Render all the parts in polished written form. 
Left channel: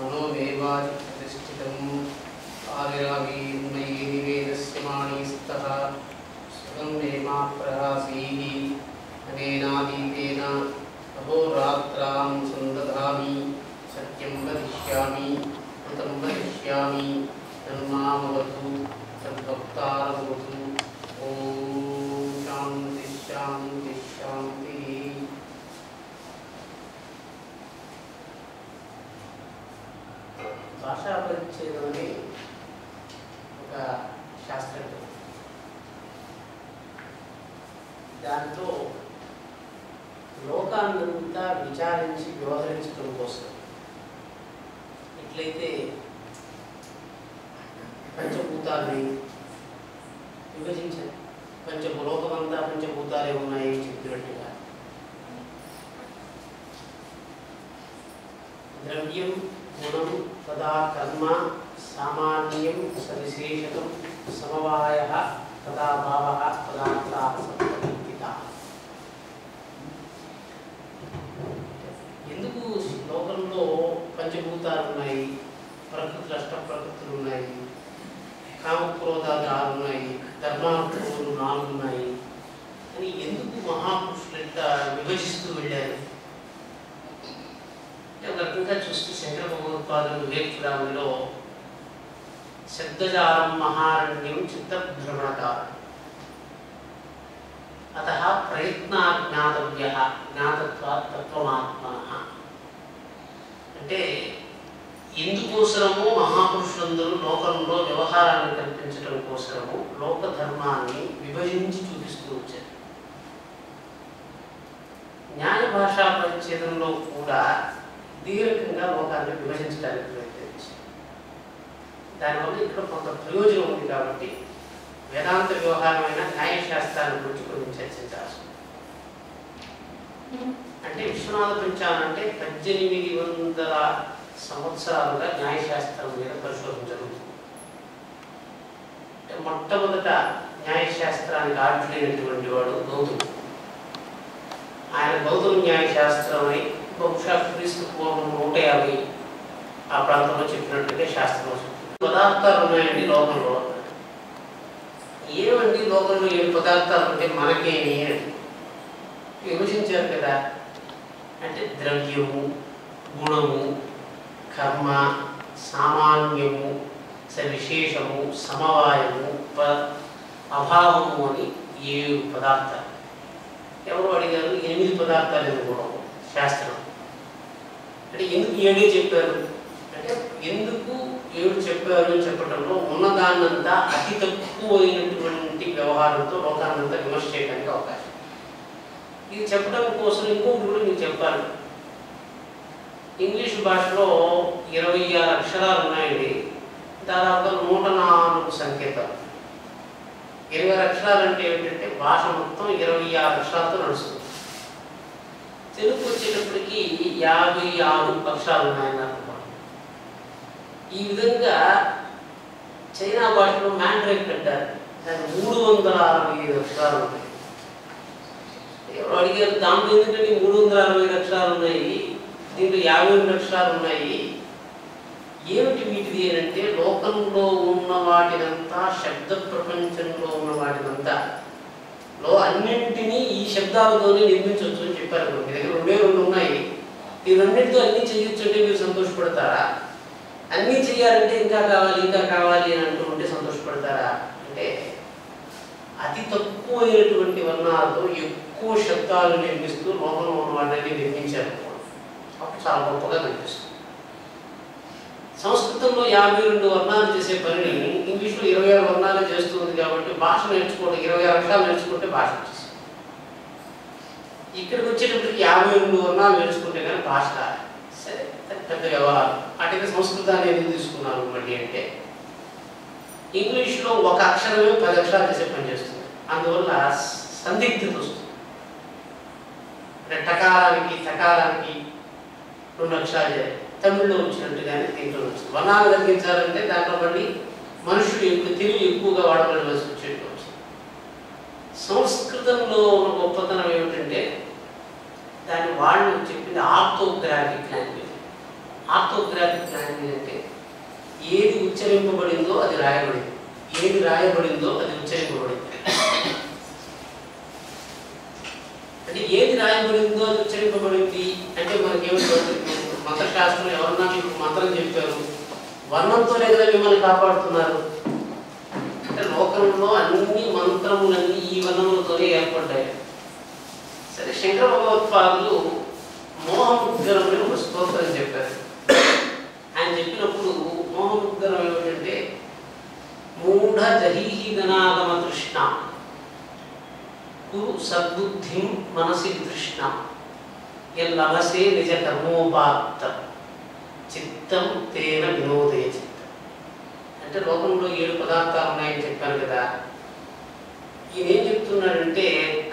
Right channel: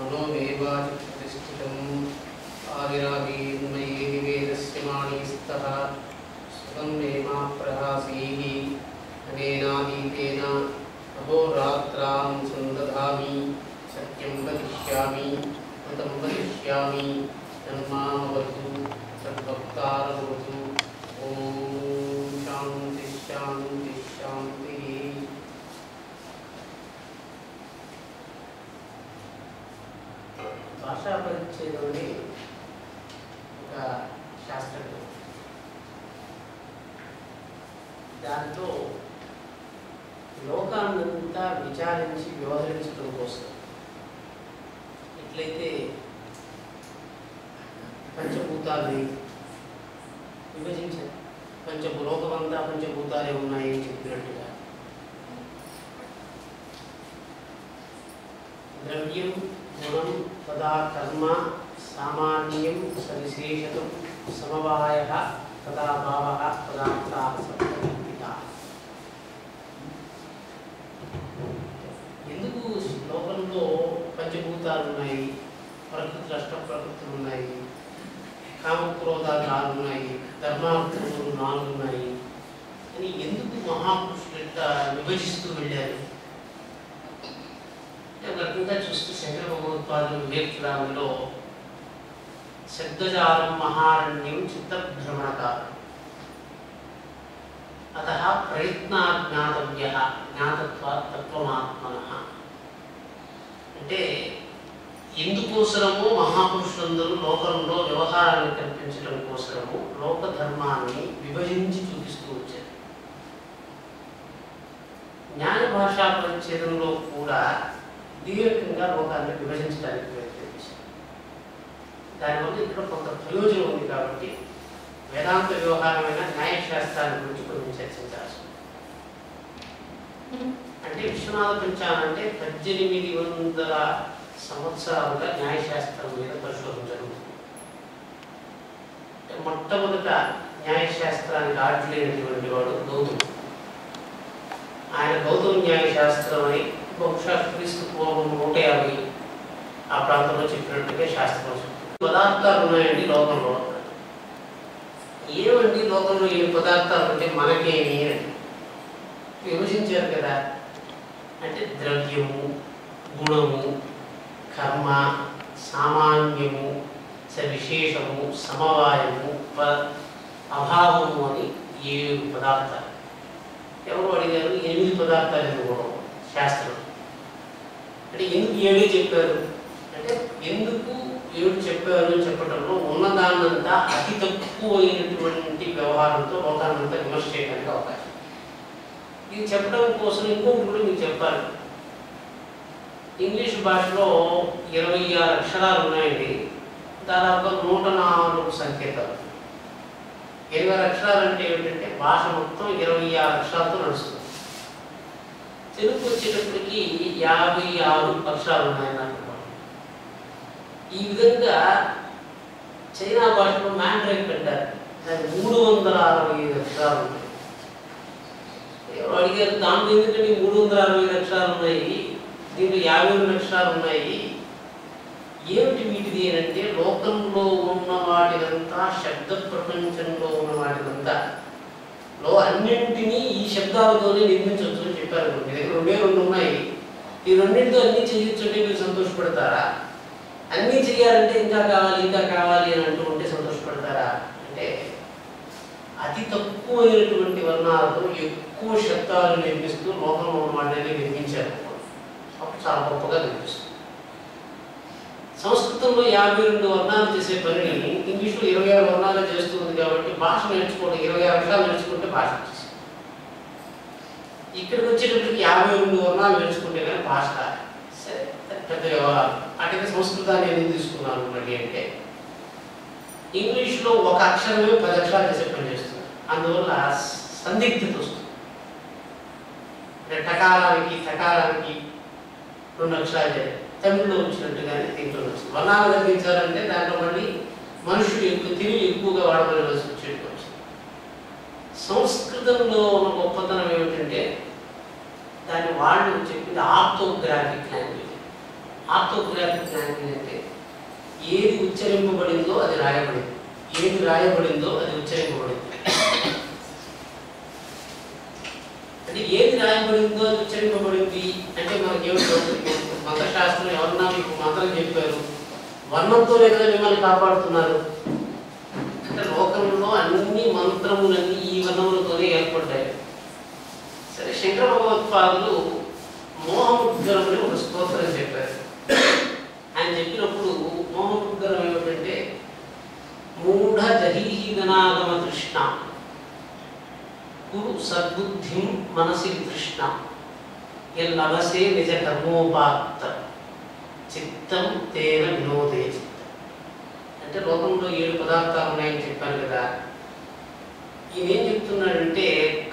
मनोमेवाचिप्रतिष्ठितम् आविरावीर्मये निवेदस्य माणिस्तः सुखं मे मा प्रहासीः अनेनादीतेन अहोरात्रां सन्दधामि सत्यं वदिष्यामि कृतं वदिष्यामि तन्मामवतु तद्भक्तारमवतु। ॐ शान्ति शान्ति शान्तिः। భాషా పరిచ్ఛేదం అనే ఒక శాస్త్రం, దాంట్లో లోకాన్నంతా విచారించి వ్యవహరించడం కోసం ఎట్లయితే పంచభూతాలని విభజించారు, లోకమంతా పంచభూతాలే ఉన్నాయి చెప్పినట్టుగా ద్రవ్యం గుణం తదా కర్మ సామాన్యం సవిశేషతం సమవాయః తదా భావః పదార్థాః సత్కల్పితాః. ఎందుకు లోకంలో పంచభూతాలు ఉన్నాయి, ప్రకృతులు అష్ట ప్రకృతులు ఉన్నాయి, కామక్రోధాలు 6 ఉన్నాయి, ధర్మార్థములు 4 ఉన్నాయి అని ఎందుకు మహాపురుషులు ఇట్లా విభజిస్తూ వెళ్ళారు? ఒక రకంగా చూస్తే శంకర భగవత్పాదులు వివేకరాములో శబ్దజాలం మహారణ్యం చిత్తభ్రమణకారం అతః ప్రయత్నాజ్ఞాతవ్యః జ్ఞాతత్వాత్ తత్వమాత్మనః. అంటే ఎందుకోసరమో మహాపురుషులందరూ లోకంలో వ్యవహారాన్ని కల్పించడం కోసరము లోక ధర్మాన్ని విభజించి చూపిస్తూ వచ్చారు. న్యాయ భాషా పరిచ్ఛేదంలో కూడా దీర్ఘంగా లోకాన్ని విభజించడానికి ప్రయత్నించారు. దానివల్ల ఇక్కడ కొంత ప్రయోజనం ఉంది కాబట్టి వేదాంత వ్యవహారమైన న్యాయశాస్త్రాన్ని గురించి కొంచెం చర్చించాల్సి ఉంది. అంటే విశ్వనాథ పంచాంగం అంటే 1800 సంవత్సరాలుగా న్యాయశాస్త్రం మీద పరిశోధన జరుగుతుంది. అంటే మొట్టమొదట న్యాయశాస్త్రానికి ఆర్జులైనటువంటి వాడు గౌతముడు. ఆయన గౌతమ న్యాయశాస్త్రం అని బహుశా క్రీస్తు పూర్వం 150 ఆ ప్రాంతంలో చెప్పినట్టుగా శాస్త్రం చెప్తుంది. పదార్థాలు ఉన్నాయండి లోకంలో. ఏమండి లోకంలో 7 పదార్థాలు ఉంటే మనకేమి అని విభజించారు కదా. అంటే ద్రవ్యము, గుణము, కర్మ, సామాన్యము, సవిశేషము, సమవాయము, అభావము అని 7 పదార్థాలు. ఎవరు అడిగారు 8 పదార్థాలు ఎందుకు శాస్త్రం అంటే ఎందుకు 7 చెప్పారు అంటే ఎందుకు 7 చెప్పారు అని చెప్పడంలో ఉన్నదాన్నంతా అతి తక్కువైనటువంటి వ్యవహారంతో లోకాన్నంతా విమర్శ చేయడానికి అవకాశం. ఇది చెప్పడం కోసం ఇంకొకటి కూడా మీకు చెప్పాలి. ఇంగ్లీష్ భాషలో 26 అక్షరాలు ఉన్నాయండి, దాదాపుగా 104 సంకేతాలు. 26 అక్షరాలు అంటే ఏమిటంటే భాష మొత్తం 26 అక్షరాలతో నడుస్తుంది. తెలుగు వచ్చేటప్పటికి 56 అక్షరాలు ఉన్నాయన్నారు. ఈ విధంగా చైనా భాషలో మ్యాండ్రైన్ అంటారు, దానికి 365 అక్షరాలు ఉన్నాయి. ఎవరు అడిగారు దాంట్లో ఎందుకంటే 365 అక్షరాలు ఉన్నాయి, దీంట్లో 52 అక్షరాలు ఉన్నాయి, ఏమిటి వీటిది అంటే లోకంలో ఉన్న వాటినంతా శబ్ద ప్రపంచంలో ఉన్న వాటినంతా అన్నింటినీ ఈ శబ్దాలతోనే నిర్మించవచ్చు అని చెప్పారు. మీ దగ్గర 2 ఉన్నాయి, ఈ రెండింటితో అన్నీ చేయొచ్చు అంటే మీరు సంతోషపడతారా? అన్నీ చేయాలంటే ఇంకా కావాలి అని అంటూ ఉంటే సంతోషపడతారా? అంటే అతి తక్కువైనటువంటి వర్ణాలతో ఎక్కువ శబ్దాలు నిర్మిస్తూ లోకంలో ఉన్న వాటిని నిర్మించారు. అప్పుడు చాలా గొప్పగా కనిపిస్తుంది. సంస్కృతంలో 52 వర్ణాలు చేసే పనిని ఇంగ్లీష్లో 26 వర్ణాలు చేస్తుంది కాబట్టి భాష నేర్చుకోవడం 26 అక్షరాలు నేర్చుకుంటే భాష వచ్చేసి ఇక్కడికి వచ్చేటప్పటికి 52 వర్ణాలు నేర్చుకుంటే కానీ భాష సరే పెద్ద వ్యవహారం. అటుగా సంస్కృతాన్ని ఎందుకు తీసుకున్నాను మళ్ళీ అంటే ఇంగ్లీష్లో ఒక అక్షరమే 10 అక్షరాలు చేసే పని చేస్తుంది. అందువల్ల సందిగ్ధత వస్తుంది. అంటే టకారానికి 2 అక్షరాలు చేయాలి. తమిళ్లో వచ్చినట్టుగానే దీంట్లో వచ్చింది. వర్ణాలు తగ్గించాలంటే దాంట్లో మళ్ళీ మనుషులు తెలివి ఎక్కువగా వాడవలసి వచ్చేట్టు వచ్చింది. సంస్కృతంలో ఉన్న గొప్పతనం ఏమిటంటే దాన్ని వాళ్ళు చెప్పింది ఆర్థోగ్రాఫిక్ లాంగ్వేజ్. ఆర్థోగ్రాఫిక్ లాంగ్వేజ్ అంటే ఏది ఉచ్చరింపబడిందో అది రాయబడింది, ఏది రాయబడిందో అది ఉచ్చరింపబడింది. అంటే ఏది రాయబడిందో అది ఉచ్చరింపబడింది అంటే మనకేమిటో మంత్రశాస్త్రం ఎవరన్నా మీకు మంత్రం చెప్పారు, వర్ణంతోనే కదా మిమ్మల్ని కాపాడుతున్నారు. అంటే లోకంలో అన్ని మంత్రములన్నీ ఈ వర్ణములతోనే ఏర్పడ్డాయి. సరే, శంకర భగవత్పాదులు మోహముద్గరం అని ఒక స్తోత్రం చెప్పారు. ఆయన చెప్పినప్పుడు మోహముద్గరం ఏమిటంటే మూఢ జహీహి గణాగమ తృష్ణ కురు సద్బుద్ధిం మనసి తృష్ణ ఎల్లవసే నిజ కర్మోపాత్త చిత్తం తేన వినోదయ చిత్తం. అంటే లోకంలో 7 పదార్థాలు ఉన్నాయని చెప్పాను కదా. ఈయన ఏం చెప్తున్నాడంటే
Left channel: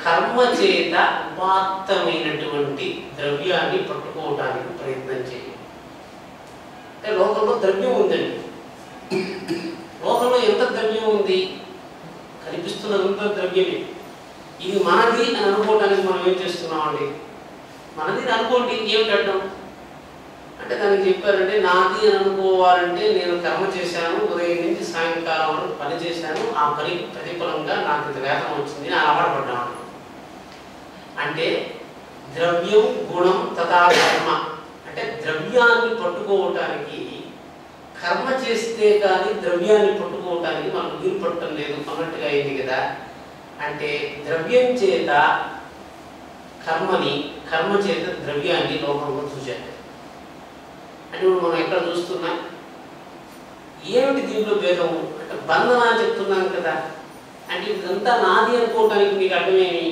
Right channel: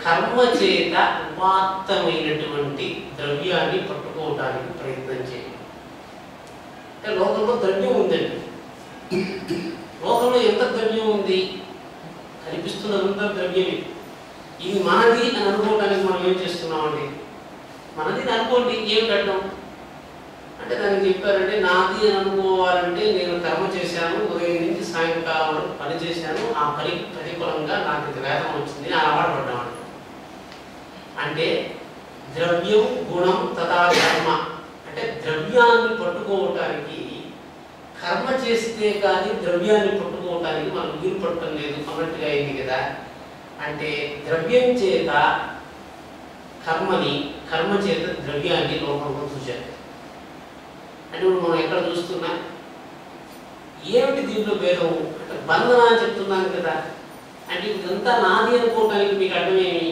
కర్మ చేత ఉపాత్తమైనటువంటి ద్రవ్యాన్ని పట్టుకోవడానికి ప్రయత్నం చేయాలి. అంటే లోకంలో ద్రవ్యం ఉందండి. లోకంలో ఎంత ద్రవ్యం ఉంది? కనిపిస్తున్నదంతా ద్రవ్యమే. ఇది మనది అని అనుకోవడానికి మనం ఏం చేస్తున్నామండి? మనది అనుకోండి, ఏమిటంటాం అంటే దానికి చెప్పారంటే నాది అని అనుకోవాలంటే నేను కర్మ చేశాను, ఉదయం నుంచి సాయంకాలం వరకు పని చేశాను, ఆ పనికి ప్రతిఫలంగా నాకు ఇంత వేతనం వచ్చింది అని అలవాటుపడ్డాను. అంటే ద్రవ్యం గుణం తథా కర్మ అంటే ద్రవ్యాన్ని పట్టుకోవటానికి కర్మ చేస్తే కానీ ద్రవ్యాన్ని పట్టుకోవటానికి మనకు వీలు పట్టడం లేదు అన్నట్టుగా అయింది కదా. అంటే ద్రవ్యం చేత కర్మని, కర్మ చేత ద్రవ్యాన్ని లోకంలో చూశారు. అంటే ఇప్పుడు మనం ఎక్కడ చూస్తున్నా ఏమిటి దీంట్లో భేదం అంటే బంధన అని చెప్తున్నాను కదా. అంటే ఇదంతా నాది అనుకోవడానికి మీకు అర్థమేమి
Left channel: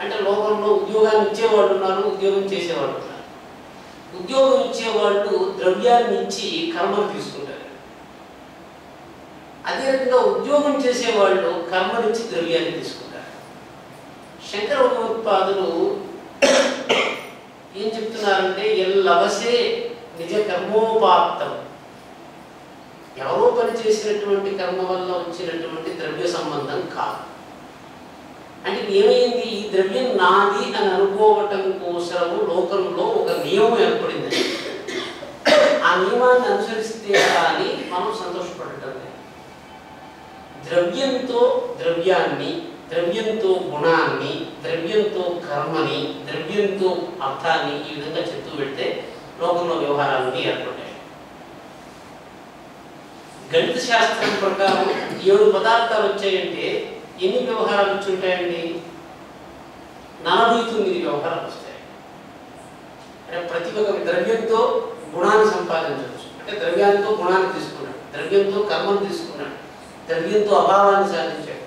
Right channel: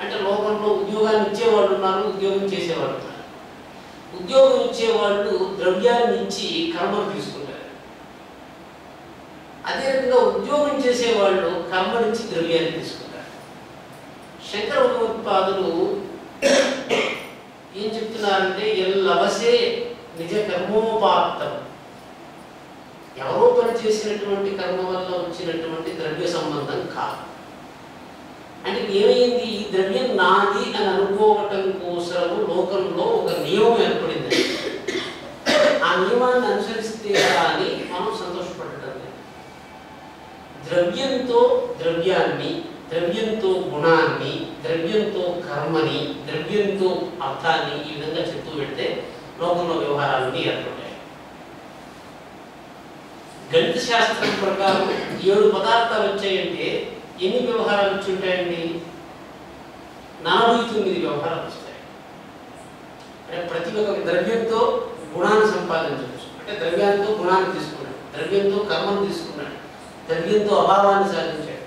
అంటే లోకంలో ఉద్యోగాన్ని ఇచ్చేవాళ్ళు ఉన్నారు, ఉద్యోగం చేసేవాళ్ళు ఉన్నారు. ఉద్యోగం ఇచ్చేవాళ్ళు ద్రవ్యాన్ని ఇచ్చి కర్మను తీసుకుంటారు. అదే రకంగా ఉద్యోగం చేసేవాళ్ళు కర్మ నుంచి ద్రవ్యాన్ని తీసుకుంటారు. శంకర భగవత్పాదులు ఏం చెప్తున్నారంటే ఎల్లవసే నిజ కర్మోపాత్తం, ఎవరో పని చేసినటువంటి కర్మ వల్ల వచ్చినటువంటి ద్రవ్య సంబంధం కాదు. అంటే ఏమైంది? ఈ ద్రవ్యం నాది అని అనుకోవటం కోసము లోకంలో ఒక నియమం ఏర్పడింది. ఆ నియమాన్ని అనుసరిస్తే కానీ మనం సంతోషపడటం లేదు. ద్రవ్యంతో ద్రవ్యాన్ని, ద్రవ్యంతో గుణాన్ని, ద్రవ్యంతో కర్మని, ద్రవ్యంతో అర్థాన్ని ఈ విధంగా చెప్తూ పెడితే లోకంలో వ్యవహారాలన్నీ ఏర్పడ్డాయి. గణిత శాస్త్రం ప్రకారం 7 పదార్థాలు వచ్చాయంటే ఎన్ని వ్యవహారాలు వచ్చి ఉంటాయండి? 49 వ్యవహారాలు వస్తాయి. అంటే ప్రతి ఒక్క ద్రవ్యంతో గుణాన్ని సంపాదించవచ్చు. అంటే ద్రవ్యంతో గుణాన్ని తీసుకున్నాడు, ద్రవ్యంతో కర్మను తీసుకున్నాడు, ద్రవ్యంతో అభావాన్ని సాధించాడు.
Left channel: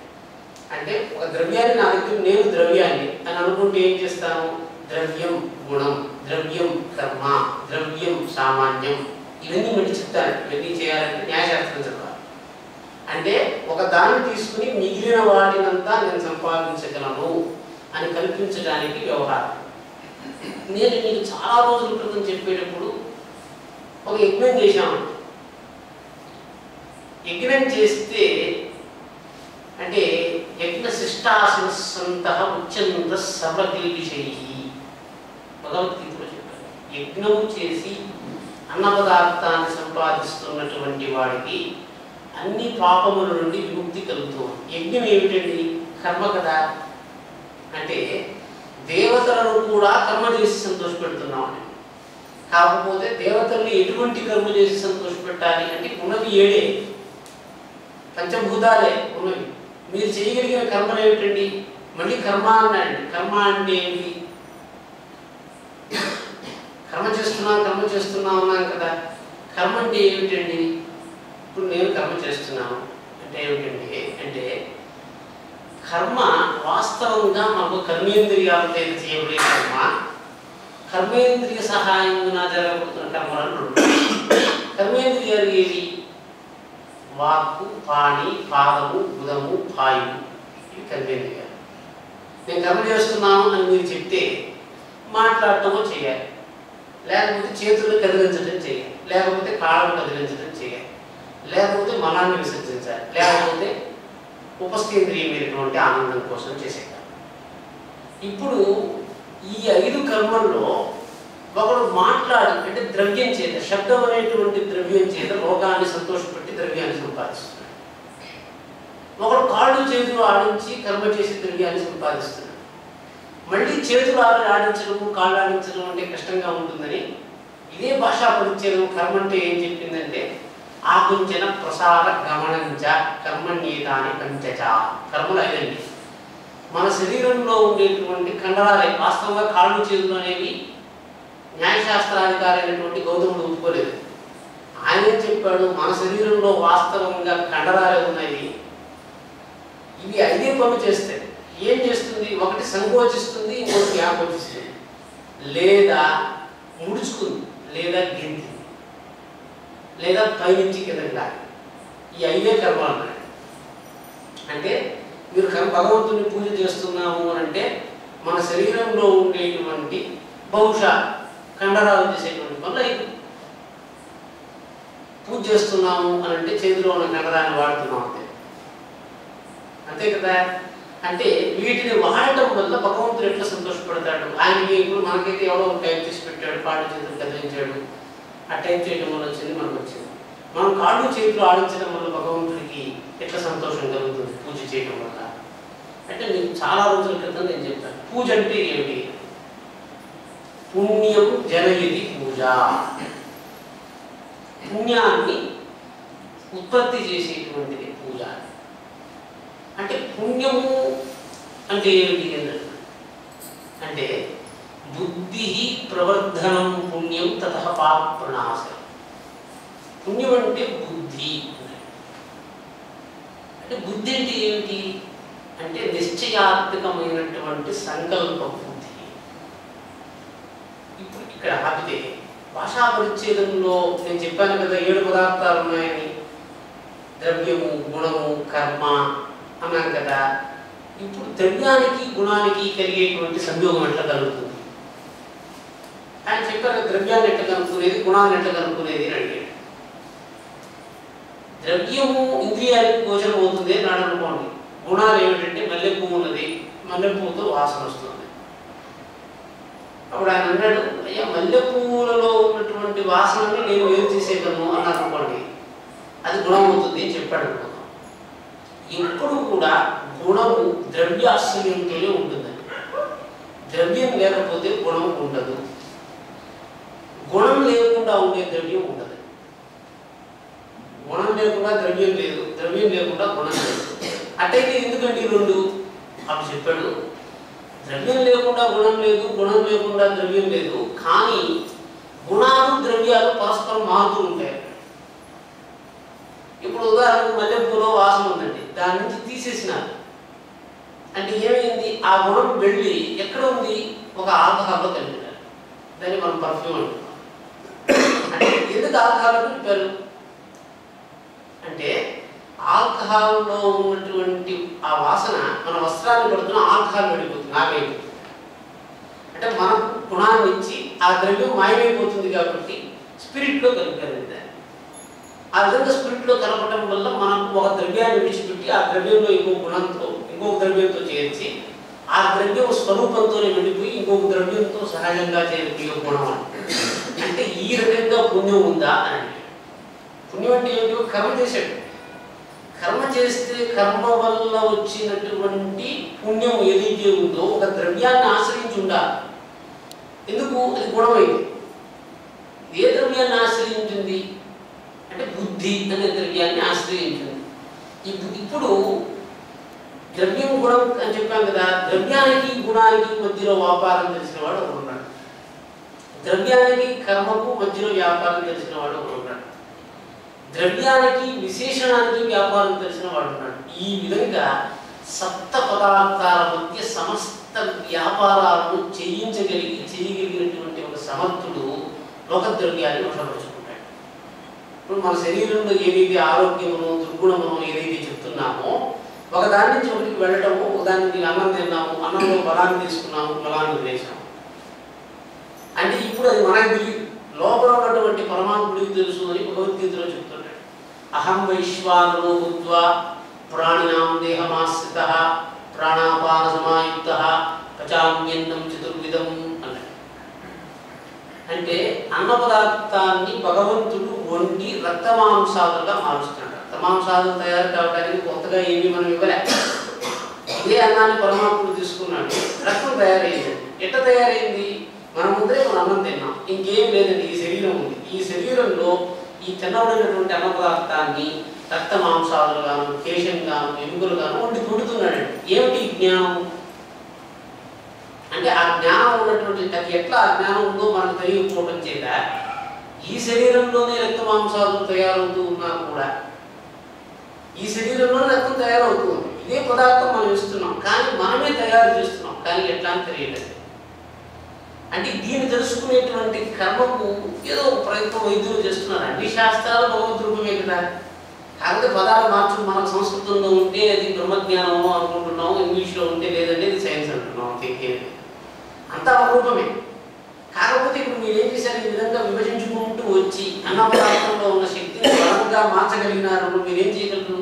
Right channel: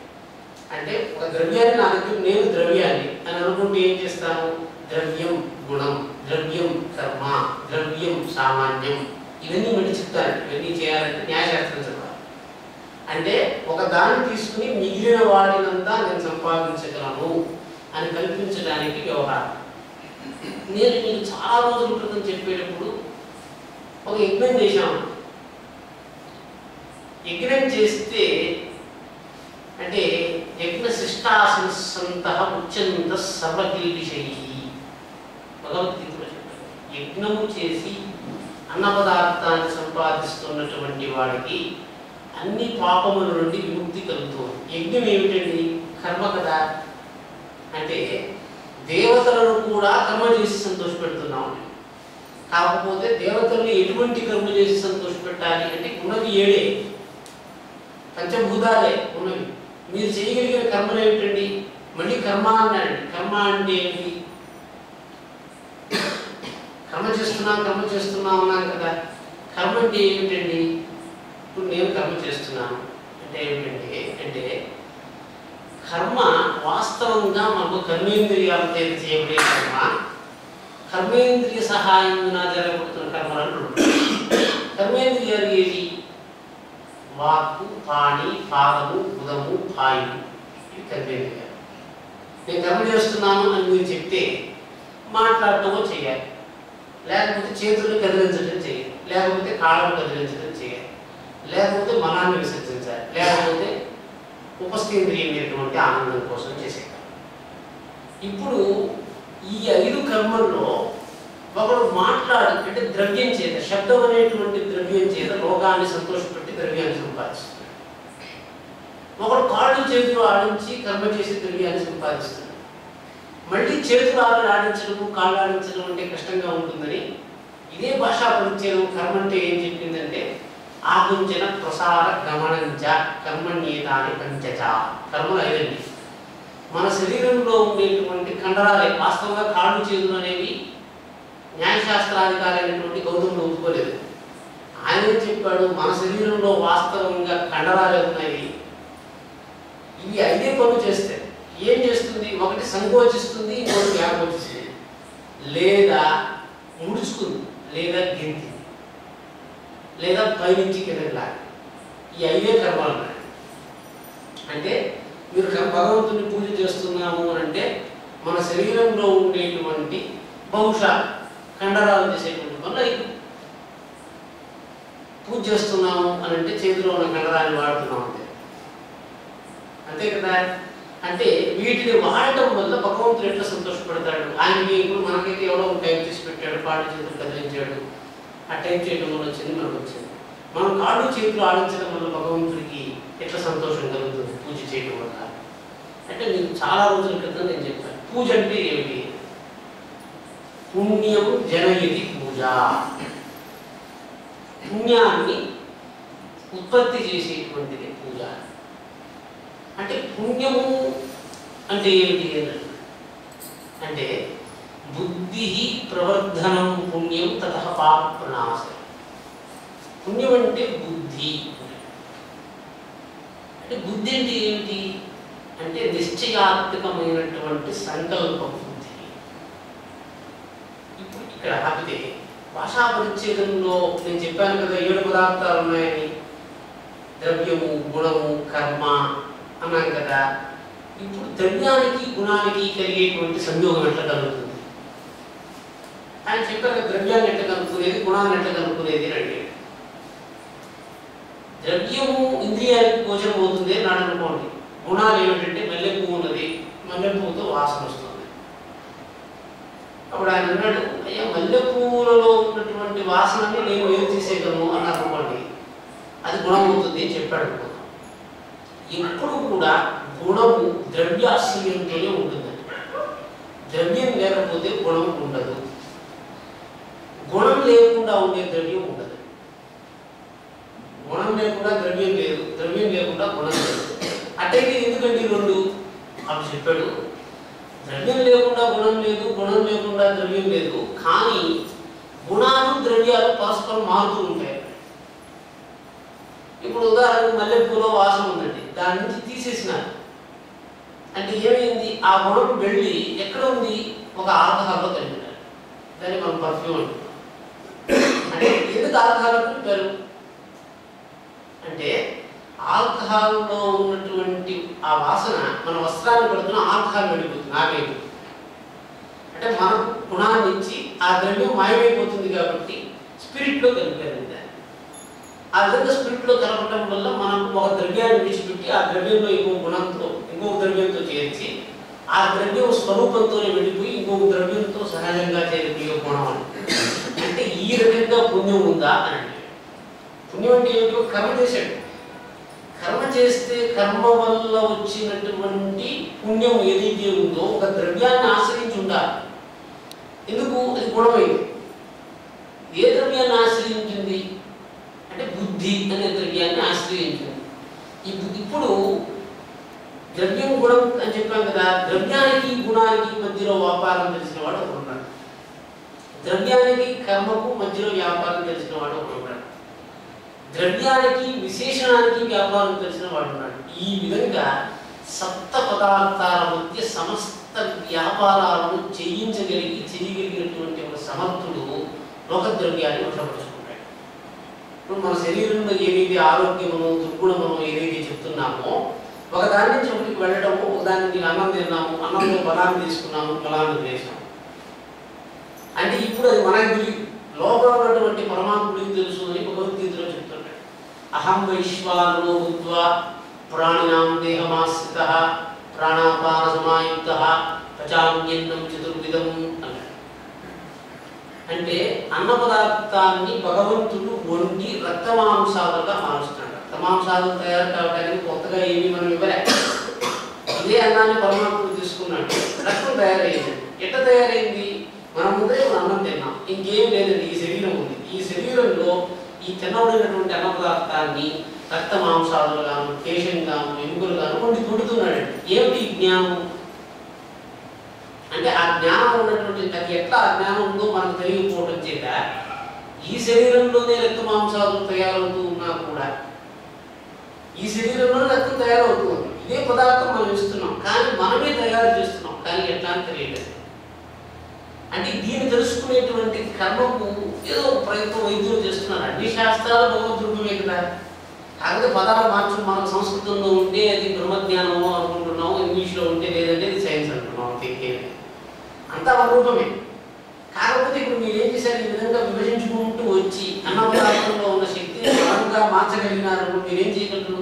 అంటే ఒక ద్రవ్యాన్ని నా దగ్గర నేను ద్రవ్యాన్ని అని అనుకుంటే ఏం చేస్తాను? ద్రవ్యం గుణం, ద్రవ్యం కర్మ, ద్రవ్యం సామాన్యం, ఇవన్నీ మళ్ళీ చెప్తాను. ఇవన్నీ చేయాలంటే న్యాయశాస్త్రం చెప్పాలి. అంటే ఒక దాన్ని తీసుకుని మిగిలిన వాటినంతా నేను సంపాదించగలను అని కల్పించడానికి వ్యవహారం. నేను మీకు చాలా రోజుల క్రితం చెప్పేటప్పుడు ఒక యజ్ఞం చేశాను. యజ్ఞం చేస్తే అంటే యజ్ఞ శిష్టాసంత ఉచ్యంత సర్వకీర్షై భగవద్గీతలో చెప్పారు. యజ్ఞము చేసి అన్న పదార్థాన్ని సంపాదిస్తున్నటువంటి వాడికి అన్ని పాపముల నుండి విముక్తి కలుగుతుంది. యజ్ఞం ఏమిటండి? కర్మ కదా. అంటే దేవతలను కూడా కర్మ చేసి సంతోషపెడుతున్నామని. కాకపోతే దేవతలను ఎటువంటి కర్మ చేసి సంతోషపెట్టాలి అంటే ఉన్నవి 7 పంచభూతాలే ఉన్నవి. మీరు చేయగలిగిన కర్మలు ఏమిటండి? మళ్ళీ కర్మ అన్నాడు. కర్మ అంటే ఏమిటి? కర్మ చేస్తున్నాం అన్నాను కదా. కర్మ అంటే ఏమిటండి? ఇప్పుడు నేను కర్మ చేస్తున్నాను అంటే ఏమిటండి అంటే కర్మ వాస్తవంగా మాకు కర్మేంద్రియాలతో చేయబడే కర్మ, కర్మేంద్రియ సహాయంగా జరగబడుతున్న కర్మలను. కర్మేంద్రియాలు ఏవి? వాక్కు, పాణి, పాదము, బుధము, పాయువు, ఇవి కర్మేంద్రియాలు. నేను కర్మ చేస్తున్నాను అని మీరు చెప్తే మాట్లాడటమో చేయాలి, లేకపోతే చేతులు కదిలించడం చేయాలి, లేకపోతే కాళ్ళను కదిలించడం చేయాలి, లేకపోతే మనాన్ని విసర్జించాలి, లేకపోతే ఉపస్థేంద్రియమైనటువంటి ఆనందం కోసం చేసేయాలి. ఇప్పుడు ఈ 5 కర్మల్లో ఒకడు మాట్లాడు అంటే ద్రవ్యం చేత, శబ్దం అనేటువంటి ద్రవ్యం చేత లోకాన్ని సంతోషపెట్టి ద్రవ్యాన్ని సంపాదిస్తున్నాడు. ఒకడు కాళ్ళు చేతులు ఆడించి కర్మ చేసి ద్రవ్యాన్ని సంపాదిస్తున్నాడు. మళ్ళీ చేతులు ఆడించడం కాళ్ళు ఆడించడం అంటే కష్టంగా ఉంటుందని ఇదే భాషా పరిచ్ఛేదం కర్మ అంటే ఏం చెప్పిందంటే ఆకుంచన ప్రసార గమనంచ కర్మణ్యేతాని పంచచ. కర్మలు ఐదండి. మన శరీరంలో ఉండేటువంటి కండరాలే. వాస్తవంగా కాళ్ళు చేతులు అనేవి న్యాయశాస్త్రాధికారి అయినటువంటి గౌతముడు ఒప్పుకోలేదు. ఆయన చెప్పాడు మన శరీరంలో వాస్తవంగా కండరాలే ఉన్నాయి, ఇవి ఐదే పనులు చేస్తాయి. ఏం చేస్తుంది? ఒకటి సంకోచిస్తుంది, ఇంకొకటి వ్యాకోచిస్తుంది, లేదా ముడుచుకుంది, లేదా గింతి, లేదా పైనుంచి కిందకి లాగి. ఈ ఐదే కర్మలు అన్నాడు. అంటే మీరు భగవంతుని పూజ చేస్తున్నాము అని అంటే మన శరీరంలో ఉండేటువంటి బహుశా కండరాలు చేసేటువంటి పనులు ఐదు. పూజ చేస్తున్నాము అని అంటే చేతిలో ఉన్న కండరాన్ని వాడుతున్నాం అంతే, అంతే కదా. అంటే వీటిని వాడటం వల్ల భగవంతుడు ఎట్లా సంతోషపడతాడు? ఆయనకి ఇప్పుడు మనకైతే ఎవడో టైప్ చేసి పెట్టాడు, కాళ్ళు చేతులు కదిలించాడు, ఆ టైప్ చేయడం వల్ల వచ్చింది, మనకు వచ్చింది. మనం కాళ్ళు చేతులు ఆడించడం వల్ల భగవంతుడికి ఎట్లా సంతోషం కలుగుతుంది పూజ చేయడం వల్ల అంటే? నేను చాలా రోజుల క్రితం నేను చెప్పాను, పూజ అంటే ఏమిటి? పుణ్యం జనయతి పూజ. పుణ్యాన్ని ఉత్పత్తి చేసేటువంటిది పూజ. అంటే పుణ్యము అంటే ఏమిటి అంటే బుద్ధి ప్రవర్ధనం పుణ్యం తతః పాప ప్రణాశనం. పుణ్యం అంటే బుద్ధి. అంటే బుద్ధి అంటే ఏమిటి అంటే నిశ్చయాత్మకమైనటువంటి సంకల్ప బుద్ధి. ఇప్పుడు ఇక్కడ ఆపితే భాషా పరిచ్ఛేదంలో నేను చెప్పాను కదా 7 పదార్థాలు ఉన్నాయని, ద్రవ్యము, గుణము, కర్మ అన్నాను కదా. ఇప్పుడు ద్రవ్యానికి గుణానికి కలిగేటువంటి సంయోగం ఎట్లా కలుగుతుంది? ఆయన చెప్పారు ద్రవ్యాన్ని ఎట్లా కనుక్కునేది, గుణాన్ని ఎట్లా కనుక్కునేది అని అడిగాడు. ద్రవ్యము ఇంద్రియానికి గోచరం అవుతుంది అని అనుకోండి. గుణాలు ఏమిటంటే మల్లెపువ్వు ఉన్నది, మల్లెపువ్వుతో వాసన వస్తుంది. అప్పుడు ఆయన అన్నాడు, అయ్యా మల్లెపువ్వులలో ఉన్నటువంటి వాసనని నేను వేరు తీసేయగలను అన్నారు అనుకోండి, అది గుణం అవుతుంది అని చెప్పాడు అనుకో. ఎప్పుడు కూడా గుణము ద్రవ్యాశ్రయంతోనే ఉంటుందండి. ద్రవ్యం లేకపోతే గుణం ఉండదు, గుణం లేకుండా ఉండే ద్రవ్యం ఉండదు. గుణం లేకుండా ద్రవ్యం లేదు, ద్రవ్యం లేకుండా గుణం లేదు. అట్టయితే ఎందుకంటే రెండు అప్పుడు చెప్పాడు, ద్రవ్యం లేకుండా గుణం లేదు, గుణం లేకుండా ద్రవ్యం లేదు. కానీ గుణాలు ద్రవ్యాలు పరస్పరం మారుతూ ఉంటాయి. ఇప్పుడు ఉదాహరణకు మల్లెపూలో వాసన ఉందండి, దాని నుంచి తీసేసినారు అంటే ఏమైంది? ఆ గుణం వెళ్ళి ఎక్కడ ఉంది? ఒక ఆల్కహాల్లో కలిపినారు, దాన్ని మనం పర్ఫ్యూమ్ అంటున్నాం. అంటే ఎందుకు ఆల్కహాల్ కలిపారు అంటే ఆల్కహాల్లో ఉన్నటువంటి ఆ వాసన మన వస్త్రాన్ని పడుతున్న ఆల్కహాల్ వెళ్ళిపోతుంది, ఆగైపోతుంది. అంటే మన గుణాన్ని ఇచ్చి ఆ ద్రవ్యం మాయమైపోతుంది కాబట్టి స్పిరిట్లో కలిపారు. ఆ విధంగా స్పిరిట్లో కలపడం వల్ల మనకు ఒక ద్రవ్యాన్ని విడిచిపెట్టి ఆ ద్రవ్యంలో ఇంకొక ద్రవ్యంతో చేర్చి ఆ ద్రవ్యం స్వరూపంతోనే వెళ్ళిపోయి ఇంకొక ద్రవ్యంతో సహజంగా చేరిపోయే గుణం అంటే ఈ రకంగా పుణ్యం ఉందా అని అంటే, పుణ్యం అంటే ఏమిటో కర్మ చేశాడు. కర్మ చేస్తే కర్మ వల్ల వచ్చినటువంటి పుణ్యం ఏదైతే ఉందో ఒక ద్రవ్యాన్ని ఆశ్రయించి ఉండాలి. ఎందుకు? అది గుణమైంది. ఏ ద్రవ్యాన్ని ఆశ్రయించింది అంటే బుద్ధి అనే ద్రవ్యాన్ని ఆశ్రయించింది. ఇప్పుడు ద్రవ్యం గుణం అని చెప్పాం కదా, ద్రవ్యానికి గుణానికి మధ్యలో వ్యాపారం తెలిసిన వాడు ఒకడు ఉన్నాడు, ద్రవ్యానికి కర్మకు మధ్యలో వ్యాపారం తెలిసిన వాడు ఒకడు ఉన్నాడు, ద్రవ్యానికి విశేషణానికి వ్యాపారం తెలిసిన వాడు ఉన్నాడు. ఈ విధంగా సప్త పదార్థాల మధ్య సమస్త వ్యాపారాలను చేయగలిగినటువంటి ఒక సమర్థుడు లోక ద్రవ్యాన్ని వశపరుచుకుంటాడు. ఇప్పుడు మన శరీరంలో ఏదైతే ఆరోగ్యమును దుర్గుణమును ఏదైతే చెప్తున్నామో ఒక దాని నుంచి ఒకటికి వెళ్ళటము, ఒకదాని నుంచి అన్నం తిన్నాము, అన్నంలో బలాన్ని తీసుకున్నాము, బలాన్ని వదిలేసాము అంటే ఇప్పుడు అది మనకు తెలియదు, లోపల ఉన్నటువంటి పరమాత్ముడికి తెలుసు అని భగవద్గీతలో చెప్తున్నాడు. అహం వైశ్వానరో భూత్వా ప్రాణినాం దేహమాశ్రితః ప్రాణాపాన సమాయుక్తః పచామ్యన్నం చతుర్విధం అన్నాడు. అంటే అన్న పదార్థాన్ని భగవంతుడు వండి రక్తమాంసాలుగా మారుస్తున్నాడు. రక్తమాంసాలు తయారు కావడానికి కొత్తగా ఏమి మనం ఇవ్వలే. ఇదే అన్నాన్ని పరమాత్ముడు తీసుకున్నాడు, రక్తం తయారైంది. ఎట్లా తయారైంది? మన ముందరే మనం అన్నం తిన్నాం, ఇంకేం లేదండి. ఈ శరీరం ఉంది, ఈ శరీరంలో ఈ తినబడినటువంటి అన్న పదార్థాన్ని రక్త మాంసాలు గాను, కేశం గాను, ఎముకలు గాను వండి కొడుతున్నాడు. ఏమిటి జ్ఞానం అంటే? ఆ జ్ఞానం ఉన్నటువంటి, అది ఎట్లా ఆ జ్ఞానం ఉందో మనకు తెలియకపోవడం చేత ఈ శరీరంలోనే రక్త మాంసాలు తయారవుతూ ఉన్నా కూడా ఈ శరీరంలోనే రక్తం తయారవుతుంది. ఇదే పదార్థం మనం ఇస్తున్నాం, కానీ మనమే తయారు చేస్తున్నాం, కానీ ఎట్లా అని తెలియలేదు. అంటే దీన్ని తెలుసుకునేటువంటి కర్మకు ఏదో ఒక ప్రయత్నం వైద్యులు చేస్తున్నారు. అన్ని శాస్త్రాలు భగవద్ రూపమే కదా. కాకపోతే పదాలు మార్చు, మనకు సంస్కృతంలో ఉంటే అది బ్రహ్మజ్ఞానమో అనుకుంటున్నాము, ఇంగ్లీష్లో ఉంటే లేదంటే ఇది సైన్స్ అంటున్నాము. అంతా రూపమే. కాకపోతే ఇప్పుడు మీరు ఏం చేశారు? ఈ విధంగా విభజించుకుంటూ వచ్చి అన్న పదార్థంలో ఉన్న శక్తిని బలంగా మార్చగలిగినారు. మీరేం చేయగలరు?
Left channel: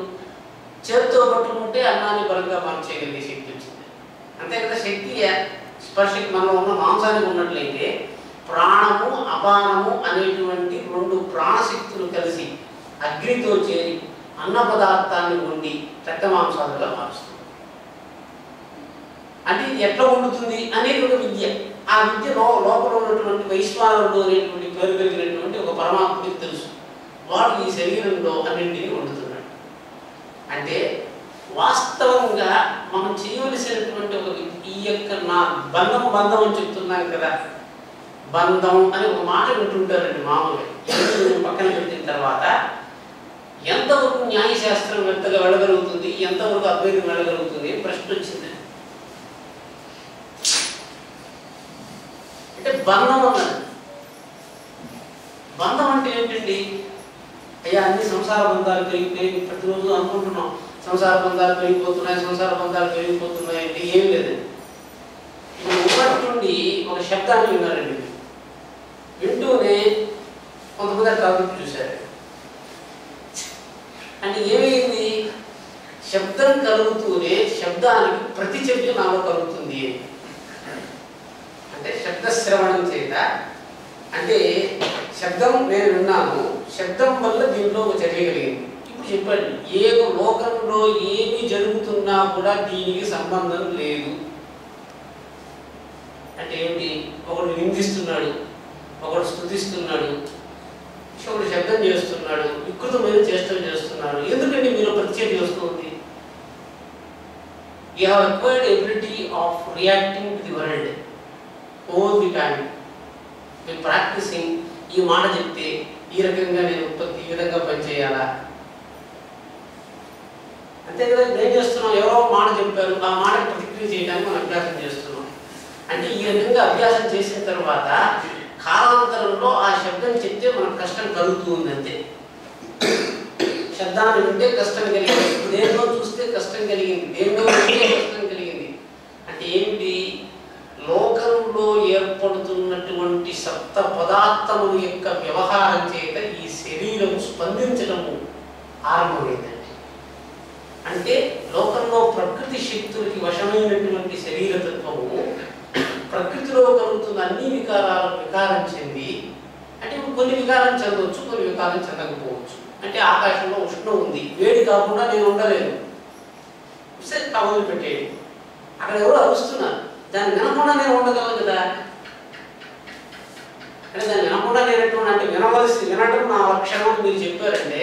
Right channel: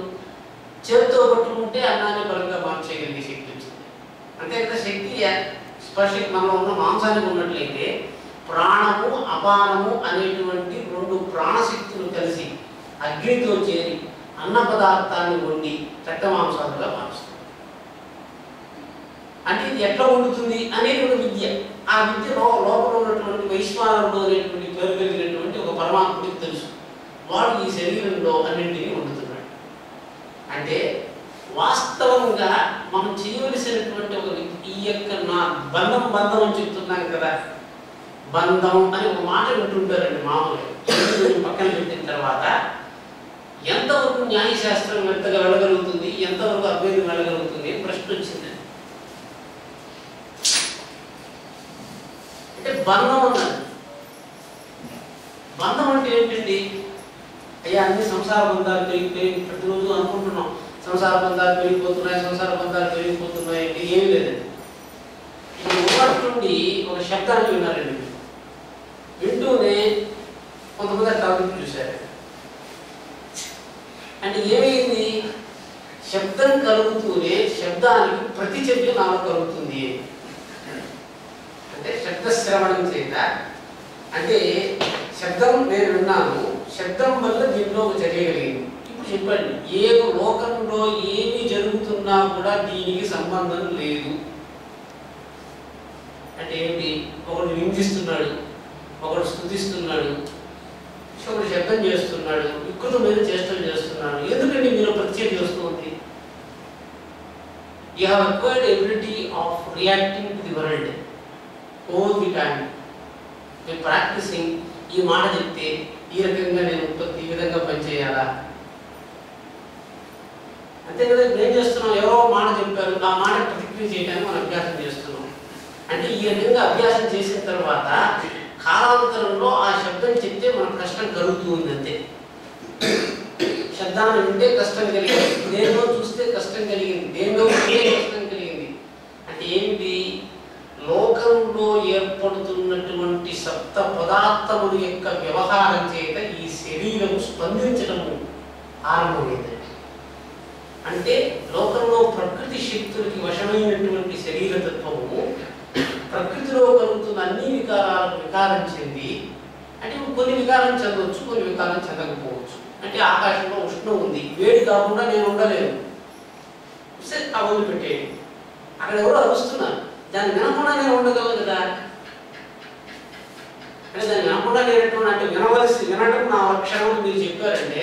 చేతితో పట్టుకుంటే అన్నాన్ని బలంగా మార్చేయగలిగే శక్తి వచ్చింది. అంతే కదా. శక్తి స్పర్శ మనలో ఉన్న మాంసానికి ఉన్నట్లయితే ప్రాణము అపానము అనేటువంటి రెండు ప్రాణశక్తులు కలిసి అగ్నితో చేరి అన్న పదార్థాన్ని వండి రక్త మాంసాలుగా మారుస్తుంది. అంటే ఇది ఎట్లా వండుతుంది అనేది ఒక విద్య. ఆ విద్య లోపల ఉన్నటువంటి వైశ్వానరుడు అనేటువంటి పేరు కలిగినటువంటి ఒక పరమాత్మకి తెలుసు. వాడు ఈ శరీరంలో అన్నింటినీ వండుతున్నాడు. అంటే వాస్తవంగా మనం చేయవలసినటువంటి ఒక ఈ యొక్క నా బంధం అని చెప్తున్నాం కదా. బంధం అని ఒక మాట వింటుంటారండి మామూలుగా. పక్కన పెట్టిన తర్వాత ఎంతవరకు న్యాయశాస్త్రం ఎంతగా వెళ్ళగలుగుతుంది, ఎంతవరకు అభ్యర్థం వెళ్ళగలుగుతుంది ప్రశ్న వచ్చింది. అంటే బంధం అన్నది, బంధం అంటే ఏంటండి? అయ్యా అన్ని సంసార బంధాలు పెరిగిపోయి ప్రతిరోజు అనుకుంటున్నాం సంసార బంధాలు పెరిగిపోతున్నాయి అంటే ఏం లేదండి. ఇప్పుడు ఒకటి నుండి ఒక శబ్దాన్ని విన్నారండి. వింటూనే కొంతమంది టాపిక్ చూశారు. అంటే ఏమైంది? శబ్దం కలుగుతూనే శబ్దానికి ప్రతి చర్య నాలో కలుగుతుంది. అంటే శబ్దశ్రవణం చేత, అంటే శబ్దం నేను విన్నాను, శబ్దం వల్ల దీనిలో ఒక చర్య కలిగింది. ఇప్పుడు చెప్పండి, ఏ లోకంలో ఏమి జరుగుతున్నా కూడా దీనికి సంబంధం లేదు అంటే ఏమిటి? ఒకడు నిందిస్తున్నాడు, ఒకడు స్తుతిస్తున్నాడు, ఒకడు శబ్దం చేస్తున్నాడు, వికృతమైన చేష్టలు చేస్తున్నాడు. ఎందుకంటే మీరు ప్రత్యేక చేస్తుంది. You have acquired ability of reacting to the world all the time. మీరు ప్రాక్టీసింగ్. ఈ మాట చెప్తే ఈ రకంగా నేను ఉత్పత్తి ఈ విధంగా పనిచేయాలా, అంతే కదా. ఏం చేస్తున్నాం? ఎవరో మాట చెప్పారు, ఆ మాట ప్రతిక్రియ చేయడానికి మనం అభ్యాసం చేస్తున్నాం. అంటే ఈ రకంగా అభ్యాసం చేసిన తర్వాత కాలాంతరంలో ఆ శబ్దం చెప్తే మనకు కష్టం కలుగుతుంది. అంతే. శబ్దాన్ని వింటే కష్టం కలిగింది, దేనిలో చూస్తే కష్టం కలిగింది, దేనిలో వింటే కష్టం కలిగింది. అంటే ఏమిటి? లోకంలో ఏర్పడుతున్నటువంటి సప్త పదార్థముల యొక్క వ్యవహారం చేత ఈ శరీరం స్పందించడము ఆరంభమైందండి. అంటే లోకంలో ప్రకృతి శక్తులకి వశమైనటువంటి శరీరతత్వము ప్రకృతిలో కలుగుతున్న అన్ని వికారాలకు వికారం చెంది, అంటే కొన్ని వికారం చెందవచ్చు, కొన్ని వికారం చెందకపోవచ్చు. అంటే ఆకాశంలో ఉష్ణం ఉంది, వేడి కాకుండా నేను ఉండలేను, కవలు పెట్టేది. అక్కడ ఎవరో అరుస్తున్నారు, దాన్ని వినకుండా నేను ఉండగలను కదా. అంటే దాన్ని వినకుండా నేను అంటే వినడం నా లక్షణం మీరు చెప్పారంటే,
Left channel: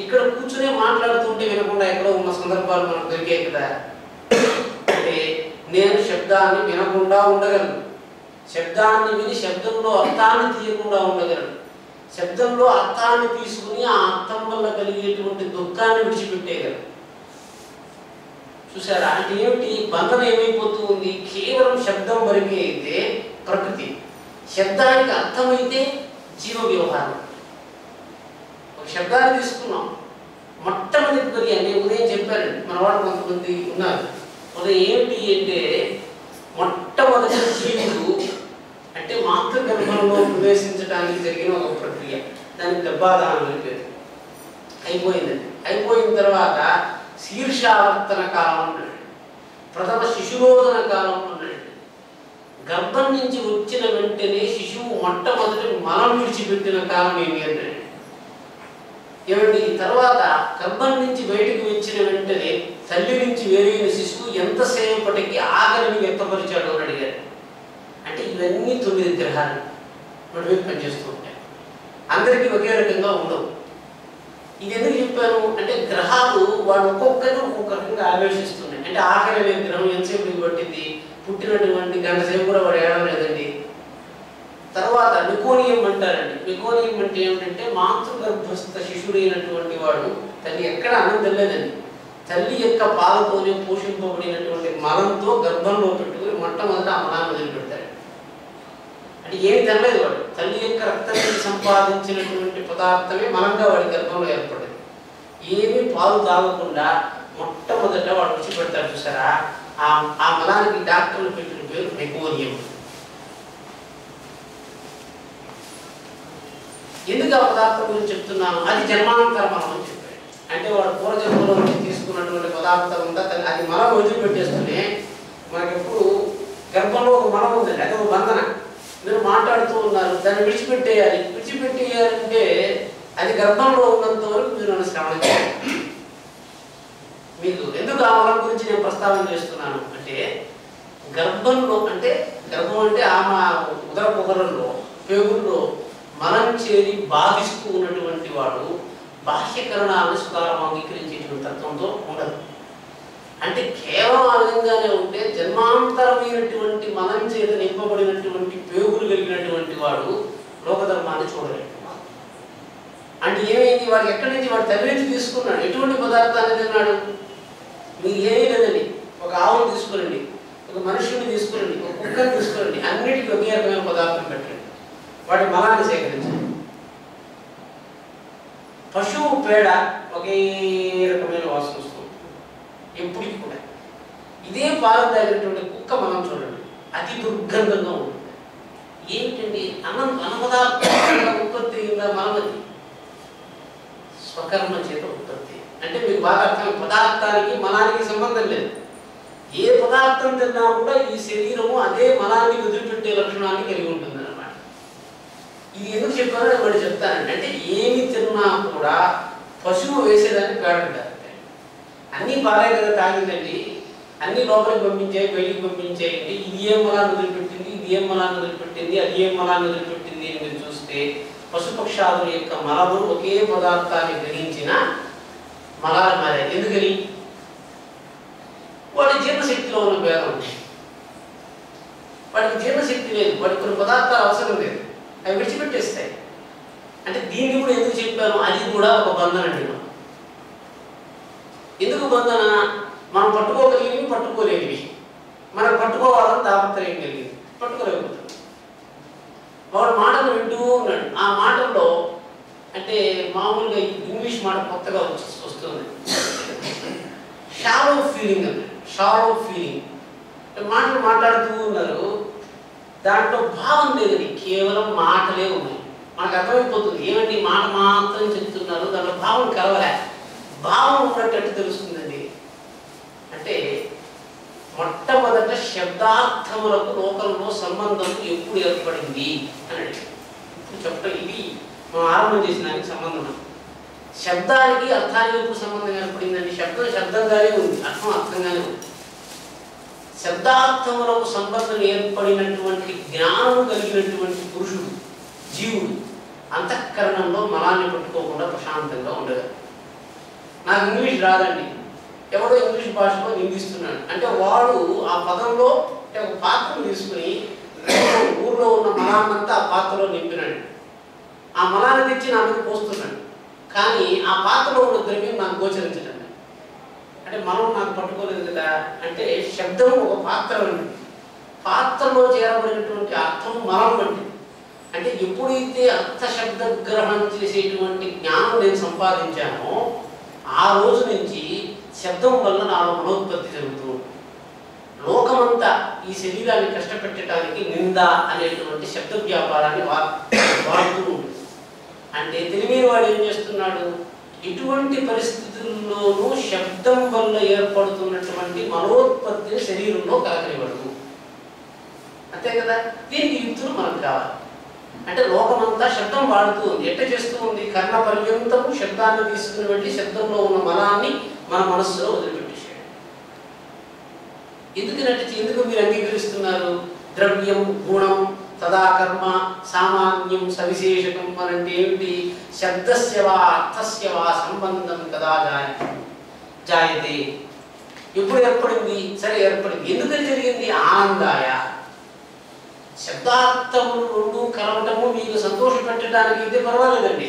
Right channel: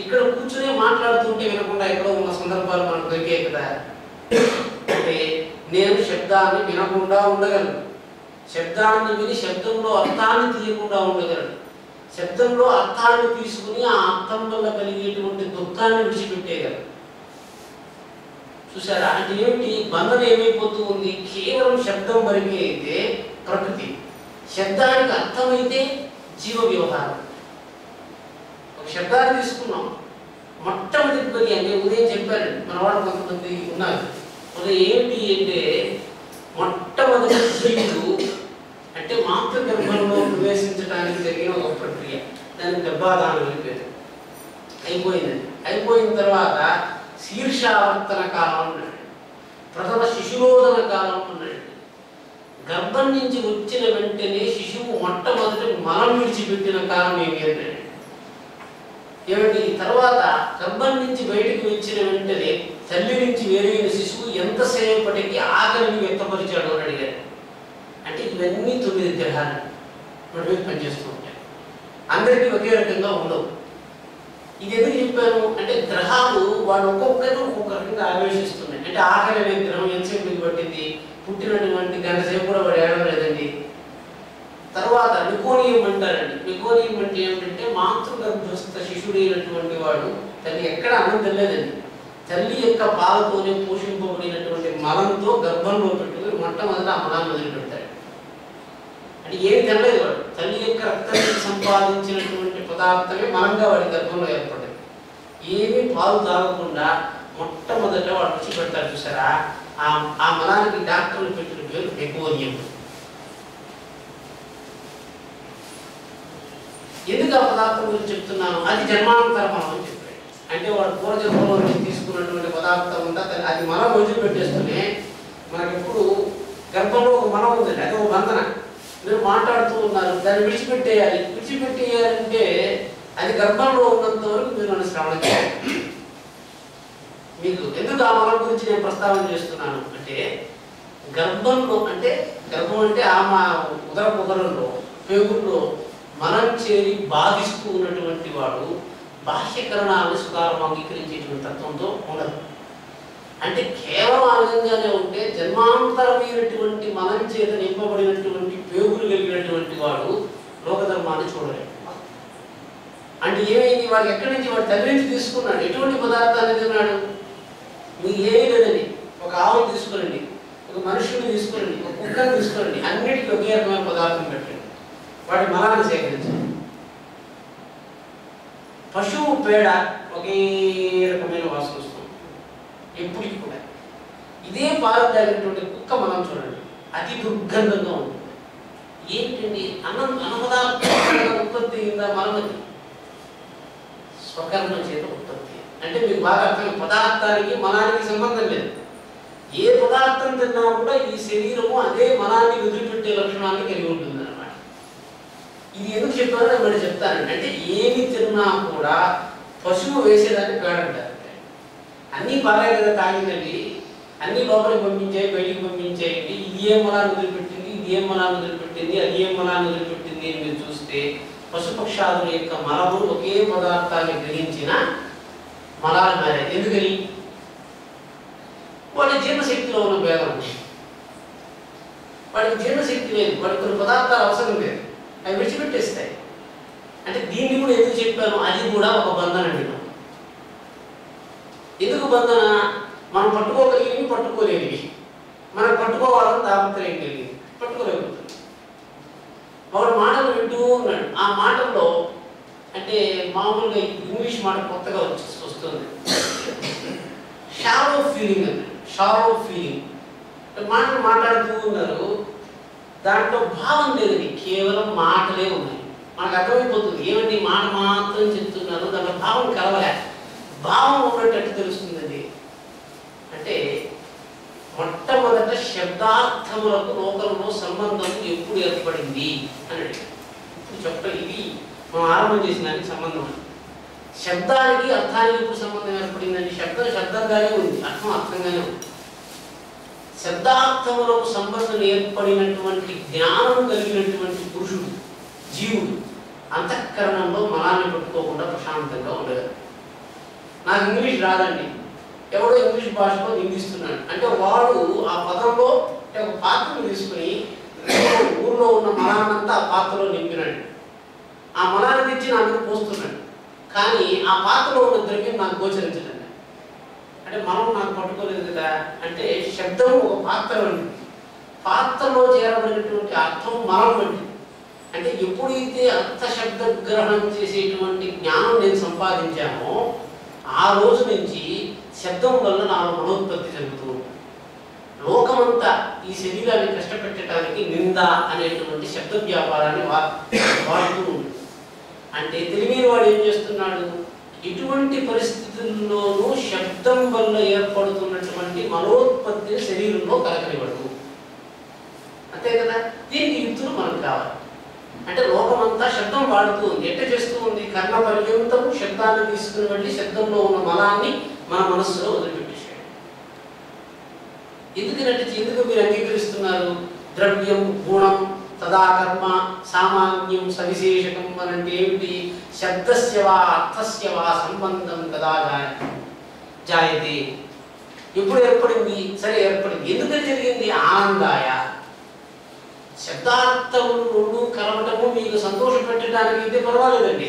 ఇక్కడ కూర్చునే మాట్లాడుతుంటే వినకుండా ఎక్కడో ఉన్న సందర్భాలు మనకు దొరికాయి కదా. అంటే నేను శబ్దాన్ని వినకుండా ఉండగలను, శబ్దాన్ని విని శబ్దంలో అర్థాన్ని తీయకుండా ఉండగలను, శబ్దంలో అర్థాన్ని తీసుకుని ఆ అర్థం వల్ల కలిగేటువంటి దుఃఖాన్ని విడిచిపెట్టేయగలను. చూసారా? అంటే ఏమిటి? బంధన ఏమైపోతూ ఉంది? కేవలం శబ్దం వరకే అయితే ప్రకృతి, శబ్దానికి అర్థమైతే జీవ వ్యవహారం. ఒక శబ్దాన్ని తీసుకున్నాం, మొట్టమొదటి అంటే ఉదయం చెప్పారండి మన వాళ్ళు కొంతమంది ఉన్నారు. ఉదయం ఏమిటి అంటే మొట్టమొదటి జీవుడు అంటే మాతృగర్భంలో ప్రవేశించడానికి జరిగిన ఒక ప్రక్రియ, దానికి గర్భాధానం అని పేరు. అయిపోయిందండి. అయిపోయిన తర్వాత శీర్షావర్తన కాలం ఉన్నాడు, ప్రథమ శిశురోధన కాలం ఉన్నాడు, గర్భం నుంచి వచ్చిన వెంటనే శిశువు మొట్టమొదటి మలం విడిచిపెట్టిన కాలం ఏమి అంటే ఏమండి, తర్వాత గర్భం నుంచి బయటికి వచ్చిన వెంటనే తల్లి నుంచి వేరైన శిశువు ఎంతసేపటికి ఆకలిని వ్యక్తపరిచాడు అని అడిగారు. అంటే ఇవన్నీ 9 గ్రహాలు వాటి మీద పనిచేస్తూ ఉంటాయి. అందరికీ ఒకే రకంగా ఉండవు. ఇది ఎందుకు చెప్పాను అంటే గ్రహాలు వాడు ఒక్కొక్కరు ఒక్కొక్క రకంగా ఆవేశిస్తున్నాయి. అంటే ఆకలి అనే గ్రహం ఎంతసేపు పట్టింది, పుట్టినటువంటి గంట సేపు కూడా వాడు ఏడవలేదండి. తర్వాత నికోనియం అంటారండి. నికోనియం అంటే ఏమిటంటే మాతృగర్భస్థ శిశుడైనటువంటి వాడు తల్లి ఎక్కడ అన్నం తినలేదండి. తల్లి యొక్క పాలతోనే పోషింపబడినటువంటి మలంతో గర్భంలో పెట్టుకుని మొట్టమొదట ఆ మలాన్ని వదిలిపెడతాడు. అంటే ఏమి తినలేదు వాడు. తల్లి యొక్క రక్తాన్ని సంపాదించినటువంటి పదార్థమే మలంగా వాడి గర్భంలో ఏర్పడింది. ఏమీ పాలు తాగకుండా మొట్టమొదట వాడు రుచి పెడతాడు చూసారా, ఆ మలానికి డాక్టర్లు పెట్టిన పేరు నికోనియం. ఎందుకు ఆ పదార్థం గురించి చెప్తున్నాను, అది జన్మాంతర మలం అని చెప్పాడు. అంటే వాడు పూర్వజన్మలో నుంచి తీసుకున్నటువంటి పదార్థం ఉందా అది మలం వదిలిపెట్టేస్తూనే మనకి ఎప్పుడు గర్భంలో ఒక మలం ఉందండి, అది ఒక బంధన. మీరు మాట్లాడుతూ ఉన్నారు, దాన్ని విడిచిపెట్టేయాలి. విడిచిపెట్టేయాలంటే అది గర్భంలో ఉన్నంత వరకు మీరు నన్ను శ్రవణం చేయాలి. మీకు ఎందుకు ఆ మలం గురించి నేను ప్రస్తావన చేస్తున్నాను అంటే గర్భంలో అంటే గర్భం అంటే ఆమె ఉదర పొగరంలో పేగుల్లో మనం చేరి బాధిస్తూ ఉన్నటువంటి వాడు బాహ్యకరణాలను సుఖారం అంగీకరించేటువంటి తత్వంతో ఉండదు. అంటే కేవలం ఆ విధంగానే ఉంటే జన్మాంతరమైనటువంటి మనం చేత నింపబడినటువంటి పేగులు కలిగినటువంటి వాడు లోకధర్మాన్ని చూడలేడు. అంటే ఏమైంది, వాడు ఎక్కడి నుంచి వాడు తల్లి నుంచి తీసుకున్నాడు. ఎటువంటి పదార్థాన్ని తిన్నాడు, మీకు ఏమీ లేదండి. ఒక ఆవును తీసుకురండి, ఒక మనుషుని తీసుకురండి, ఒక కుక్కని తీసుకురండి, అన్నిటికీ ఒకే రకమైన పదార్థం పెట్టండి, వాటి మలాన్ని సేకరించండి. పశువు పేడ ఒకే రకమైన వాసన వస్తుంది ఎప్పటికి కూడా. ఇదే పాలు తాగినటువంటి కుక్క మనం చూడండి, అతి దుర్గంధంగా ఉంటుంది. ఏంటండి, అన్నపదార్థం ఉత్పత్తి అయిందా మలమది స్వకర్మ చేత ఉత్పత్తి. అంటే మీకు బాగా అర్థం, పదార్థానికి మలానికి సంబంధం లేదు. ఏ పదార్థం తిన్నా కూడా ఈ శరీరము అదే మలాన్ని వదిలిపెట్టే లక్షణాన్ని కలిగి ఉంటుంది అన్నమాట. ఇది ఎందుకు చెప్పారో నేను మళ్ళీ చెప్తానండి. అంటే ఏమి తిన్నా కూడా పశువు వేసేదాన్ని పేడంటారు. అన్నీ బాగా కదా తాగిందండి, అన్నీ లోపలికి పంపించాయి, బయటికి పంపించాయండి. ఇది ఏం మలాన్ని వదిలిపెట్టింది, ఇది ఏం మలాన్ని వదిలిపెట్టింది, అది ఏం మలాన్ని వదిలిపెట్టింది అని మీరు చూస్తే పశుపక్షాదుల యొక్క మలములు ఒకే పదార్థాన్ని గ్రహించిన మలాలు మారాయి. ఎందుకని, వాడి జీర్ణశక్తిలో ఉన్న భేదం ఉంది. వాడికి జీర్ణశక్తి లేదు, వాడికి కొన్ని పదార్థాలు అవసరం లేదు, అవి విడిచిపెట్టేస్తాయి. అంటే దీన్ని కూడా ఎందుకు చెప్పాను, అది కూడా ఒక బంధన అండి. ఎందుకు బంధన, మనం పట్టుకోగలిగినవి పట్టుకోలేనివి, మనం పట్టుకోవాలని తాపత్రయం కలిగింది, పట్టుకోలేకపోతుంది. వాడు మాటలు వింటూ ఉన్నాడు. ఆ మాటల్లో అంటే మామూలుగా ఇంగ్లీష్ మాట కొత్తగా వస్తుంది, షాలో ఫీలింగ్ అన్నాడు. షాలో ఫీలింగ్ మాటలు మాట్లాడుతూ ఉన్నారు, దాంట్లో భావం లేదని, కేవలం మాటలే ఉన్నాయి. మనకు అర్థమైపోతుంది ఏమండి మాట మాత్రం చెప్తున్నారు, దాంట్లో భావం కలవలే. భావం ఉన్నట్టు తెలుస్తుందండి. అంటే మొట్టమొదట శబ్దార్థములకు లోకంలో సంబంధం ఎప్పుడు ఏర్పడింది అని అడిగారు. ఇప్పుడు చెప్పడం ఇది మనం ఆరంభం చేసిన దానికి సంబంధం. శబ్దానికి అర్థానికి ఎప్పుడు సంబంధం ఏర్పడిందండి, శబ్దం శబ్దంగానే ఉంది, అర్థం అర్థంగానే ఉంది. శబ్దార్థములకు సంబంధం ఏర్పడినటువంటి జ్ఞానం కలిగినటువంటి పురుషుడు జీవుడు అంతఃకరణంలో మలాన్ని పట్టుకోకుండా ప్రశాంతంగా ఉండగలరు. నాకు ఇంగ్లీష్ రాదండి, ఎవడో ఇంగ్లీష్ భాషలో నిందిస్తున్నాడు అంటే వాడు ఆ పదంలో ఒక పాత్రను తీసుకుని ఊర్లో ఉన్న మలాన్నంతా ఆ పాత్రలో నింపినాడు. ఆ మలాన్ని తెచ్చి నా మీద పోస్తున్నాడు, కానీ ఆ పాత్రలో ఉన్న ద్రవ్యం నాకు గోచరించడం. అంటే మనం నాకు పట్టుకోలేదు కదా. అంటే శబ్దం ఒక పాత్ర వంటిది, పాత్రలో చేరబడినటువంటి అర్థం మలం వంటిది. అంటే ఎప్పుడైతే అర్థ శబ్ద గ్రహణం చేసేటువంటి జ్ఞానం నేను సంపాదించానో ఆ రోజు నుంచి శబ్దం వల్ల నాలో మనోత్పత్తి జరుగుతూ ఉంటుంది. లోకమంతా ఈ శరీరాన్ని కష్టపెట్టడానికి నింద అనేటువంటి శబ్ద వ్యాపారాన్ని వాడుతూ ఉంటుంది. అంటే తెలియని వాడు ఏం చేస్తున్నాడు, ఇటువంటి పరిస్థితుల్లోనూ శబ్దం వల్ల ఏర్పడుతున్నటువంటి మనోత్పత్తిని శరీరంలో కలకనివ్వడు. అంతే కదా. దీనికి యుక్తులు మనకు కావాలి. అంటే లోకమంతా శబ్దం వాడుతూ ఉంది. ఎట్ట చేస్తూ ఉంది? కర్ణ పర్యంతము శబ్దాన్ని తీసుకుని వెళ్ళి శబ్దంలో ఉన్న మలాన్ని మన మనస్సులో వదిలిపెట్టేసాడు. ఎందుకు మీరు అంగీకరిస్తున్నారు? ద్రవ్యం, గుణం, తదాకర్మ, సామాన్యం, సవిశేషకం అనంటే ఏమిటి? శబ్దస్య వా అర్థస్య వా సంబంధం కదా జాయతే. ఎప్పుడు ఏర్పడింది? సరే ఏర్పడింది. ఎందుకని జరిగింది? ఆనందాయ. శబ్దార్థములు రెండు కలవటము మీకు సంతోషం పెట్టడానికి అయితే పర్వాలేదండి.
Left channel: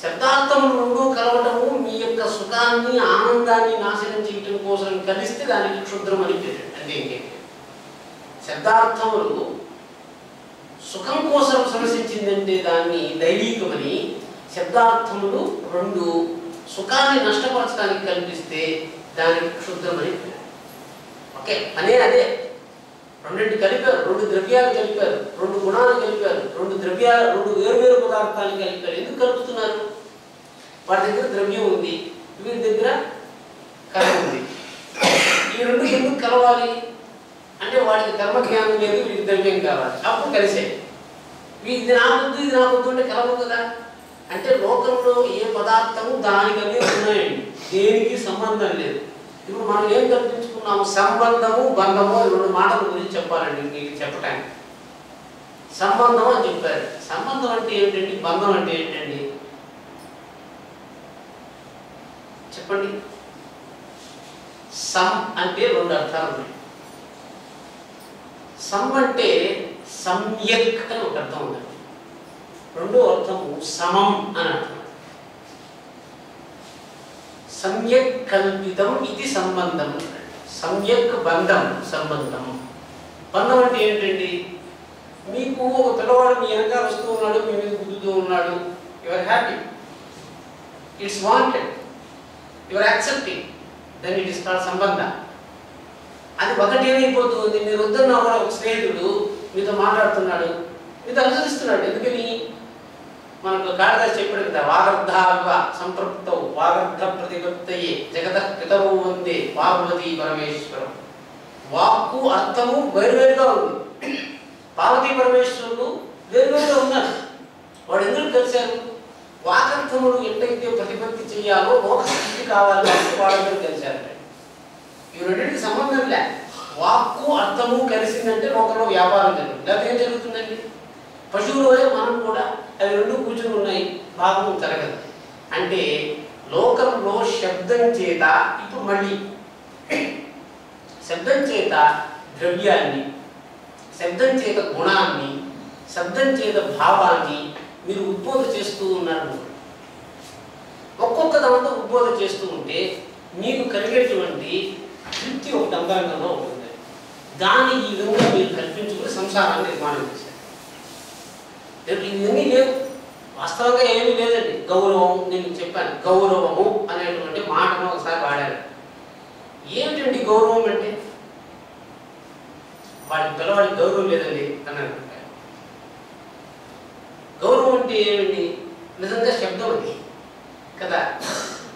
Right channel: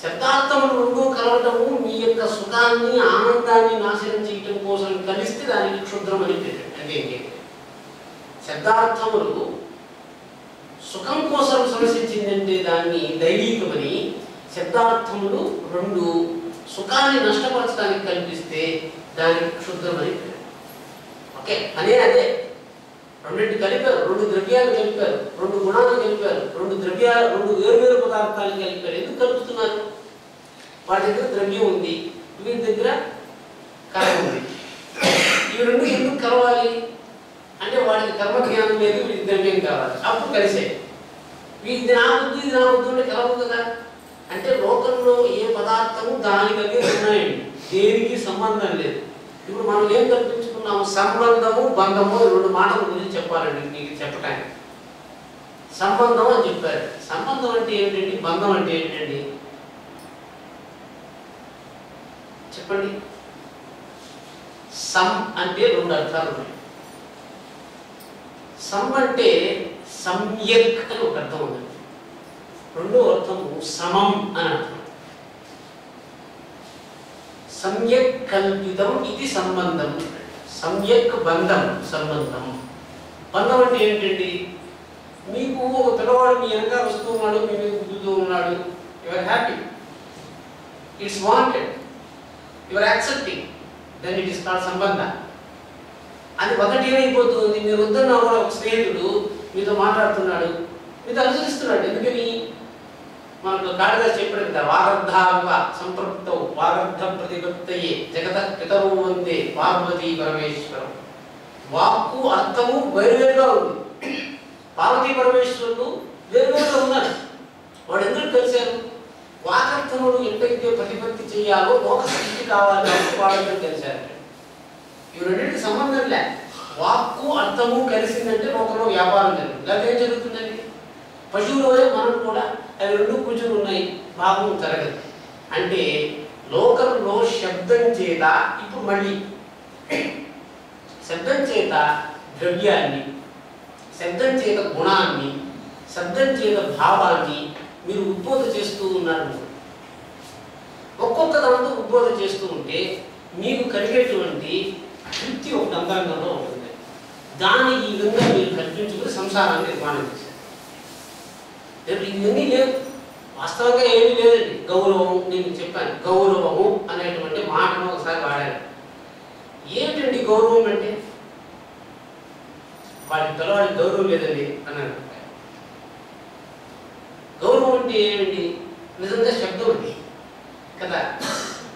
శబ్దార్థములు రెండు కలవటము మీ యొక్క సుఖాన్ని, ఆనందాన్ని నాశనం చేయటం కోసం కలిస్తే దానికి క్షుద్రం అని పేరు. అంటే ఏంటి? శబ్దార్థములు సుఖం కోసం సమసించిందంటే దాన్ని దైవీకమని, శబ్దార్థములు రెండు సుఖాన్ని నష్టపరచడానికి కల్పిస్తే దానికి క్షుద్రమని పేరు. ఓకే, అదే రెండింటి కలిపారు, రెండు ద్రవ్యాలు కలిపారు, రెండు గుణాలు కలిపారు, రెండు వేరువేరు పదార్థాలు కలిపారు. ఎందుకు కలుపుతున్నారు? వాడి దగ్గర ద్రవ్యం ఉంది, వీరి దగ్గర కర్మ ఉంది. ఈ రెండు ఎందుకు కలవాలి అంటే వాడికి కర్మ జ్ఞానం లేదు, వీడికి ద్రవ్యం కావాలి, అప్పుడు కలిసే. ఇది నా బుద్ధి, ఇది నా బుద్ధి అంటే కలవు కదా. అంటే లోకంలో ఏ పదార్థము దానికనే ఉన్నాయండి, దేనికి సంబంధం లేదు. ఇప్పుడు మనం ఏం కల్పించుకున్నాము? సంబంధము, బంధము, రెండు మాటల గురించి చెప్పాలండి మీకు చెప్పటానికి. సంబంధం అని చెప్పారు. సంబంధం అంటే ఏంటండి? బంధం అంటే ఏంటండి? చెప్పండి. సం అంటే రెండు అర్థాలు ఉన్నాయి. సం అంటే సమ్యక్ అని ఒక అర్థం ఉంది. రెండో అర్థము సమం అని అర్థం. సమ్యక్ కల్పితం ఇది సంబంధం. సమ్యక్ బంధం, సంబంధం. బంధం అంటే ఏంటండి? మీకు ఒక పిల్లవాడు మీ వెనకాల వస్తూ ఉన్నాడు, మీ మీద గుద్దుతూ ఉన్నాడు, you are happy, it's wanted, you are accepting, then it is called సంబంధ. అది ఒకటి ఏమైపోతుంది? మీరు వద్దన్నా కూడా ఒక స్నేహితుడు మీతో మాట్లాడుతున్నాడు, మీతో అనుసరిస్తున్నాడు. ఎందుకని? మనకు కాళిదాసు చెప్పాడు కదా, వాగర్ధావ సంపృక్తౌ వాగర్ధ ప్రతిపత్తయే జగతః పితరౌ వందే పార్వతీ పరమేశ్వరం. వాక్కు అర్థము వేరువేరుగా ఉంది. పార్వతీ పరమేశ్వరుడు వేరువేరుగా ఉన్నారు. వాడు ఎందుకు కలిశారు? వాగర్థములు ఎట్టయితే ప్రతిపత్తి చేయాలో లోక స్థితి కావాలి వాళ్ళందరూ కలిశారు. ఇవి రెండింటికి సంబంధం లే. వాక్కు అర్థము కలిసిందంటే లోకంలో వ్యాపారం జరుగుతుంది. లేదా ఏం జరుగుతుందండి? పశువులోనే మనం కూడా అవి రెండు కూర్చుని ఉన్నాయి, భాగం జరగదు. అంటే లోకంలో శబ్దం చేత, ఇప్పుడు మళ్ళీ శబ్దం చేత ద్రవ్యాన్ని, శబ్దం చేత గుణాన్ని, శబ్దం చేత భావాన్ని మీరు ఉద్బోధ చేస్తూ ఉన్నారు. ఒక్కొక్క దాంతో ఉద్బోధ చేస్తూ ఉంటే మీకు కలిగేటువంటి తృప్తి ఒక అంతరంగంలో ఉంటుంది. దాన్ని ఈ విధంగా మీరు కల్పించుకుని సంసారాన్ని నిర్మాణం చేశారు. ఇవన్నీ లేవు, వాస్తవంగా ఏమీ లేదండి. గౌరవం, నేను చెప్పాను, గౌరవము అనేటువంటి మాటను ఒకసారి వాడారు. ఏమిటండి గౌరవం అంటే? వాడి పిల్లవాడికి గౌరవం లేదండి అని అనుకుంటారు. గౌరవం అంటే ఏమిటి? నిజంగా శబ్దం అది కదా.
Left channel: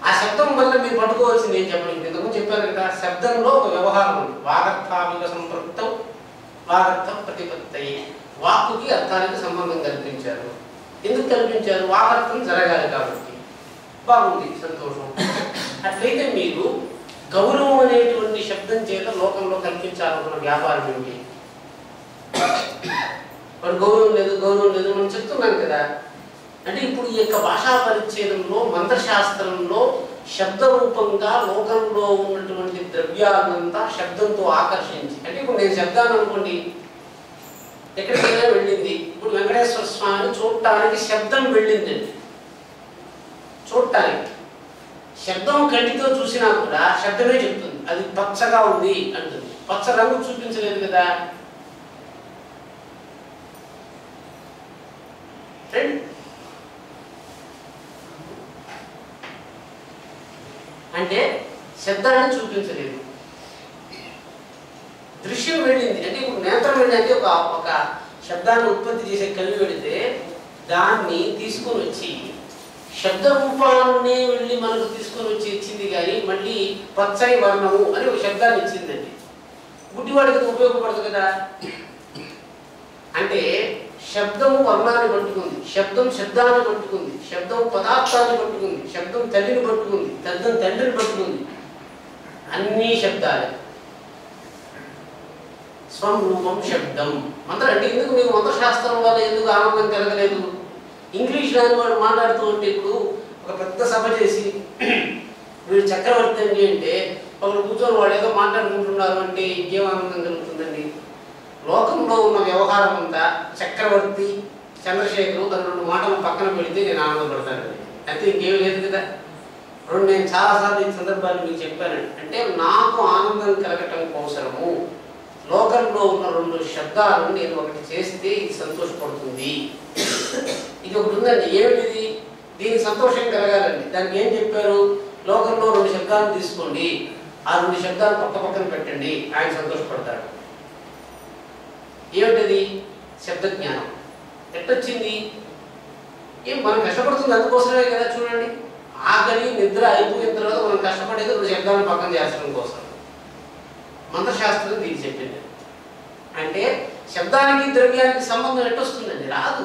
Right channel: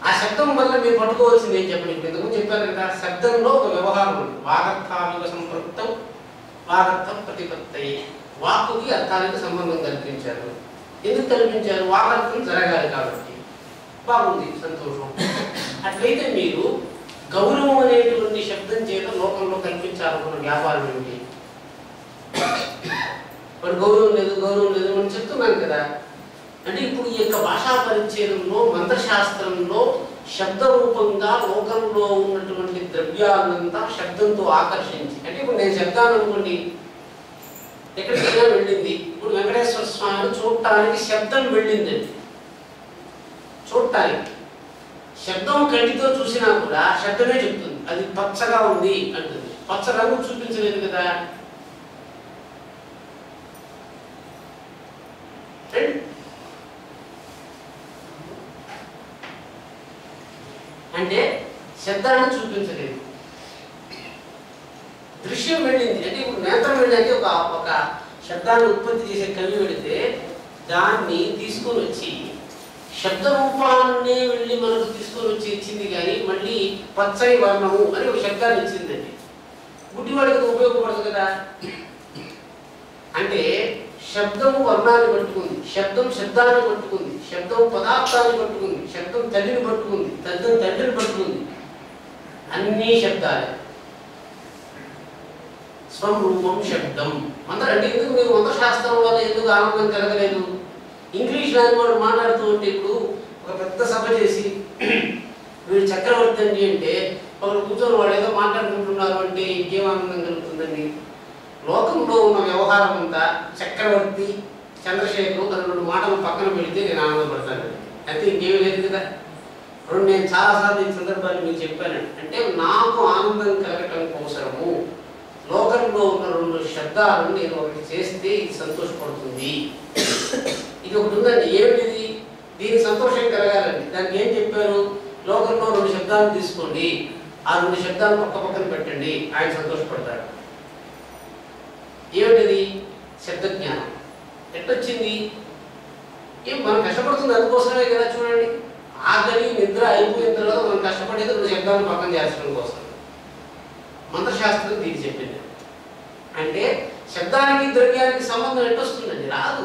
ఆ శబ్దం వల్ల మీరు పట్టుకోవాల్సింది ఏం చెప్పండి. ఇంతకుముందు చెప్పారు కదా, శబ్దంలో ఒక వ్యవహారం ఉంది. వాగర్థావిక సంపృక్తం వాగర్థం ప్రతిపత్తయి. వాక్కుకి అర్థానికి సంబంధం కల్పించారు. ఎందుకు కల్పించారు? వాగర్థం జరగాలి కాబట్టి. బాగుంది, సంతోషం. అట్లయితే మీరు గౌరవం అనేటువంటి శబ్దం చేత లోకంలో కల్పించాలనుకున్న వ్యాపారం ఏమిటి? వాడు గౌరవం లేదు మనం చెప్తున్నాం కదా. అంటే ఇప్పుడు ఈ యొక్క భాషా పరిచ్ఛేదంలో, మంత్రశాస్త్రంలో శబ్ద రూపంగా లోకంలో ఉన్నటువంటి ద్రవ్యాలంతా శబ్దంతో ఆకర్షించి, అంటే ఇప్పుడు నేను శబ్దాన్ని అనుకోండి, ఎక్కడికైనా వెళ్ళింది. ఇప్పుడు వెంకటేశ్వర స్వామిని చూడటానికి శబ్దం వెళ్ళిందండి. చూడటానికి శబ్దం కంటితో చూసినా కూడా శబ్దమే చెప్తుంది, అది పచ్చగా ఉంది అంటుంది. పచ్చ రంగు చూపించలేదు కదా. అంటే శబ్దాన్ని చూపించలేదు. దృశ్యం వెళ్ళింది, అంటే ఇప్పుడు నేత్రం వెళ్ళి ఒక శబ్దాన్ని ఉత్పత్తి చేసే కవి వెళితే దాన్ని తీసుకొని వచ్చి శబ్ద రూపాన్ని వెళ్ళి మనకు తీసుకొని వచ్చి ఇచ్చింది. కానీ మళ్ళీ పచ్చని వర్ణము అని ఒక శబ్దాన్ని ఇచ్చిందండి. గుడ్డివాడికి ఉపయోగపడదు కదా. అంటే శబ్దము వర్ణాన్ని పట్టుకుంది, శబ్దం శబ్దాన్ని పట్టుకుంది, శబ్దం పదార్థాన్ని పట్టుకుంది, శబ్దం తల్లిని పట్టుకుంది, శబ్దం తండ్రిని పట్టుకుంది. అన్నీ శబ్దాలే. స్వం రూపం శబ్దం. మంత్రం అంటే ఎందుకు మీకు మంత్రశాస్త్రం వల్ల ఎందుకు ఆనందం కలగలేదు? ఇంగ్లీష్ లాంటి వాడు మాట్లాడుతూ ఉంటే ఇప్పుడు ఒక పెద్ద సభ చేసి వీడు చక్రవర్తి అండి అంటే ఒకరు కూర్చొని వాడు ఏదో మాట్లాడుకుంటున్నారు అంటే ఇంకేం ఆనందం కలుగుతుందండి? లోకంలో ఉన్న వ్యవహారం అంతా చక్రవర్తి చంద్రశేఖరు అని 2 మాటలు పక్కన పెడితే నేను ఆనందపడతాను. అయితే ఇంకేం లేదు కదా. నేను చాలాసార్లు ఈ సందర్భాన్ని మీకు చెప్పానండి. అంటే నాకు ఆనందం కలగటం కోసము లోకంలో ఉన్న 2 శబ్దాలను నేను ఒకటి చేస్తే ఇది సంతోషపడుతుంది. ఇది ఒకటి ఉందండి. ఏమిటిది? దీనికి సంతోషం కలగాలండి. దానికి ఏం చెప్పారు? లోకంలో 2 శబ్దాలను తీసుకోండి, ఆ 2 శబ్దాలు పక్క పక్కన పెట్టండి, ఆయన సంతోషపడతాడు. ఏమిటది? శబ్దజ్ఞానం. ఎట్టొచ్చింది? ఏం మనం కష్టపడుతుంది అందుకోసమే కదా. చూడండి, ఆకలి నిద్ర అయిపోయిన తర్వాత మనం కష్టపడేది 2 శబ్దాలను పక్కన చేర్చడం కోసం. మంత్రశాస్త్రం దీనికి చెప్పింది. అంటే శబ్దానికి ద్రవ్యానికి సంబంధం ఎట్టొస్తుందండి? రాదు.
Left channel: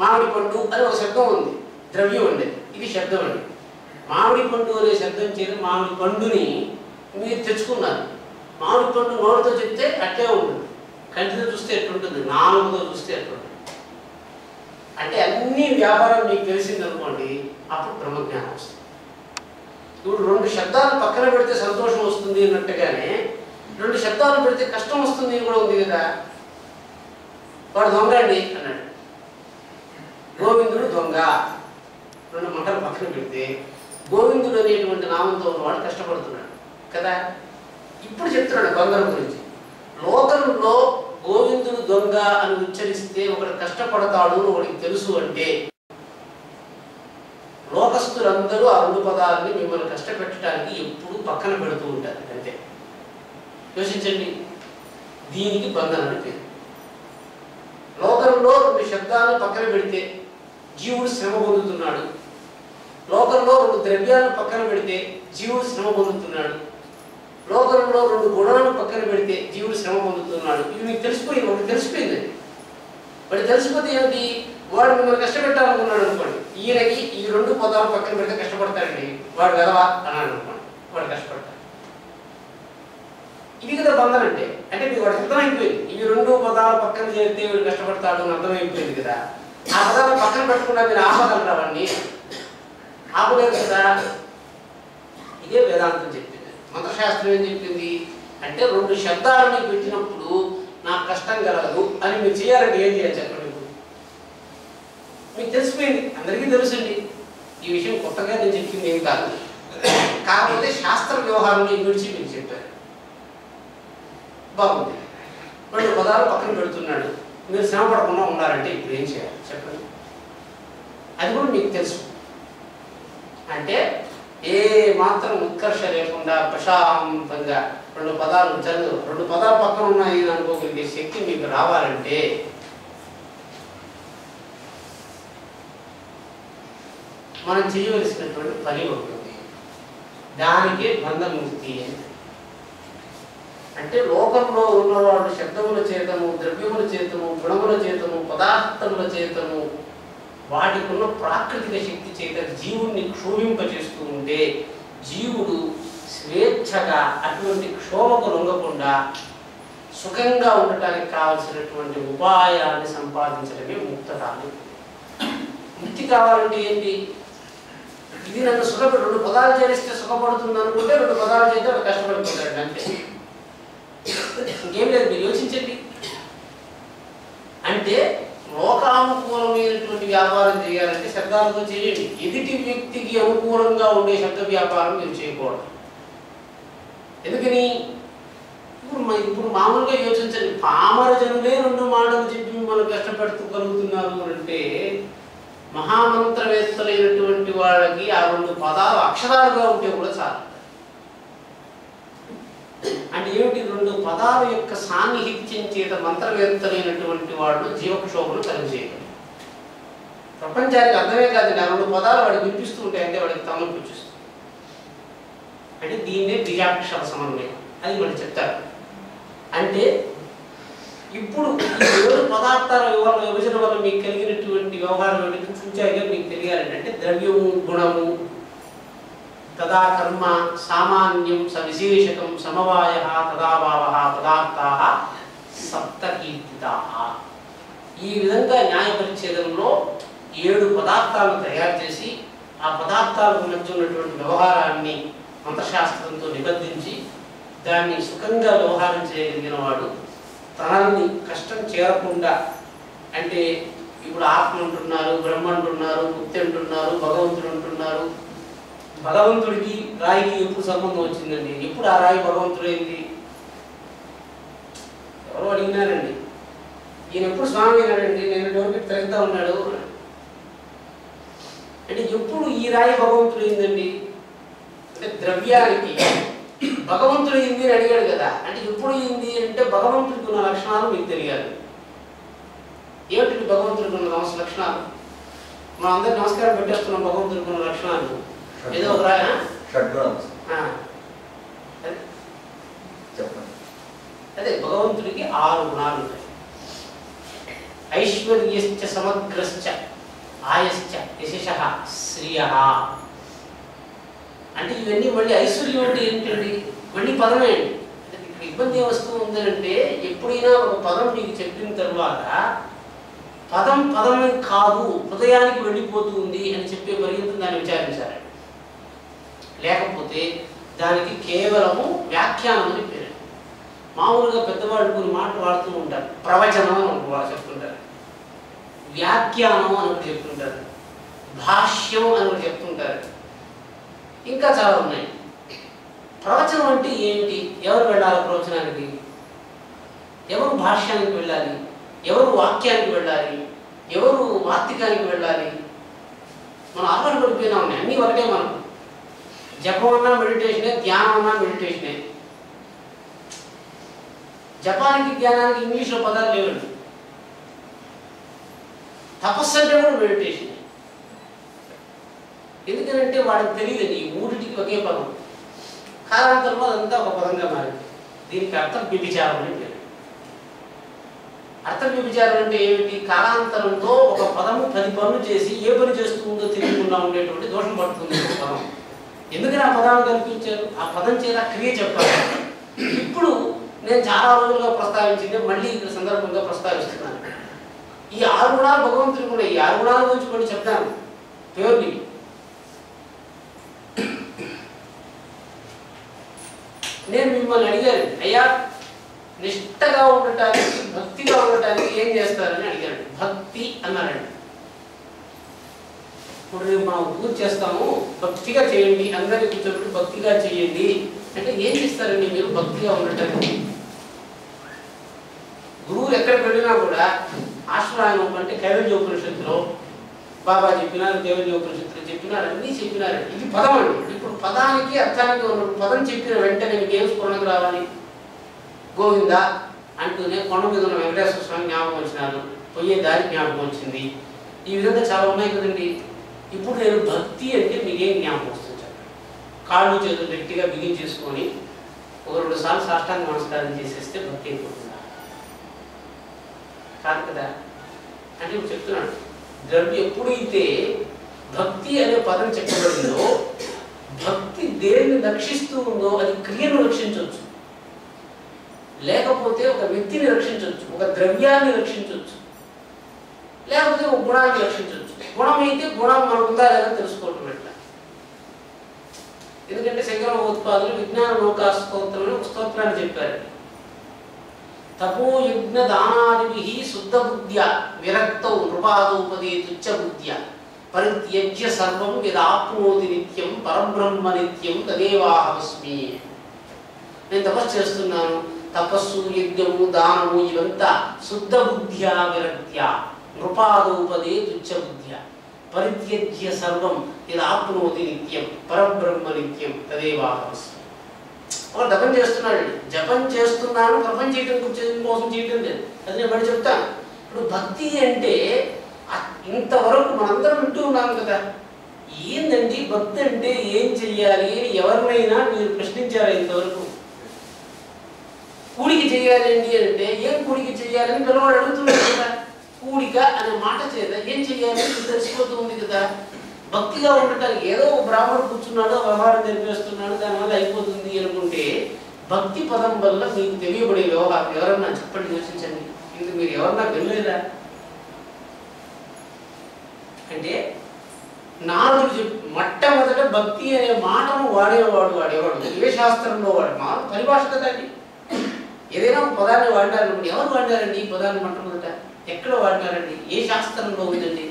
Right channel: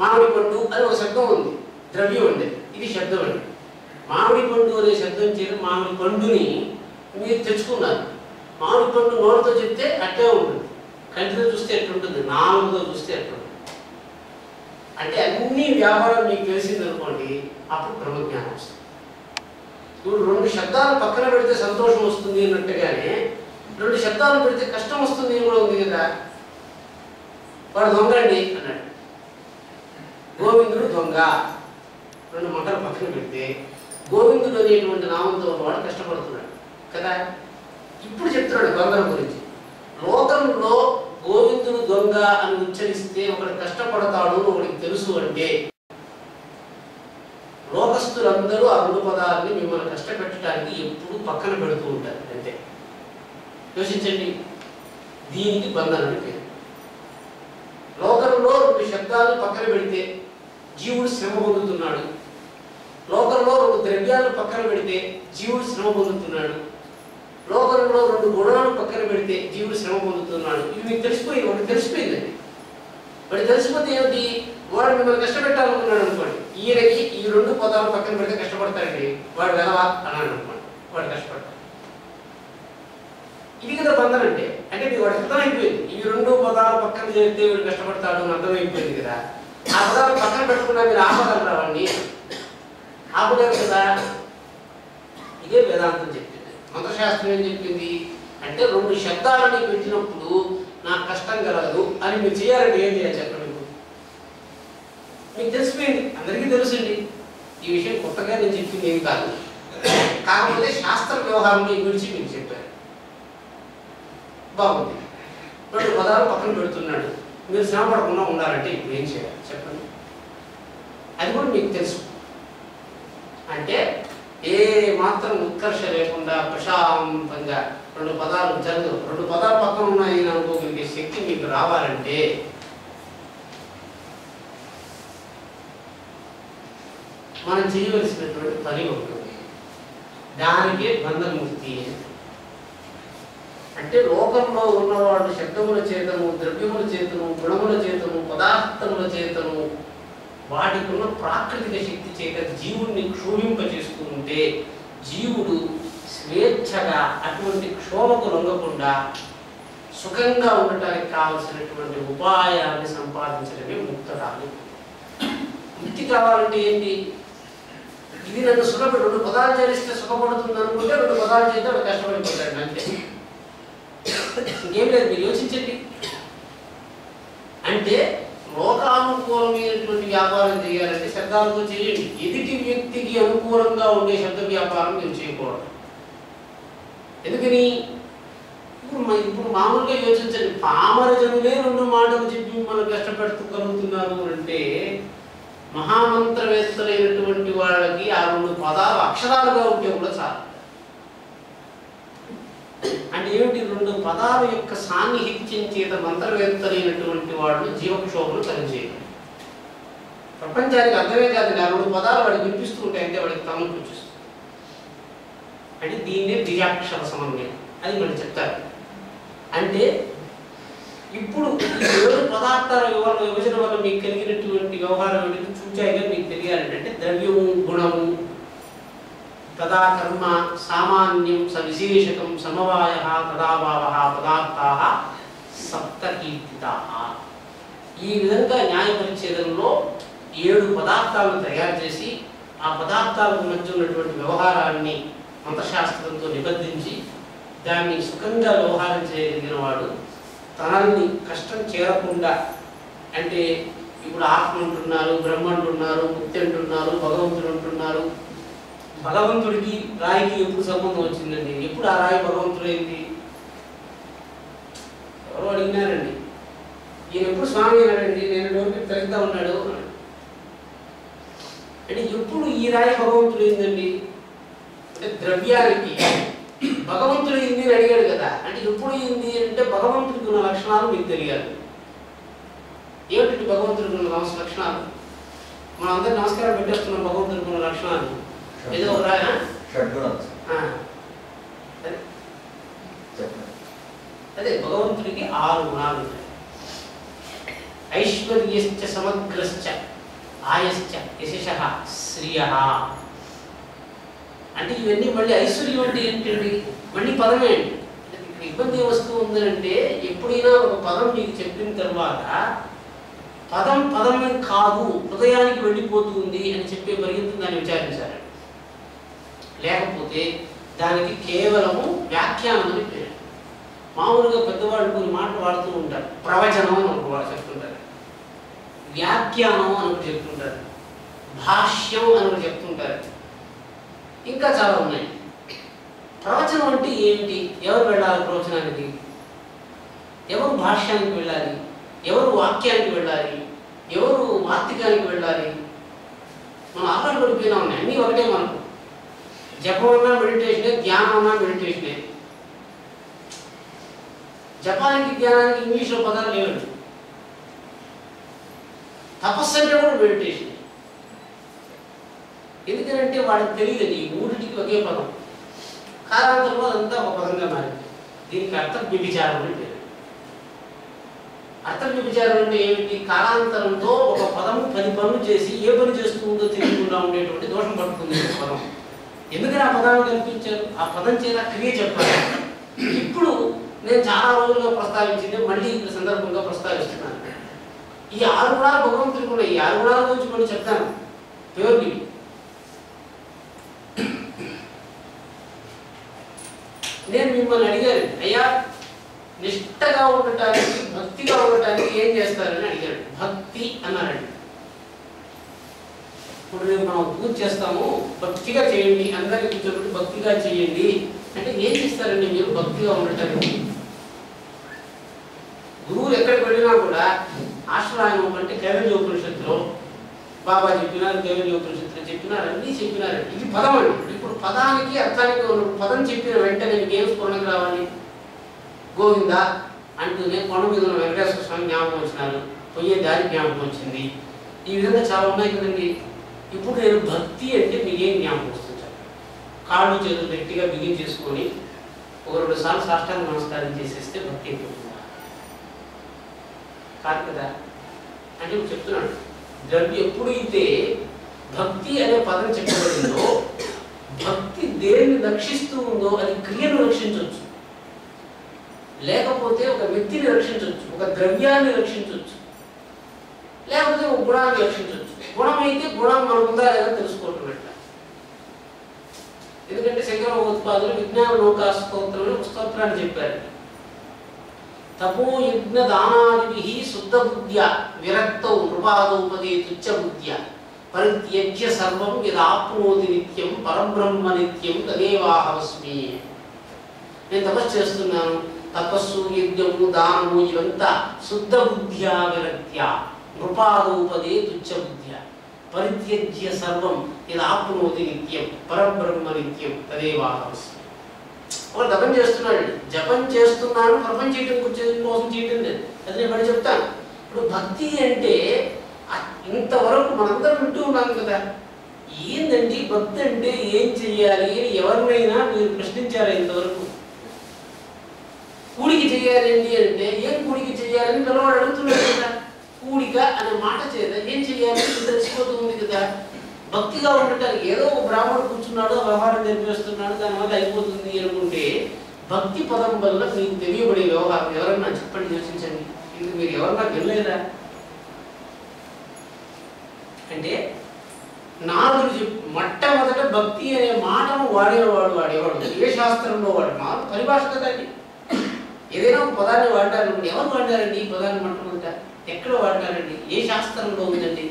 మామిడి పండు అని ఒక శబ్దం ఉంది, ద్రవ్యం అండి, ఇది శబ్దం అండి. మామిడి పండు అనే శబ్దం చేసి మామిడి పండుని మీరు తెచ్చుకున్నారు. మామిడి పండు నోటితో చెప్తే అట్టే ఉంటుంది, కంటితో చూస్తే ఎట్లుంటుంది, నాలుగుతో చూస్తే ఎట్లుంటుంది. అంటే అన్ని వ్యాపారం మీకు తెలిసింది అనుకోండి, అప్పుడు బ్రహ్మజ్ఞానం వస్తుంది. ఇప్పుడు 2 శబ్దాలు పక్కన పెడితే సంతోషం వస్తుంది అన్నట్టుగానే 2 శబ్దాలు పెడితే కష్టం వస్తుంది కూడా ఉంది కదా. వాడు దొంగ అండి అన్నాడు, గోవిందుడు దొంగ. 2 మాటలు పక్కన పెడితే గోవిందుడు అనేటువంటి నామంతో వాడు కష్టపడుతున్నాడు కదా. ఇప్పుడు చెప్తున్నాడు దొంగల గురించి. లోకంలో గోవిందుడు దొంగ అని ఉచ్చరిస్తే ఒకడు కష్టపడతాడు ఒకడికి తెలుసు అంటే లోకస్తులందరూ ఆ 2 పదాలని మిమ్మల్ని కష్టపెట్టడానికి ఎప్పుడు పక్కన పెడుతూ ఉంటారు. అంతే. యోచించండి, దీనికి బంధన అని పేరు. లోకంలో 2 శబ్దాలను పక్కన పెడితే జీవుడు శ్రమ పొందుతున్నాడు, లోకంలో 2 ద్రవ్యాలను పక్కన పెడితే జీవుడు శ్రమ పొందుతున్నాడు, లోకంలో 2 గుణాలను పక్కన పెడితే జీవుడు శ్రమ పొందుతున్నాడు. ఇది మీకు తెలిసిపోయింది. ఒకటి తెలిసిపోయిందండి. వాడు తెలిసిపోతే ఏమిటి? వాడు మిమ్మల్ని కష్టపెట్టాలనుకున్నాడు అనుకోండి, ఈయనకి ఈ 2 పదాలు పక్కన పెడితే కష్టపడతాడండి, వాడు వెలవా అన్నాడు అనుకోండి, వాడు కష్టపడతాడు. ఇది కదా బంధన అంటే. అంటే మీకు వాడికి అర్థమైపోయింది, ఇవి 2 పదాలు పక్కన చేస్తే వీడు కష్టపడతాడు అని అర్థమైపోయింది కదా. ఆ పదాలు పక్కన పెట్టకుండా మీరు ఆపగలరా వాడిని? ఆపలేరు కదా. ఇదే వేదాంతం చెప్పింది. మంత్రశాస్త్రం ఏం చెప్పింది అంటే 2 శబ్దాలని పెట్టినప్పుడు నాకు కష్టం కలగదు అని మీరు చేయాలంటే ఏం చేయాలి చెప్పండి. మీకు తెలిసిపోయింది, అందరికీ తెలుసండి. ఈ విషయం కొత్తగా నేను చెప్పింది ఏమి కాదు. కాకపోతే శాస్త్ర వ్యవహారంలో విడిచి మీకు చెప్పారు. బాగుంది. 2 పదాలు పక్కన పెడుతున్నాడు, మీరు శ్రమ పడకుండా ఉండాలంటే ఇప్పుడు ఏం చేయాలి చెప్పండి. అది కూడా మీకు తెలుసు. అంటే ఏ మాత్రం ఉత్కర్ష లేకుండా ప్రశాంతంగా 2 పదాలు చదువు, 2 పదాలు పక్కన ఉన్నాయి అనుకోగలిగే శక్తి మీకు రావాలంటే మనం చేయవలసినటువంటి పని ఉంటుంది. దానికే బంధముక్తి. అంటే లోకంలో ఉన్నవాడు శబ్దముల చేతము, ద్రవ్యముల చేతము, గుణముల చేతము, పదార్థముల చేతము, వాటికి ఉన్న ప్రాకృతిక శక్తి చేత జీవుడిని క్షోభింపచేస్తూ ఉంటే జీవుడు స్వేచ్ఛగా అటువంటి క్షోభకు లొంగకుండా సుఖంగా ఉండటానికి కావలసినటువంటి ఉపాయాన్ని సంపాదించడమే ముక్తరాలు. ముక్తి కావాలంటే ఏంటి? ఇది నన్ను సుఖపడి 2 పదాలు చేరిస్తే సుఖపడుతుంది అనుకుంటే 2 పదాలు చేస్తే వాడు కష్టపడిపోతాడు అంతే. ఇంకేం లేదు. మీరు యోచించండి. అంటే లోకానుకూలమైనటువంటి వ్యాపారం చేయాలంటే శబ్దాలతో చేయండి. ఎదుటి వ్యక్తికి అనుకూలంగా ఉండే శబ్ద వ్యాపారం మీరు చేయకూడదు. ఎందుకని? ఇప్పుడు మామూలుగా యోచించండి. పామర జనులే 2 మాటలు చెప్పి మిమ్మల్ని కష్టపెడుతుగలుగుతున్నారు అంటే మహామంత్రవేత్తలైనటువంటి వాళ్ళకి ఆ 2 పదాలు అక్షరాలుగా ఉంటే కూడా చాలు. అంటే ఏమిటి? 2 పదాల యొక్క సాన్నిహిత్యం చేత మంత్రవేత్తలైనటువంటి వాళ్ళు జీవక్షోభను కలిగజేయగలరు. ప్రపంచానికి అర్థమే కాదు, ఆ 2 పదాలు వాడికి వినిపిస్తూ ఉంటాయి అంటే వాడికి తమకు వచ్చేస్తుంది. అంటే దీన్నే బీజాక్షర సమన్వయం అది మనం చెప్తారు. అంటే ఇప్పుడు ఈ 7 పదార్థాల విభజన వల్ల మీకు కలిగినటువంటి వ్యవహారం ఏంటి చూచాయిగా మీకు తెలియాలంటే అంటే ద్రవ్యము గుణము తదా కర్మ సామాన్యం సవిశేషకం సమవాయ తదాభావ పదార్థాః సప్తకీర్తితాః. ఈ విధంగా న్యాయ పరిచ్ఛేదంలో 7 పదార్థాలను తయారు చేసి ఆ పదార్థాలకు మధ్య ఉన్నటువంటి వ్యవహారాన్ని మంత్రశాస్త్రంతో నిబద్ధించి దాన్ని సుఖంగా వ్యవహారం చేయగలిగిన వాడు తనని కష్టం చేరకుండా అంటే ఇప్పుడు ఆత్మ అంటున్నారు, బ్రహ్మ అంటున్నారు, ముక్తి అంటున్నారు, భగవంతుడు అంటున్నారు. భగవంతుడికి రాయికి ఎప్పుడు సంబంధం వచ్చిందండి? ఎప్పుడు ఆ రాయి భగవంతుడైంది? ఎవరో అడిగినారండి. ఈయన ఎప్పుడు స్వామి అయినాడండి? నేను డోర్కి తిరుగుతూ ఉన్నాడు అంటే ఎప్పుడు ఈ రాయి భగవంతుడైందండి అంటే ద్రవ్యానికి భగవంతుడైంది అని అడిగాడు కదా. అంటే ఎప్పుడు అయింది అంటే భగవంతుడికి ఉన్న లక్షణాలు మీకు తెలియాలి. ఏమిటి భగవంతుడికి ఉన్న లక్షణాలు? మనం అందరు నమస్కారం పెట్టేస్తున్నాం. భగవంతుడికి ఉన్న లక్షణాలు ఏదో ఒక రాయ అదే భగవంతుడికి 6 గుణాలు ఉంటాయి. ఐశ్వర్యశ్చ సమగ్రశ్చ ఆయశ్చ యశః శ్రియః అంటే ఇవన్నీ మళ్ళీ ఐశ్వర్యం అంటే ఏంటండి? మళ్ళీ పదమే అండి. ఇక్కడ ఇబ్బంది ఏ వస్తువు ఉందంటే ఎప్పుడైనా ఒక పదం మీకు చెప్పిన తర్వాత పదం పదమే కాదు హృదయానికి వెళ్ళిపోతుంది అని చెప్పే పర్యంతం దాన్ని విచారించాలి. లేకపోతే దానికి కేవలము వ్యాఖ్యానం అని పేరు. మామూలుగా పెద్దవాళ్ళు కొన్ని మాటలు వాడుతూ ఉంటారు. ప్రవచనం అని వాళ్ళు చెప్తుంటారు, వ్యాఖ్యానం అని ఒకటి చెప్తుంటారు, భాష్యం అని ఒకటి చెప్తుంటారు, ఇంకా చాలా ఉన్నాయి. ప్రవచనం అంటే ఏంటి? ఎవరు వెళ్ళాలి ప్రవచనానికి? ఎవరు భాష్యానికి వెళ్ళాలి? ఎవరు వాక్యానికి వెళ్ళాలి? ఎవరు వార్తికానికి వెళ్ళాలి? మనం ఆహారం పడిపోయినా ఉన్నాయి. అన్నీ ఒకటే మనకు. జపం అన్నా మెడిటేషనే, ధ్యానం అన్నా మెడిటేషనే. జపానికి ధ్యానానికి ఇంగ్లీష్లో పదాలు లేవండి. తపస్సు అంటే కూడా మెడిటేషన్. ఎందుకంటే వాడికి తెలియదు ఈ మూడిటికి ఒకే పదం. కాలాంతరంలో అదంతా ఒక పదంగా మారింది. దీనికి అర్థం వ్యభిచారం అని పేరు. అర్థం వ్యభిచారం అంటే ఏమిటి? కాలాంతరంతో ఒక పదము 10 పనులు చేసి ఏ పని చేస్తుందో తెలియకుండా ఉండేటువంటి దోషం పడుతుంది ఒక పదం. ఎందుకని ఆ పదాన్ని కల్పించారు? ఆ పదం చేత క్రియ చెప్పాలి. ఇప్పుడు నేను చాలా రోజులుగా ప్రస్తావించింది మళ్ళీ ఇక్కడ సందర్భంగా ప్రస్తావిస్తున్నాను. ఈ 6 గుణాలు భగవంతుడికి ఉన్నాయి. ఈ 6 గుణాల గురించి కొన్ని చెప్తాను. ప్యూర్లీ నేను మిమ్మల్ని అడిగాను, అయ్యా నిష్ఠగా ఉండటానికి భక్తిగా ఉండటానికి ఏం చేస్తారని అడిగాడు. భక్తి అన్నారండి. ఇప్పుడు రేపు మనం పూజ చేస్తాము, భక్తిగా చేయండి, అందరినీ కూర్చోబెట్టి భక్తిగా చేయండి అంటే ఏం చేస్తారండి మీరు భక్తిగా ఉండటానికి? గురువులు ఎక్కడికి వెళ్ళినా కూడా ఆశ్రమాయనం అంటే కైవల్యోపనిషత్తులో బాబా చెప్పినారు, కైవల్యోపనిషత్తులో చెప్పినారు, అన్నీ చెప్పినారు. ఇది పదం అండి. ఇప్పుడు పదానికి అర్థానికి పదం చెప్పిన వెంటనే మీకు ఏం స్ఫురణకు రావాలి? గోవింద అంటూనే కొండ మీద ఉన్న వెంకటేశ్వర స్వామి జ్ఞాపకం వచ్చినారు, పోయే దారి జ్ఞాపకం వచ్చింది. ఈ విధంగా చాలా ఉన్నాయి కదండి. ఇప్పుడు నేను భక్తి అంటే మీకేం జ్ఞాపకం వస్తుంది? కాళ్ళు చేతులు గట్టిగా బిగించేసుకొని ఒక 2 సార్లు సాష్టాంగ నమస్కారం చేసేస్తే భక్తి అయిపోతుందా? కాదు కదా. అంటే ఇప్పుడు చెప్తున్నాడు, ద్రవ్యం ఎప్పుడైతే భక్తి అనే పదం చెప్పబడిందో భక్తి దేన్ని రక్షిస్తూ ఉందో అది క్రియను రక్షించవచ్చు, లేకపోతే ఒక వ్యక్తిని రక్షించవచ్చు, ఒక ద్రవ్యాన్ని రక్షించవచ్చు, లేకపోతే ఒక గుణాన్ని రక్షించవచ్చు. గుణం అయితే గుణం మనకుందా లేదా తెలుసుకోవటం ఎట్లా? ఎందుకంటే శంకర భగవత్పాదులు విజ్ఞాన నౌకా స్తోత్రం అని ఒక స్తోత్రాన్ని చెప్పారు. తపో యజ్ఞ దానాదిభిః శుద్ధ బుద్ధ్య విరక్తౌ నృపాదోపదే తుచ్చ బుద్ధ్య పరిత్యజ్య సర్వం యదాప్నోతి నిత్యం పరబ్రహ్మ నిత్యం తదేవాహమస్మి. నేను తపస్సు చేస్తున్నాను, తపస్సు యజ్ఞము దానము ఇవంతా శుద్ధ బుద్ధ్యా విరక్త్య నృపాదోపదే తుచ్చ బుద్ధ్య పరిత్యజ్య సర్వం యదాప్నోతి నిత్యం పరబ్రహ్మ నిత్యం తదేవాహమస్మి. ఒక జపం చేస్తున్నాడు, జపం చేస్తున్నాను ప్రపంచం కోసం చేయటం లేదు, అది నేను బడి చెప్తాను. ఇప్పుడు భక్తి అంటే ఇంతవరకు మనందరం వింటూ ఉన్నాం కదా. ఏందండి భక్తి అంటే ఏం చెయ్యాలి అని ఎవరినైనా మీరు ప్రశ్నించారా ఇంతవరకు? కూడికి చేయాలండి అంటే ఏం కూడికి చేయాలని పిల్లవాడు అడుగుతున్నాడు కదా. కూడిక అనే మాట చేత ఏం చేయాలని తెలిసిపోతూ ఉంది కదా. భక్తిగా ఉండటానికి ఏదో ఒక బ్రాహ్మణుడు కూర్చున్నాడు, వ్యవహారం జరిపేస్తున్నాడు, దానివల్ల అయిపోతుంది అనుకుంటే భక్తి పదం వల్ల మీకు తెలియబడే వ్యవహారం ఎవరన్నా చెప్పండి, యోచించండి. ఇది మీరు ఎవరన్నా వినలేదా అంటే నారదుడు మొట్టమొదట భక్తి అనే మాటను వాడేవాడు ఏ శాస్త్రంలో వాడు మా పరిభాష కదండి. ఏదైనా ఒక పదాన్ని వాడినారనుకోండి, ఎవరు వాడినారండి ఈ పదాన్ని మొట్టమొదట, ఎక్కడ వాడినారండి, ఏ శాస్త్రంలో ఉందండి?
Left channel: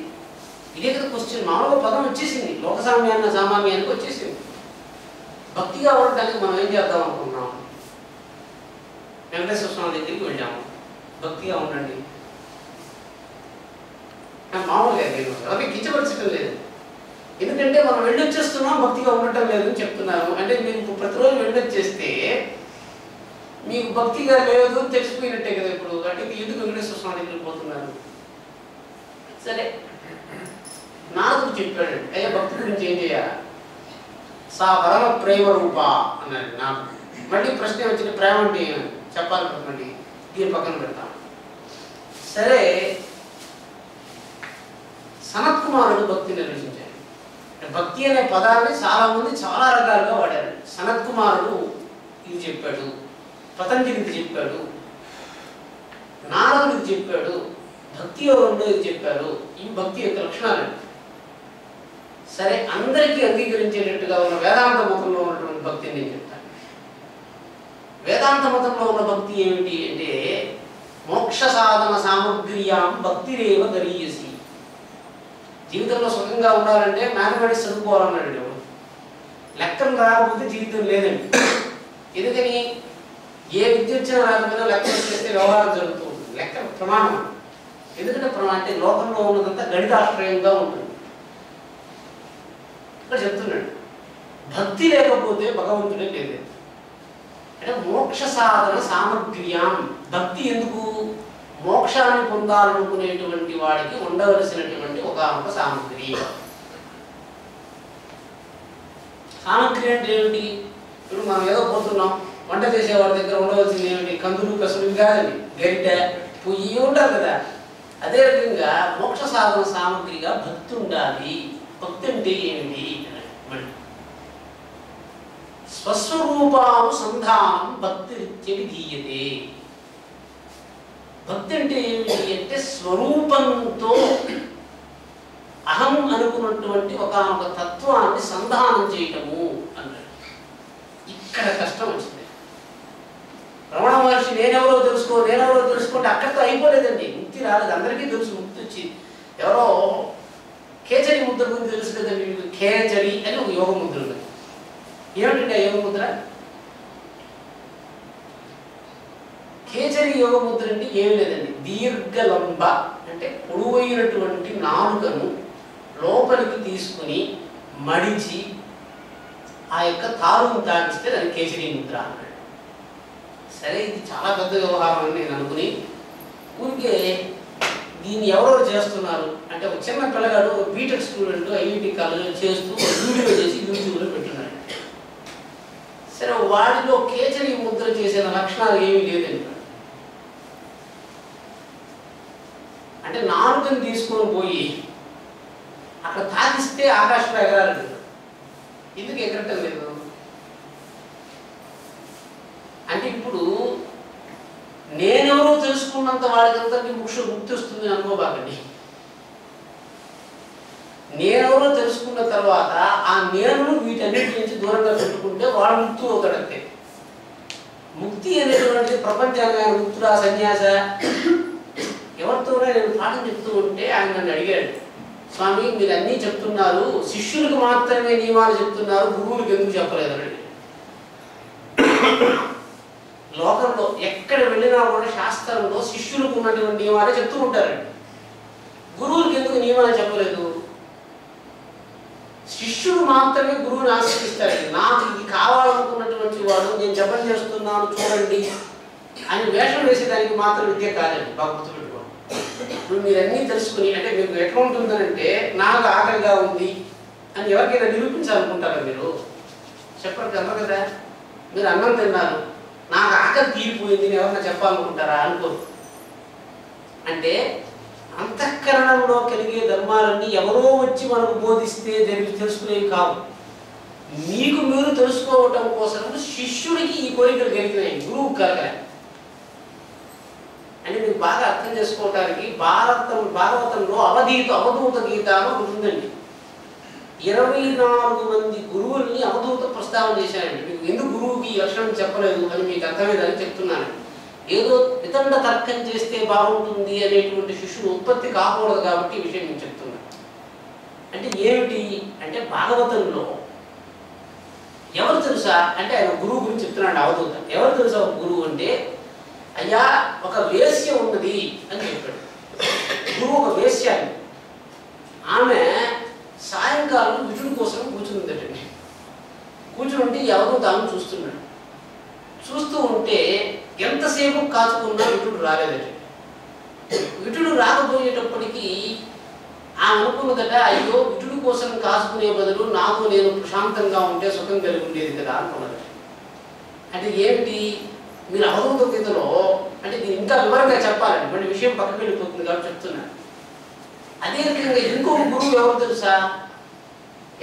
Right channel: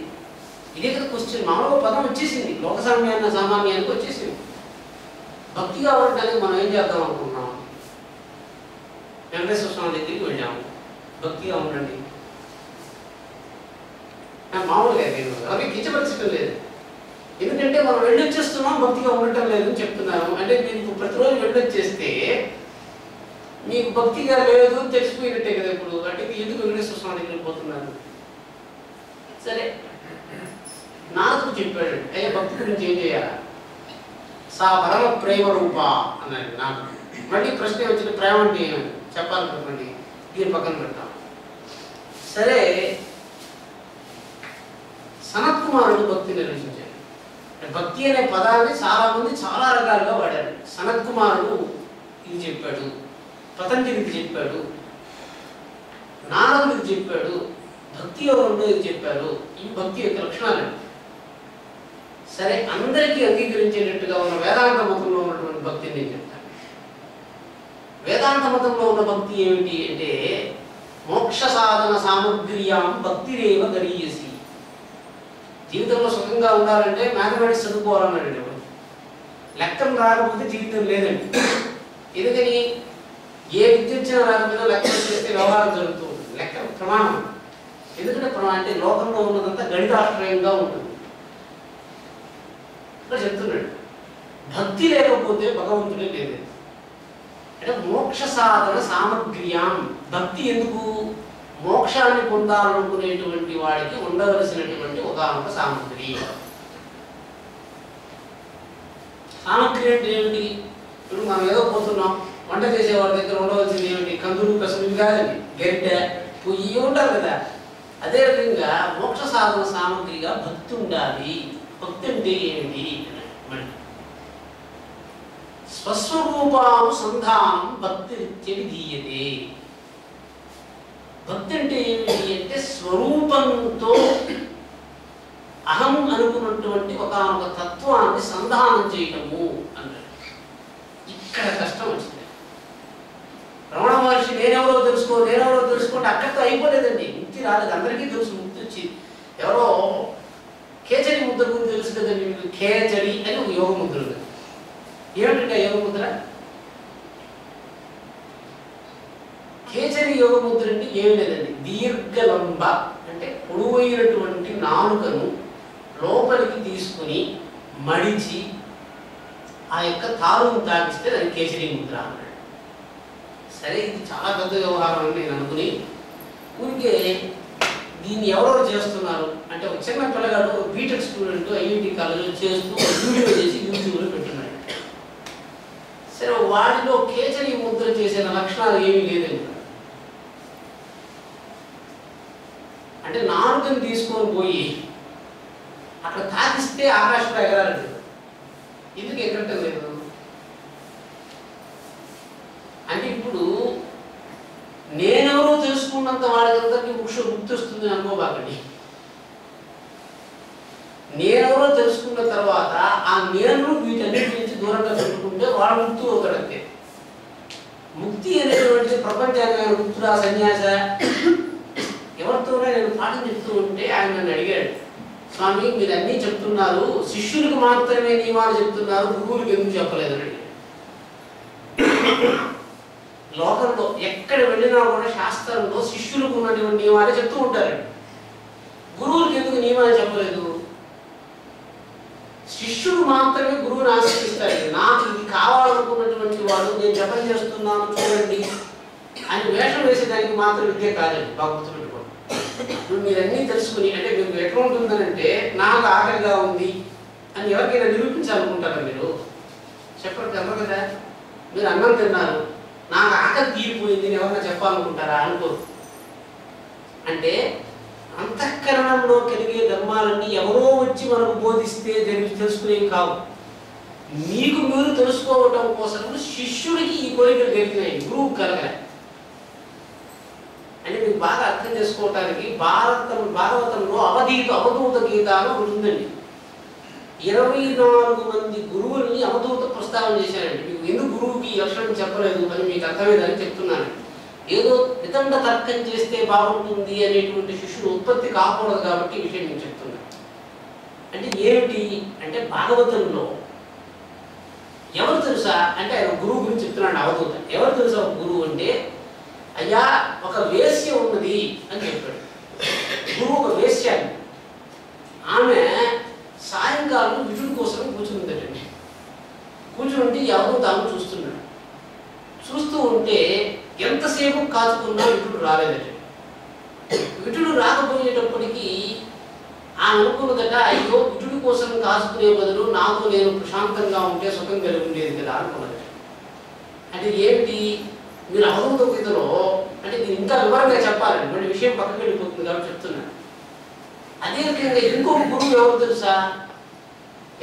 ఇదే కదా క్వశ్చన్. మామూలుగా పదం వచ్చేసింది, లోకసామ్యాన్న సామాన్యానికి వచ్చేసింది. భక్తిగా ఉండడానికి మనం ఏం చేద్దాం అనుకున్నాం? వెంకటేశ్వర స్వామి దగ్గరికి వెళ్ళాము, భక్తిగా ఉండండి. మామూలుగా ఎవరికి కించపరచడం లేదు, ఎందుకంటే మనం వెళ్ళొచ్చేస్తున్నాం, భక్తిగా ఉండటం లేదని చెప్తున్నాను. అంటే మీరు ప్రతిరోజు వెళ్ళొచ్చేస్తే మీకు భక్తిగా లేదు తెలిసిపోయినట్టే కదా. ఇప్పుడు అంటే ఎందుకు వెంకటేశ్వర స్వామి దగ్గరికి పోతున్నారు? సరే, నారదుడు చెప్పాడు, అయ్యా భక్తి గురించి ఏం చేయాలా? సా పరమ ప్రేమ రూప అన్నాడు నాకు. మళ్ళీ ప్రశ్న వచ్చిన ప్రేమ అంటే ఏమని చెప్పాలనుకోండి, దీని పక్కన పెడతాం. సరే, సనత్ కుమారుడు భక్తి నిర్వచించాడు. భక్తి అనే పదాన్ని చాలా మంది చాలా రకాలుగా వాడారు. సనత్ కుమారుడు ఇది చెప్పాడు, పతంజలికి చెప్పాడు, నారదుడికి చెప్పాడు, భక్తి యోగంలో ఇది చెప్పారు. ఇవి భక్తి యొక్క లక్షణాలు. సరే, అందరికీ అంగీకరించేటట్టుగా ఉన్న వేదాంత మతంలో ఉన్నటువంటి భక్తిని నేను చెప్తాను. వేదాంత మతంలో ఉన్న భక్తి ఏమిటి అంటే మోక్ష సాధన సామగ్ర్యాం భక్తిరేవ గరీయసి. జీవితంలో సుఖంగా ఉండాలంటే మ్యాథమెటిక్స్ చదువుకోవాలన్నాడు. లెక్కలు రాకపోతే జీవితం లేదండి. ఎందుకని? ఏ విద్య వచ్చినా రాకపోయినా లెక్కలు చేస్తే వ్యవహారం జరుగుతూ ఉంటుంది. లెక్క ప్రమాణం. ఎందుకంటే అంటే లోకంలో ఉన్నదంతా గణితాశ్రయంగా ఉంటుంది. ఇక్కడ చెప్తున్నాడు, భక్తి లేకపోతే భగవంతుడే లేదు. అంటే మోక్ష సాధన సామగ్ర్యాం. భక్తి ఎందుకు? మోక్షాన్ని పొందాలనుకునేటువంటి వాడికి ఉండవలసినటువంటి ఒకానొక సామగ్రి. సామగ్రి అంటే ఏమిటి? ఇప్పుడు మనం ఏదో పోతున్నాం, వంట చేసేవాడి దగ్గర ఉండవలసింది ఏమిటి? కందులు, పెసలు కాదండి, గరిటె, పొయ్యి ఉంటారు కదా. అదే రకంగా మోక్ష సాధన సామగ్రిగా భక్తి ఉండాలి. భక్తి అంటే ఏమిటి? స్వస్వరూపానుసంధానం భక్తి విధీయతే. భక్తి అంటే ఏమిటి అంటే స్వరూపంతో అహం అనుకున్నటువంటి ఒక తత్వాన్ని సంధానం చేయటము అన్నాడు. ఇక్కడ కష్టం వచ్చింది. రమణ మహర్షి నేనెవరో తెలుసుకోండి అక్కడితో అయిపోలేదండి. ముక్తి రాలేదు, అందరికీ తెలుసు ముక్తి వచ్చింది. ఎవరో కేచరి ముద్ర గురించి తెలుసు కదండి. కేచరి అని ఒక యోగ ముద్ర ఉంది. ఏమిటంటే యోగ ముద్ర? కేచరి యోగ ముద్ర అంటే ఏమి లేదండి, దీర్ఘలంబ అంటే పొడవైనటువంటి నాలుకను లోపలికి తీసుకుని మడిచి ఆ యొక్క తారును తాకిస్తే దాన్ని కేసరి ముద్ర అన్నాడు. సరే, ఇది చాలా పెద్ద వ్యవహారం అని నేను అనుకుని ఊరికే దీన్ని ఎవరెవరు చేస్తున్నారు అంటే ఒక చిన్న పిల్లగాడు బీటెక్ స్టూడెంట్ ఐఐటి కాలేజీలో చేస్తూ వీడియో చేసి యూట్యూబ్లో పెట్టున్నాడు. సరే, వాడిలో కేచరి ముద్ర చేసే లక్షణాలు ఏమీ లేదండి. అంటే నాలుకని తీసుకొని పోయి అక్కడ తాకిస్తే ఆకాశంలో ఎగరాలి. ఎందుకు ఎగరటం లేదు అంటే ఇప్పుడు నేనెవరో తెలుసుకున్నంత వాడికందరికీ ముక్తి వస్తుంది అనుకోబాకండి. నేనెవరో తెలుసుకున్న తర్వాత ఆ నేను వీటన్నిటి నుంచి దూరంగా పెట్టుకుంటే వాడు ముక్తి అవుతాడంతే. ముక్తి అనేటువంటి ప్రపంచాన్ని ముక్తుడా సన్యాస ఎవరితోనే నేను పాఠం చెప్తూ ఉంటే ఆయన నన్ను అడిగాడు, స్వామి మీరు అన్నీ చెప్తున్నారు, శిష్యులకు మాత్రమే నియమాలు చెప్తున్నారు, గురువులకు ఎందుకు చెప్పలేదని అడిగాడు. లోకంలో ఎక్కడ వెళ్ళినా కూడా శాస్త్రంలో శిష్యులకు ఉన్నటువంటి నియమాలే చెప్తూ ఉంటారండి. గురువులకు ఎందుకు నియమాలు చెప్పలేదు? శిష్యుడు మాత్రమే గురువుని ఆశ్రయిస్తాడు. నాకు ఇది కావాలనుకున్నటువంటి వాడు నేను జపం చేస్తున్నాను చూడండి అని వేషం వేసేదానికి మాత్రం విద్య కాదండి. బాగా గుర్తుపెట్టుకోండి. ఇప్పుడు మీరన్నీ తెలుసుకుని అంటే మీకు ఎట్లా ఉంటుందనంటే నాకు ఆకలిగా ఉంది అని ఎవరికైనా నిరూపించాలనుకుంటారా మీరు? చెప్పండి, అన్నారు కదా. మీరు అన్నం తిన్నారు, నాకు ఆకలి తీరిపోయింది ఎవరన్నా చెప్పాలనుకుంటారా? అనుకోరు. అంటే అంతఃకరణంలో కలిగే ధర్మాలన్నీ ఎవరో వచ్చి మనకు బోధిస్తే తెలుసుకునేవి కావు. మీకు మీరు తెలుసుకోవటం కోసం శిష్యుడికి ఈ కోరికలు కలిగినాయి, గురువుకు కలగలే. అంటే మీకు బాగా అర్థం చేసుకోవటానికి భాగవతంలో అవధూత గీత అని ఒకటి ఉందండి. 24 మంది గురువుల్ని అవధూత ప్రస్తావన చేశారండి. మీకు ఎందుకు గురువుకి ఈ లక్షణం చెప్పలేదు అని మీకు అర్థమయ్యేదని చెప్తున్నాను. ఏదో వితండ తర్కం చేస్తే బాగుంటుంది అనేటువంటి శిష్యుడు ఉత్పత్తి కాకూడదు కాబట్టి ఈ విషయం నేను చెప్తున్నాను. అంటే ఏమిటి అంటే భాగవతంలో ఎవరు తెలుసా అంటే ఆయన గురువు గురించి చెప్తున్నాడు అవధూత. ఎవరు తెలుసా ఒక గురువు అంటే, అయ్యా ఒక వేశ్య ఉన్నది అని చెప్పాడు. గురువు ఒక వేశ్య, ఆమె సాయంకాలం విటుడి కోసం కూర్చుందటండి. కూర్చుంటే ఎవరో తాను చూస్తున్నాడు. చూస్తూ ఉంటే ఎంతసేపు కాచుకున్నా విటుడు రాలేదట. విటుడు రాకపోయేటప్పటికీ ఆమె అనుకున్నదట, అయ్యో విటుడి కోసం కాచుకునే బదులు నాకు నేను ప్రశాంతంగా ఉంటే సుఖం కలిగి ఉండేది కదా అనుకున్నదట. అంటే ఏమిటి, మీరు అవధూత గీతలో అంటే దీన్ని ఇంకా వివరంగా చెప్పాలండి, మళ్ళీ విషయం పక్కకి వెళ్ళిపోతుంది కాబట్టి చెప్తున్నాను. అదే రకంగా ఇంకొక గురువు ఎవరు తెలుసా,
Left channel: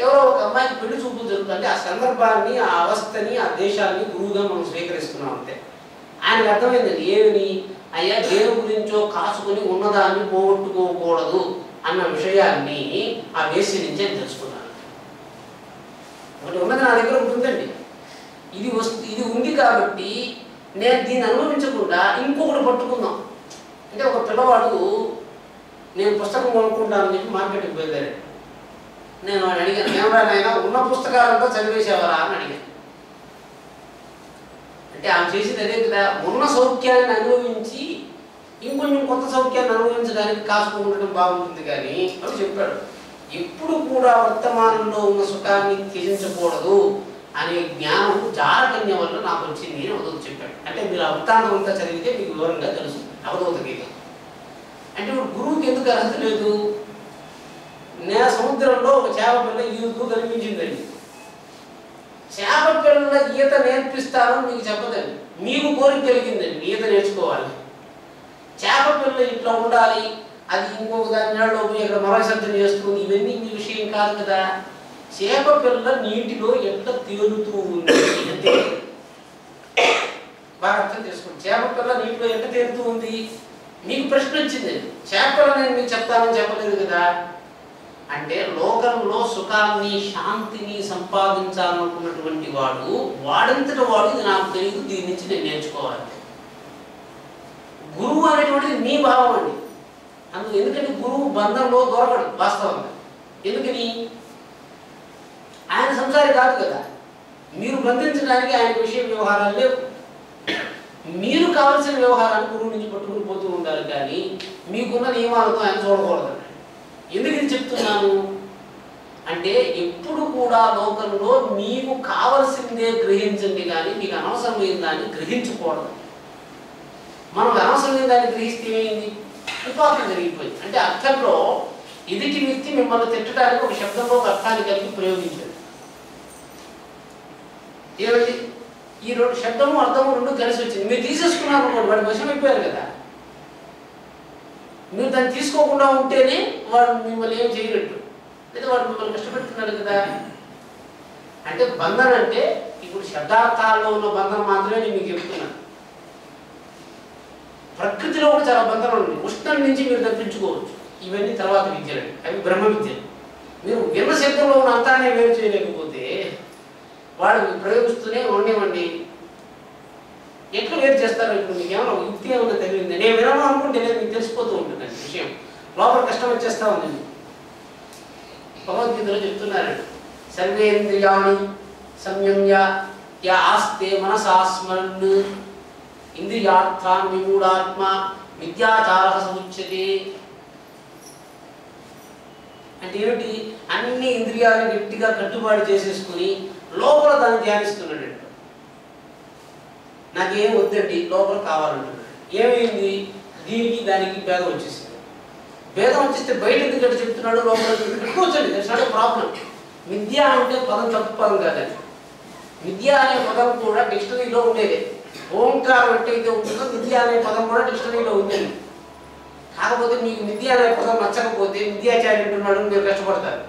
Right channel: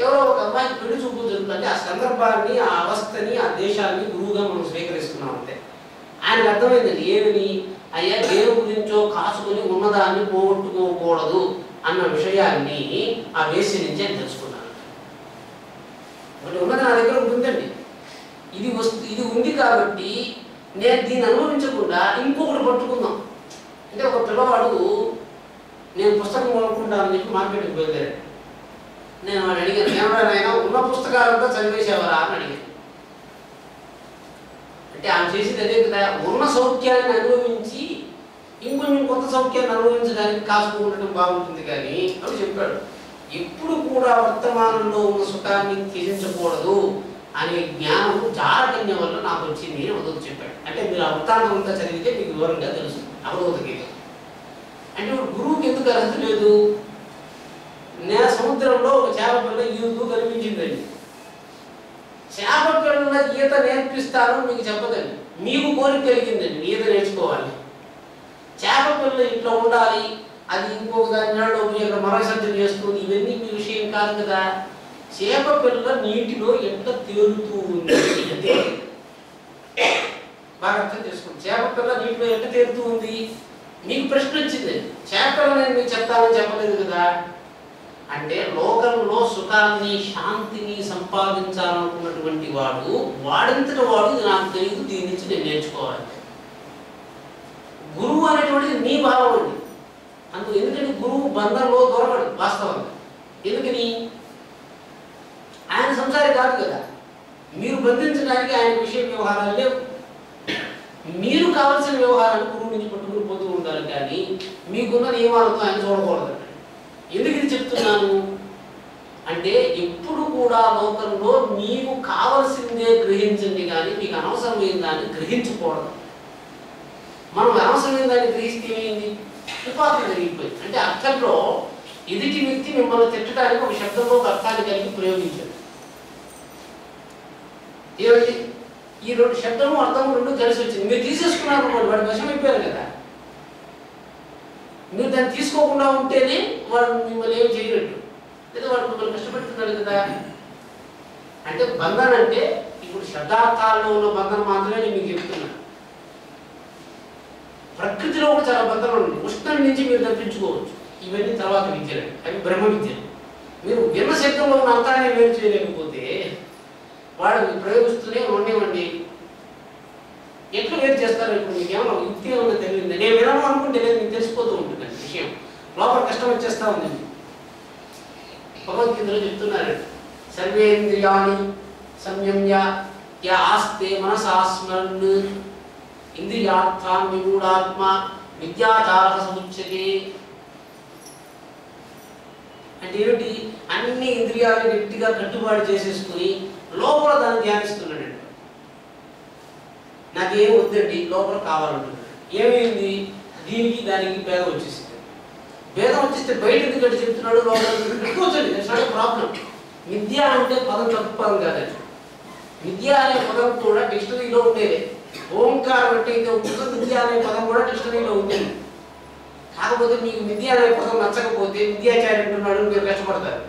ఎవరో ఒక అమ్మాయికి పెళ్లి చూపులు జరుగుతుంటే ఆ సందర్భాన్ని, ఆ అవస్థని, ఆ దేశాన్ని గురువుగా మనం స్వీకరిస్తున్నాం అంతే. ఆయనకు అర్థమైందండి ఏమని, అయ్యా దేని గురించో కాచుకొని ఉన్నదాన్ని పోగొట్టుకోకూడదు అన్న విషయాన్ని ఆ వేసి నుంచే తెలుసుకున్నాను. ఒకటి ఉన్నది నా దగ్గర ఉంటుందండి, ఇది ఉంది కాబట్టి నేను దీన్ని అనుభవించకుండా ఇంకొకటి పట్టుకుందాం. అంటే ఒక పిల్లవాడు నేను పుస్తకం కొనుక్కుంటానని చెప్పి మార్కెట్కి బయలుదేరాడు. నేను వాడు అడిగాను, ఏమైనా ఉన్న పుస్తకాలంతా చదివేసేవారా అని అడిగాను. అంటే ఆమె చేసేది అదే కదా, ఉన్న సౌఖ్యాన్ని అనుభవించి ఇంకొంచెం కొత్త సౌఖ్యాన్ని అనుభవించడానికి కాచుకుండటం బాగుంటుంది. కానీ అని చెప్పాడు, ఎప్పుడు కూడా వర్తమానంలో ఉన్న సుఖాన్ని త్యజించకూడదు అనే జ్ఞానం జారకన్య వల్ల నాకు వచ్చింది అని అవధూత చెప్పాడు. అంటే మీరు ఆ వృత్తాంతం అంతా చదివితే మీకు వివరంగా తెలుసు అవధూత గీత. అంటే ఇప్పుడు గురువుకి ఎందుకు అర్హత లేదు? సముద్రంలో ఒక చేప పిల్ల ఈదుతూ కనిపించిందండి. చేప పిల్లల ఈత నేర్పిస్తాను మీకు చెప్పదండి, మీకు కోరిక కలిగిందండి ఈత నేర్చుకోవాలి. చేప పిల్ల ఇట్లా ఉండాలి, అది ఇంకొక దాని నీళ్ళలో పోయి అక్కడ మరసర్జన చేస్తుంది, ఇవన్నీ మీ విషయం కాదు కదా. చేప పిల్ల నీటిలో ఎట్లా తేలుతూ ఉంది అంటే బాగా అర్థం చేసుకోండి. చేప పిల్ల నీటిలో ఎట్లా తేలుతూ ఉంది, మీకు ప్రశ్న వచ్చింది. చేప పిల్ల నేను మీకు చెప్తానని చెప్పలేదు కదా. అంటే లోకంలో సుఖాన్ని, శాంతిని సంపాదించాలనుకున్నటువంటి వాడంతట వాడు ఇది నాకు తెలియదు, దీని నుంచి నేను నేర్చుకోవాలి. గురువు అనేటువంటిది మీ భావం అండి. ఎందుకంటే గురువు బంధంలో దొరకడు వాస్తవంగా. ఎందుకని, ఆయన సంసారి కాదు కదా. మీరు బంధించడానికి ఆయన విషయ వ్యవహారాలు లేవు. మీరు కావలసిన వ్యవహారాన్ని గురువు నుంచి పట్టుకుని పోతూ ఉండాలి. కానీ మీకున్న నియమాలతో ఆయన చూడకూడదు. ఎందుకు ఇది చెప్తున్నాను అంటే, ఎప్పుడు కూడా లోకంలో మీకు కావలసిందే గ్రహించండి, కానీ మీకు అనవసరమైన దాన్ని గ్రహించకూడదు. మనం అనవసరమైన దాన్ని గ్రహిస్తే ఏమైంది, ఉపాధి జరిగిపోయింది. అంటే అర్థంలో ఎదుటి వ్యక్తి మిమ్మల్ని తిట్టడానికి ఒక శబ్దంలో ఒక అర్థాన్ని కలిపి ప్రయోగించాడు. ఏమిటి, ఈ రెండు శబ్దము అర్థము రెండు కలిసి వచ్చింది. మీరు తీసేసుకున్నారు, వాడు వశం అయిపోయారు కదా. మీరు దాన్ని తీసుకోకుండా ఉంటేనే వాడు మిమ్మల్ని ఏం చేయనట్టు, లేదా వాడు మిమ్మల్ని కష్టపెడుతున్నాడు కదా. అంటే బంధన అంటే ఇప్పుడు శబ్దార్థాల్లో ఉన్న బంధన మాత్రమే నేను మీకు చెప్తున్నాను. ప్రకృతిలో కూడా చాలా బంధనలు ఉన్నాయి. ఉష్ణం నుంచి మీరు తప్పించుకోవచ్చు. ఇవన్నీ తర్వాత విద్యలు, అవి బ్రహ్మ విద్యలు. మీరు విన్న శబ్దంలో ఉన్న అర్థాన్ని వేరు చేయలేకపోతే వాడు ప్రయోగిస్తూనే ఉండేవండి. ఎట్లా వేరు చేస్తారో ఇప్పుడు మీకు ఏమన్నా యుక్తి ఏమన్నా తెలియదు. నేను వినను అనుకుంటే లేదు, మీకు తెలిసిపోతూ ఉంటుందండి విషయం. లోపల కష్టం వచ్చేస్తా ఉంది. భగవద్గీతలో చెప్తున్నారండి, సర్వేంద్రియాణి సంయమ్య యా ఆస్తే మనసాస్మరన్ ఇంద్రియార్థాన్ విమూఢాత్మ విద్యాచారః సముచ్యతే. అంటే ఏమిటి, అన్ని ఇంద్రియాలను గట్టిగా కట్టుబాటు చేసేసుకుని లోపల దాన్ని ధ్యానిస్తున్నాడు. నాకేం వద్దండి, లోపల కావాలంటున్నాడు. ఏమైంది, దీనికి దానికి భేదం వచ్చేసింది. భేదం వచ్చేస్తే బయట ఎందుకంటే చెప్తున్నాడు, లోపల పెట్టుకోవచ్చండి. That's not a problem. విద్య అంటే పదం తప్పు పదం కాదండి. విద్య అనే పదం కూడా డిక్షనరీలో ఉండేదే. ఓంకారం అంటే ఇది ఒక్క విద్య అనే పదం కూడా డిక్షనరీలో ఉంది. కాకపోతే మీకు విద్య అనే పదం నచ్చకపోతే విద్యాచారి అంటున్నాడు మీరు కష్టపడతారు.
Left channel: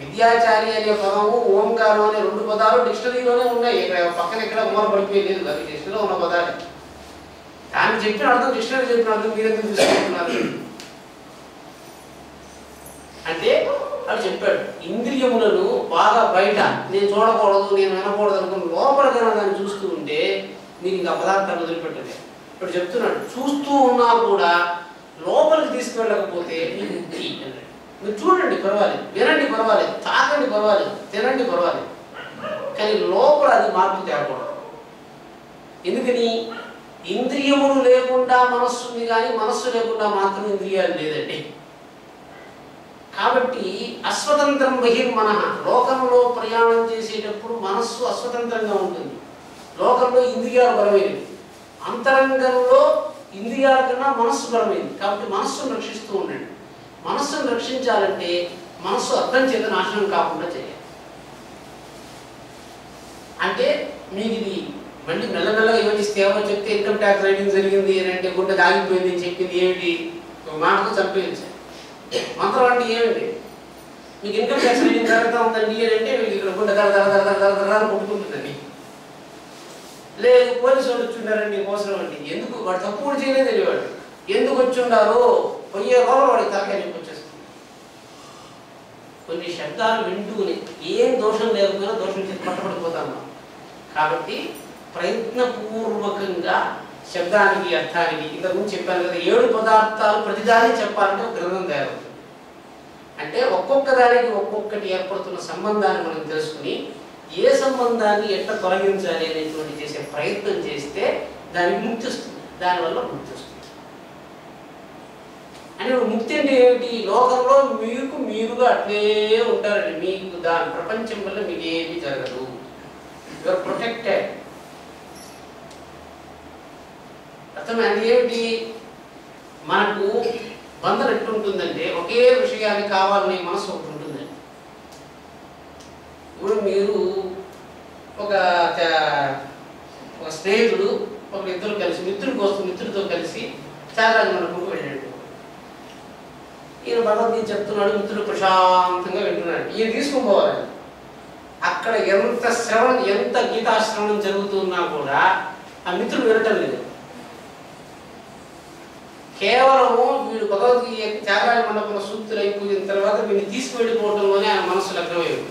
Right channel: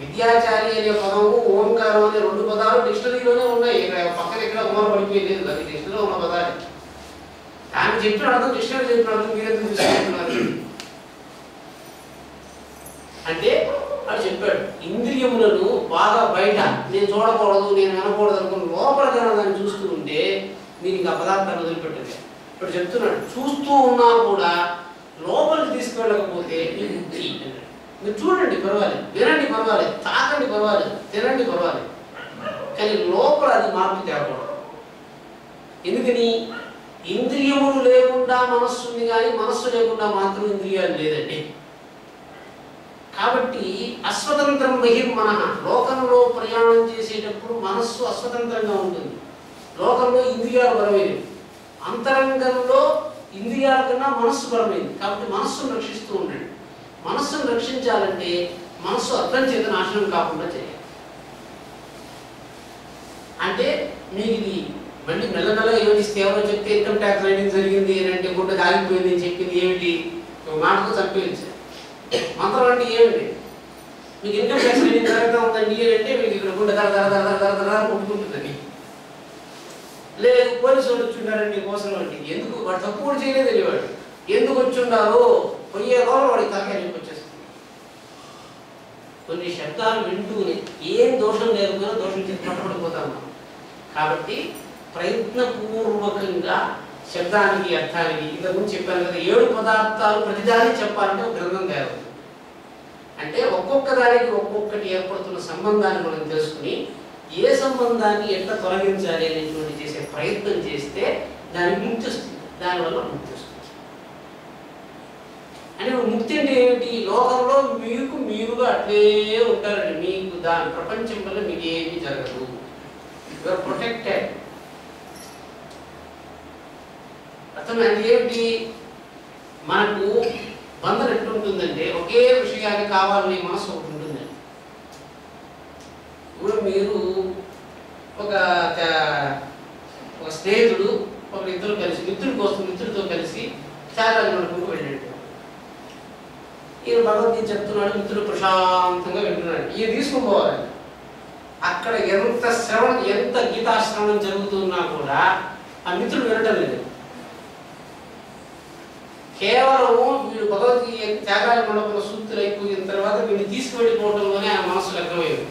విద్యాచారి అనే పదము ఓంకారం అనే 2 పదాలు డిక్షనరీలోనే ఉన్నాయి. పక్కన ఎక్కడ ఉమర పడిపోయలేదు, అది డిక్షనరీలో ఉన్న పదాలు. దాన్ని చెప్పిన అర్థం డిక్షనరీ చెప్పిన అర్థం మీరెందుకు తీసుకుంటున్నారు అంటే అది చెప్పాడు. ఇంద్రియములను బాగా బయట నేను చూడకూడదు, నేను వినకూడదు అనుకుని లోపల దాన్ని చూస్తూ ఉంటే మీరు ఇంకా పదార్థాలు వదిలిపెట్టలేదు. ఇప్పుడు చెప్తున్నాడు, చూస్తూ ఉన్నా కూడా లోపలికి తీసుకువెళ్ళకపోతే మీకు ముక్తి అన్నాడు. మీరు చూడండి పర్వాలేదు, వినండి పర్వాలేదు, తాకండి పర్వాలేదు, తినండి పర్వాలేదు, కానీ లోపల అది మార్పు తేకూడదు. ఎందుకని? ఇంద్రియములు లేకుండా మనస్సు ఉంది, కానీ మనస్సు లేకుండా మాత్రం ఇంద్రియాలు లేదండి. కాబట్టి అస్వతంత్రం బహిర్మనః, లోకంలో ప్రయాణం చేసేటప్పుడు మనస్సు అస్వతంత్రంగా ఉంటుంది. లోకంలో ఇంద్రియాలు బలమైనవి, అంతరంగంలో ఇంద్రియాల కన్నా మనస్సు బలమైంది. కాబట్టి మనస్సును రక్షిస్తూ ఉండండి. మనస్సును రక్షించాలంటే మనస్సు అర్థం చేత నాశనం కాకుండా చేయాలి. అంటే మీకు ఇది మళ్ళీ మెల్లమెల్లగా యోచిస్తే ఎవరో చెప్తే ఇన్కమ్ ట్యాక్స్ రైడింగ్ జరిగింది అని అంటే గుండె ఆగిపోయింది అని చెప్పింది ఏమిటి? మాటకు చంపేయించారు. మంత్రం అంటే ఏమిటి? మీకు ఇన్కమ్ ట్యాక్స్ రైడింగ్ జరుగుతూ ఉందండి అంటే మీకు ఇక్కడ గుండె దర కొట్టుకుంటుందని. లేదు పోలీసు వాళ్ళు వచ్చుండారండి కోసం అంటే ఎందుకు వాడు తప్పు కూడా చేయలేదు తెలియవాడు, ఎందుకు వచ్చుండారో పోయే రోజు వాడికి తలకాయ చెప్పి వచ్చేస్తుంది. కొన్ని శబ్దాలు వింటూనే ఏం దోషం లేకపోయినా దోషం చేసి పట్టబడిపోతాం. కాబట్టి ప్రయత్నపూర్వకంగా శబ్దానికి అర్థానికి ఇంతకుముందు చెప్పాను కదా, 7 పదార్థాలు ప్రతిదాన్ని చెప్పాలంటే ఒక గ్రంథం తయారవుతుంది. అంటే ఒక్కొక్క దానికి ఒక్కొక్కటి ఏర్పడుతున్న సంబంధాన్ని మనం తెలుసుకుని ఏ సంబంధాన్ని ఎట్లా తొలగించాలి అనేటువంటి చేసే ప్రయత్నం చేస్తే దానికి ముక్తి వస్తుంది. దానివల్ల ముక్తి వస్తుంది. అంటే ముక్తి అంటే ఏమిటి? లోకంలో మీకు మీరుగా అట్లే ఉంటారండి. మీకు దాని ప్రపంచం వల్ల మీకు ఏమీ జరగదు. Your protected. అర్థమైంది ఏమిటి? మనకు బంధం ఎట్లుంటుందంటే ఒకే విషయాన్ని కావాలని మనసు ఒకటి ఉంటుందండి. ఇప్పుడు మీరు ఒక స్నేహితుడు ఇద్దరు కలిసి మిత్రుడితో కలిసి త్యాగరాజ మండపంకు వెళ్ళాడు. ఈయన భగవద్గీత చెప్తున్నాడు, మిత్రుడు ప్రశాంతంగా వింటున్నాడు. ఈయన తీసుకుని పోవాలి. అక్కడ ఎంత గీతాశ్రవణం జరుగుతున్నా కూడా ఆ మిత్రుడు వినటం లేదు. కేవలం వీడు భగవద్గీత త్యాగరాజ మండపంలో సూక్తులు అయిపోయిన తర్వాత వీడిని తీసుకువెళ్ళిపోవడంలోనే ఆయన మనసు లగ్నమైంది.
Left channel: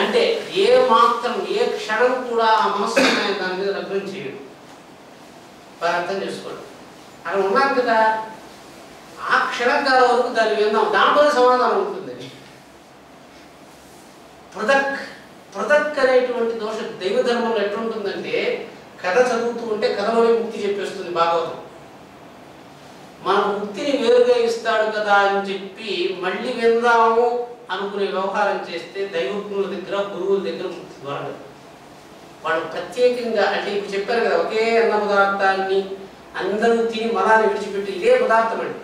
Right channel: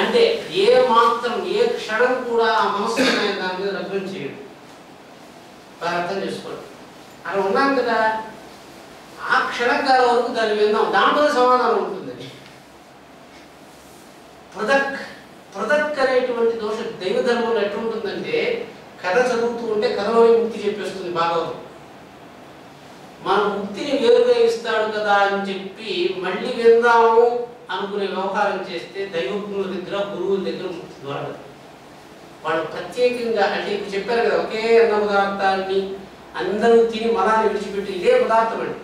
అంటే ఏ మాత్రం ఏ క్షణం కూడా ఆ మనస్సు దాని మీద లగ్నం చేయడు. అర్థం చేసుకోండి. అక్కడ ఉన్నాం కదా, ఆ క్షణకాల వరకు దాన్ని విందాం, దాంట్లో సమాధానం ఉంటుందని. ప్రదక్ అనేటువంటి దోషం దైవ ధర్మంలో ఎట్లుంటుందంటే, కథ చదువుతూ ఉంటే కథలోనే ముక్తి చెప్పేస్తుంది భాగవతం. మన ముక్తిని వేరుగా ఇస్తాడు కదా అని చెప్పి మళ్ళీ విందాము అనుకునే వ్యవహారం చేస్తే దైవజ్ఞుల దగ్గర గురువుల దగ్గర ముక్తి దొరకదు. వాళ్ళు ప్రత్యేకంగా అంటే ఇప్పుడు చెప్పారు కదా, ఒకే అన్న పదార్థాన్ని అందరూ తిని మలాన్ని విడిచిపెట్టి ఇదే పదార్థం అండి.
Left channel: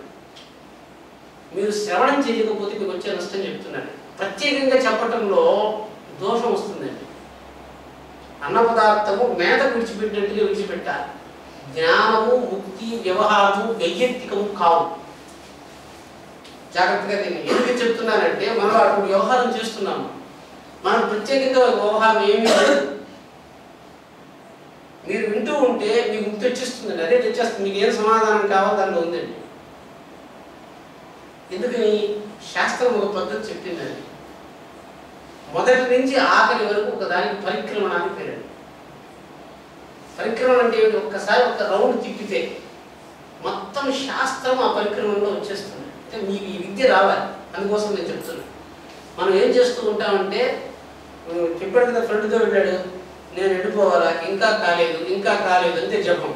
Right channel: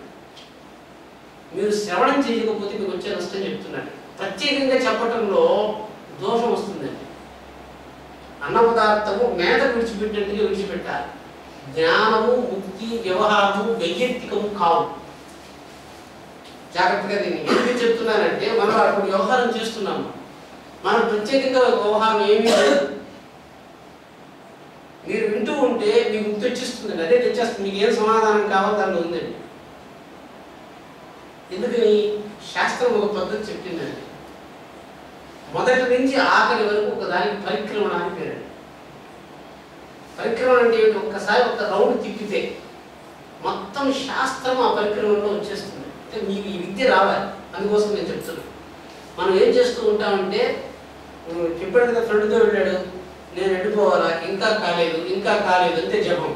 మీరు శ్రవణం చేయకపోతే మీకు వచ్చే నష్టం చెప్తున్నాడు. ప్రత్యేకంగా చెప్పటంలో దోషం వస్తుందండి. అన్న పదార్థము మేత విడిచిపెట్టినట్టుగా విడిచిపెట్టాలి. జ్ఞానము, ముక్తి, వ్యవహారము వైయక్తికము కావు. జాగ్రత్తగా దీన్ని ఎందుకు చెప్తున్నానంటే, మనం అప్పుడు వ్యవహారం చేస్తున్నాము. మనం ప్రత్యేకంగా వ్యవహారం ఏమీ లేదు. మీరు వింటూ ఉంటే మీకు ముక్తి వచ్చేస్తుందండి. అదే తెచ్చేస్తుంది. మీకు ఏం సమాధానం కావాలో దానిలో ఉందండి. ఎందుకని? శాస్త్రం ఒక పద్ధతి చెప్పిందండి. మొదటి నుంచి ఆఖరి వరకు ఒక దానికి పరిక్రమణ అని పేరండి. పరిక్రమణ అంటే ఏమిటి? ఒక్కసారి ఒక రౌండ్ తిప్పితే మొత్తం శాస్త్రం ఆ పరిక్రమణలో వచ్చేస్తుంది. అంటే మీకు ఈ విద్య రావాలి. అందుకోసం నేను చెప్తున్నాను. మనం ఏం చేస్తూ ఉంటామంటే, చెప్పాడు కదా ఫ్రెండ్తో వెళ్ళాడు, నేను వెళ్ళిపోవాలా, ఇంకా కాలేదు అంతే జపం.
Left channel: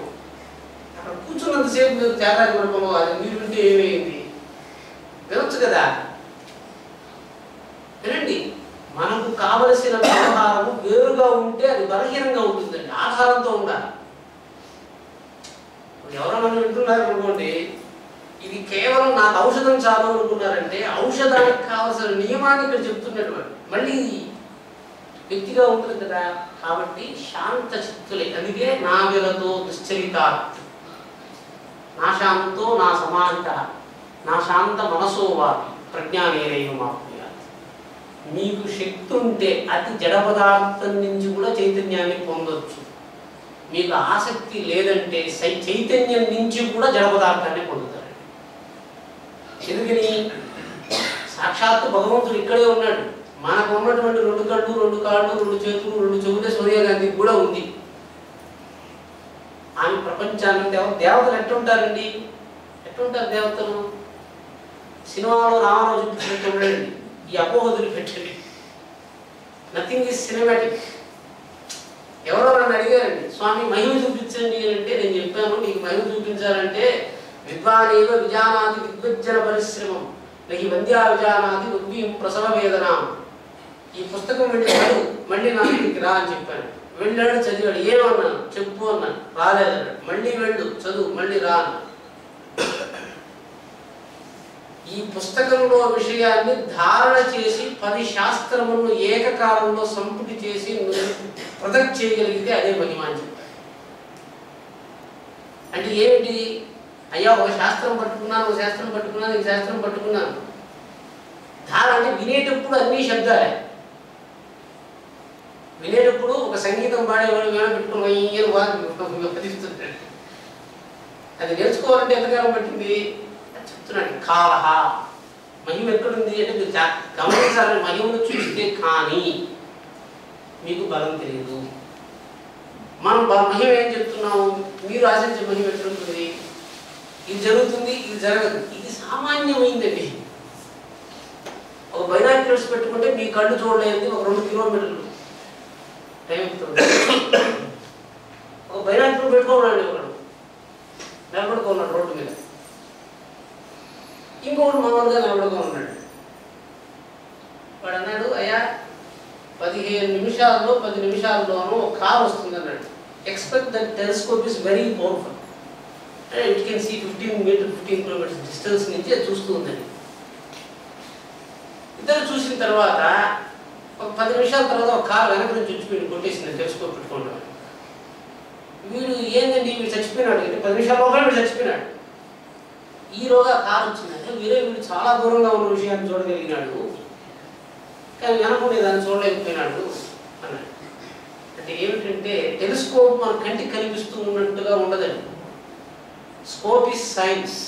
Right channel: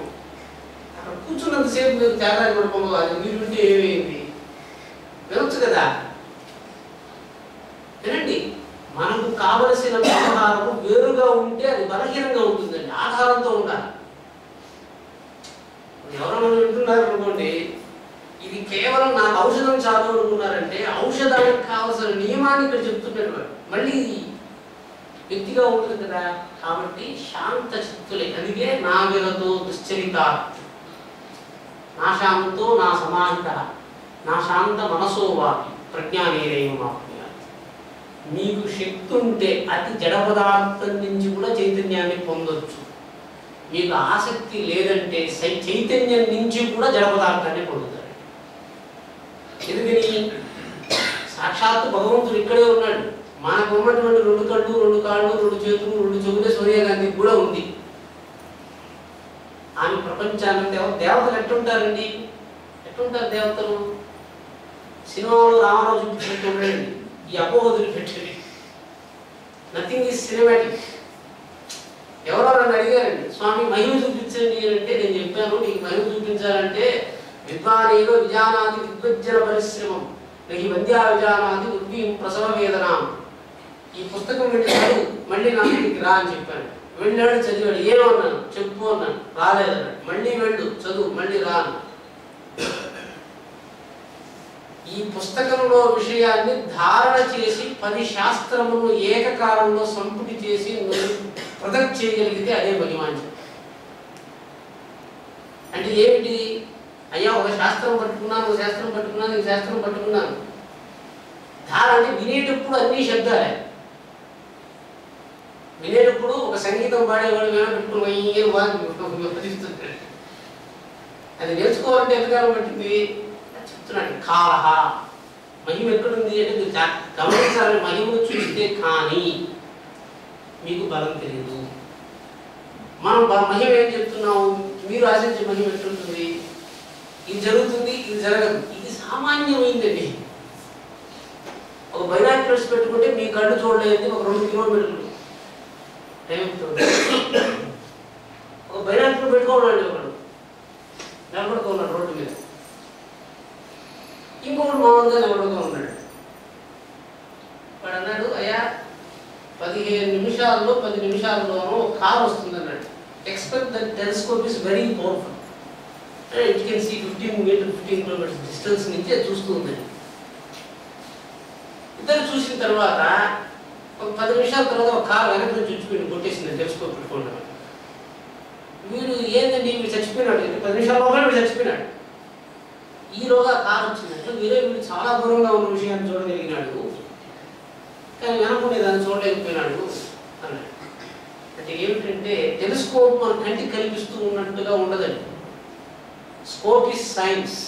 అక్కడ కూర్చున్నంతసేపు మీరు త్యాగాలు పడిపోవాలి. మీరు వింటే ఏమైంది? వినొచ్చు కదా, వినండి. మనకు కావలసిన వ్యవహారము వేరుగా ఉంటే అది బలహీనంగా ఉంటుందండి. ఆధారంతో ఉండాలి. ఎవరో మనం వింటున్నారు అనుకోండి, ఇది కేవలం నాకు ఔషధం చాలు అనుకున్నారంటే ఔషధానికి కావలసిన నియమాన్ని ఇక్కడ చెప్తున్నట్టు. మళ్ళీ వ్యక్తిగా ఉంటుంది కదా. కాబట్టి శాంత చిత్తులే. అందుకే నా విలతో దుశ్చరితాత్, నా శాంతో నా సమాహిత, నా శాంత మనసో వాపి ప్రజ్ఞానేరేయం ఆప్నుయాత్. మీకు శక్తి ఉంటే అతి జడ పదార్థం నుంచి కూడా చైతన్యాన్ని పొందొచ్చు. మీకు ఆసక్తి లేదంటే చైతన్యం నుంచి కూడా జడ పదార్థాన్ని పొందుతారు. ఎందుకని? సాక్షాత్తు భగవంతుడు ఇక్కడే ఉన్నాడు. మనకు ఉన్నటువంటి 2 కళ్ళు, 2 కాళ్ళు, 2 చేతులు, 2 చెవులే సోనియా గాంధీకి కూడా ఉంది. ఆమె ప్రపంచాన్ని దేవతలు ఎట్టుంటారండి? ఎట్టుంటారు దేవతలు? సినిమాలో రామారావు చూపించినట్టు ఉండండి. ఈ అపోహదులు పెట్టండి. Nothing is cinematic. ఎవరో నన్ను అడిగారండి, స్వామి మహిమ చూపించండి అంటే నేను చెప్పాను, నీకు మహిమ చూపించాలంటే విద్వానేవ విజానాది విద్వజ్జన పరిశ్రమం నహి వంద్యా విజానాది ఉద్వీం ప్రసవ వేదన. ఈ పుస్తకం వెళ్ళి చదువు, మళ్ళీ నా ఇంటికి రా అని చెప్పాను. వెళ్ళాడు, చదివాడు. ఏమన్నాను? చెప్పు అన్నాను. రాలేదన్నాడు. మళ్ళీ వెళ్ళు, చదువు, మళ్ళీ రా అన్నాను. ఈ పుస్తకంలో విషయాన్ని ధారణ చేసి 10 శాస్త్రములను ఏకకాలంలో సంపుటి చేసి ప్రొజెక్ట్ చేయగలిగితే అదే మహిమ అని చెప్పారు. అంటే ఏమిటి? అయ్యా ఒక శాస్త్రం పట్టుకున్నాను, ఒక శాస్త్రం పట్టుకున్నాను, ఈ శాస్త్రం పట్టుకున్నాను. ధారణ అంటే వినేటప్పుడు అన్ని శబ్దాలే. వినేటప్పుడు ఒక సంగీతం పాడేవాడు వేళ పెట్టుకుని వదిలిస్తుంటాడు. అది నేర్చుకోవాలంటే ఎంతకాలం పట్టింది చెప్తున్నాడు. కాలహ మహిమ ఎక్కడుంది అంటే మీరు గమనించాలని మహిమను చూస్తే కానీ మీకు బలం తెలియదు. మనం మహిమ ఏం చెప్తున్నాము? మీరు ఆశించే మహిమ ఎట్లుంటుంది? ఇది జరుగుతుంది, ఇది జరగదు. ఇది సామాన్యమైందండి. ఒక బైనాక్యులర్స్ పెట్టుకుంటే మీ కళ్ళు చూడలేదు ఒక 2 కిలోమీటర్లు టైం అవుతుంది. ఒక బైనాక్యులర్ పెట్టుకోన్నాడు, ఒకడు నిలబడుకున్నాడు రోడ్డు మీద, ఇంకొకడు మామూలుగా నిలబడుకో ఉన్నాడు. వాడు అన్నాడు, అయ్యా 15 నిమిషాల్లో 10 నిమిషాల్లోనూ ఒక కార్ వస్తుంది అన్నాడు. Expect that telescope is very powerful. It can see 15 kilometres distance నుంచి అది చూస్తూ ఉందండి. ఇద్దరు చూసిన తర్వాత ఒక 10 నిమిషాల తర్వాత ఒక కారు వెనక నుంచి చచ్చిపోయింది, కొట్టేసింది టెలిస్కోప్ పెట్టుకోండి. వీడు ఏందండి వీడు చచ్చిపోయినాడు, 10 నిమిషాల లోపల వీడు చచ్చిపోయినాడు. ఈలోగా కారు వచ్చిందంటే వీడు చాలా దూరంగా ఉన్న విషయాన్ని చూడగలిగినాడు, కానీ వెనకుండే దాన్ని చూడలేకపోయినాడు అన్నాడు. అంటే ఏమిటంటే టెలిస్కోప్ మన కంటికి కనిపిస్తూ ఉన్నట్టుగా ఉండదండి. Scope is science.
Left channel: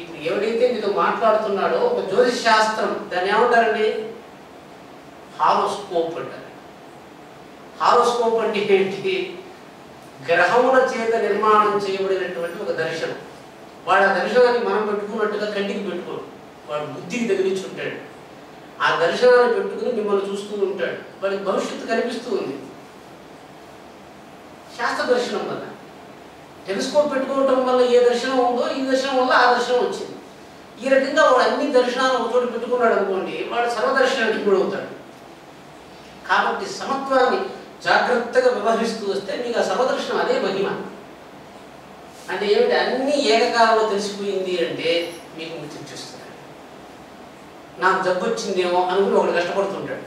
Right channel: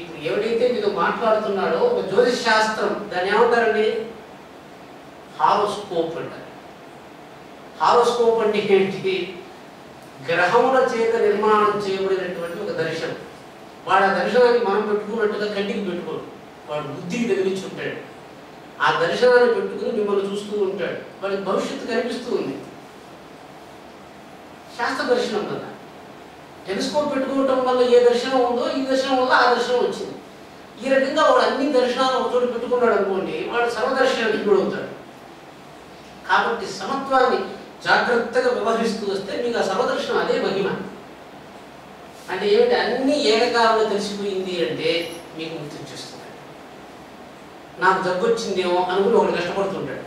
ఇప్పుడు ఎవడైతే మీతో మాట్లాడుతున్నాడో ఒక జ్యోతిష్ శాస్త్రం, దాన్ని ఏమంటారండి? హారోస్కోప్ అంటారు. హారోస్కోప్ అంటే ఏంటి? గ్రహముల చేత నిర్మాణం చేయబడినటువంటి ఒక దర్శనం. వాడు ఆ దర్శనాన్ని మనం పెట్టుకున్నట్టుగా కంటికి పెట్టుకోడు, వాడు బుద్ధికి తగిలించి ఉంటాడు. ఆ దర్శనాన్ని పెట్టుకుని మిమ్మల్ని చూస్తూ ఉంటాడు. వాడికి భవిష్యత్తు కనిపిస్తూ ఉంది శాస్త్ర దర్శనం వల్ల. టెలిస్కోప్ పెట్టుకోవటం వల్ల ఏ దర్శనం ఉందో ఈ దర్శనం వల్ల ఆ దర్శనం వచ్చింది. ఈ రకంగా వాడు అన్ని దర్శనాలు ఒక చోటు పెట్టుకున్నాడు అనుకోండి, వాడు సర్వదర్శనానికి కూడా అవుతాడు. కాబట్టి సమత్వాన్ని జాగ్రత్తగా వ్యవహరిస్తూ వస్తే మీకు ఆ సర్వదర్శనం అదే మహిమ. అంటే ఏమిటి? అన్ని ఏకకాలంలో తెలిసిపోయింది అంటే మీకు ముక్తి వచ్చేస్తుంది. నాకు జబ్బు వచ్చిందేమో అనుకుని ఒకటి కష్టపడుతుంటాడు.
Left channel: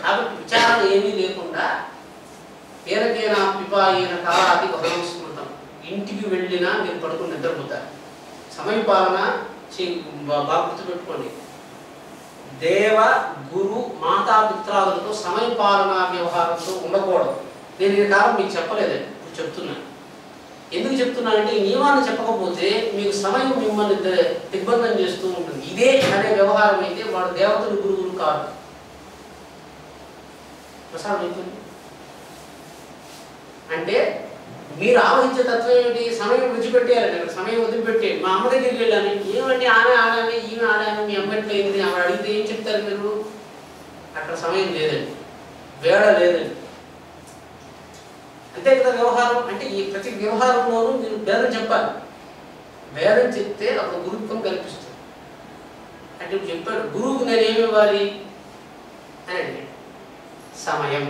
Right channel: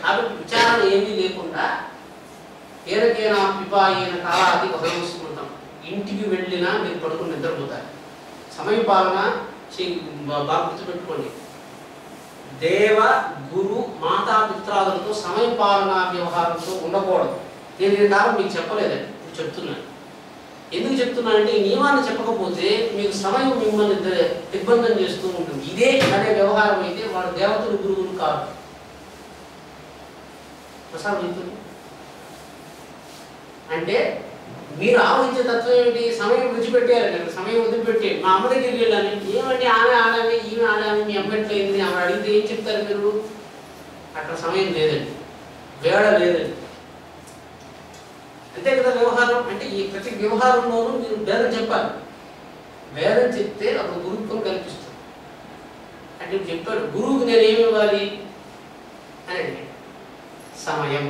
కాబట్టి విచారణ ఏమీ లేకుండా ఏరకేనా పిపాయిన కాలాది బహుళం స్మృతం, ఇంటికి వెళ్ళినా మీరు పడుకుని నిద్రపోతారు. సమయపాలన బాగా గుర్తుపెట్టుకోండి. దేవ గురు మాతాపిత్రాదులతో సమయపాలన వ్యవహారంతో ఉండకూడదు. నేను ఈ కాలం మీకు చెప్పలేదండి, ఇప్పుడు చెప్తున్నాను. ఎందుకు చెప్తున్నానంటే ఈ నియమాన్ని చెప్పకపోతే మీకు సమయం మిమ్మల్ని దిగ్బంధం చేస్తూ ఉంటుంది. ఇదే అనే వ్యవహారం అయితే వాడు దేవతలు గురువులు కాదు. ప్రసాదం అవుతుంది అంటే మీరు ఆలోచించే తత్వం ఏమిటి? సమయం విడిచిపెట్టేయాలండి. అక్కడ సమయం వదిలిపెట్టే. మా అమ్మ దగ్గరికి వెళ్ళాను, ఏమంటే ఆమె ఆడాలి ఈమె ఆడాలి, మీ అమ్మ ఎట్లా అయింది ఆమె అడిగితే ఏం చెప్తారు మీరు? అక్కడ సమయం లేదండి, వేళ లేదండి. అంతే కదా వ్యవహారం అంటే. ఈ ప్రతి వ్యవహారంలోనూ మీరు భేదం చెప్పాలి. భేదం చెప్తే అప్పుడు గురుత్వం కనిపిస్తుంది. అంటే ఇప్పుడు చెప్పాడు, గురువుకు నేనేమి ఇవ్వాలి అని అడిగాడు. సమయం.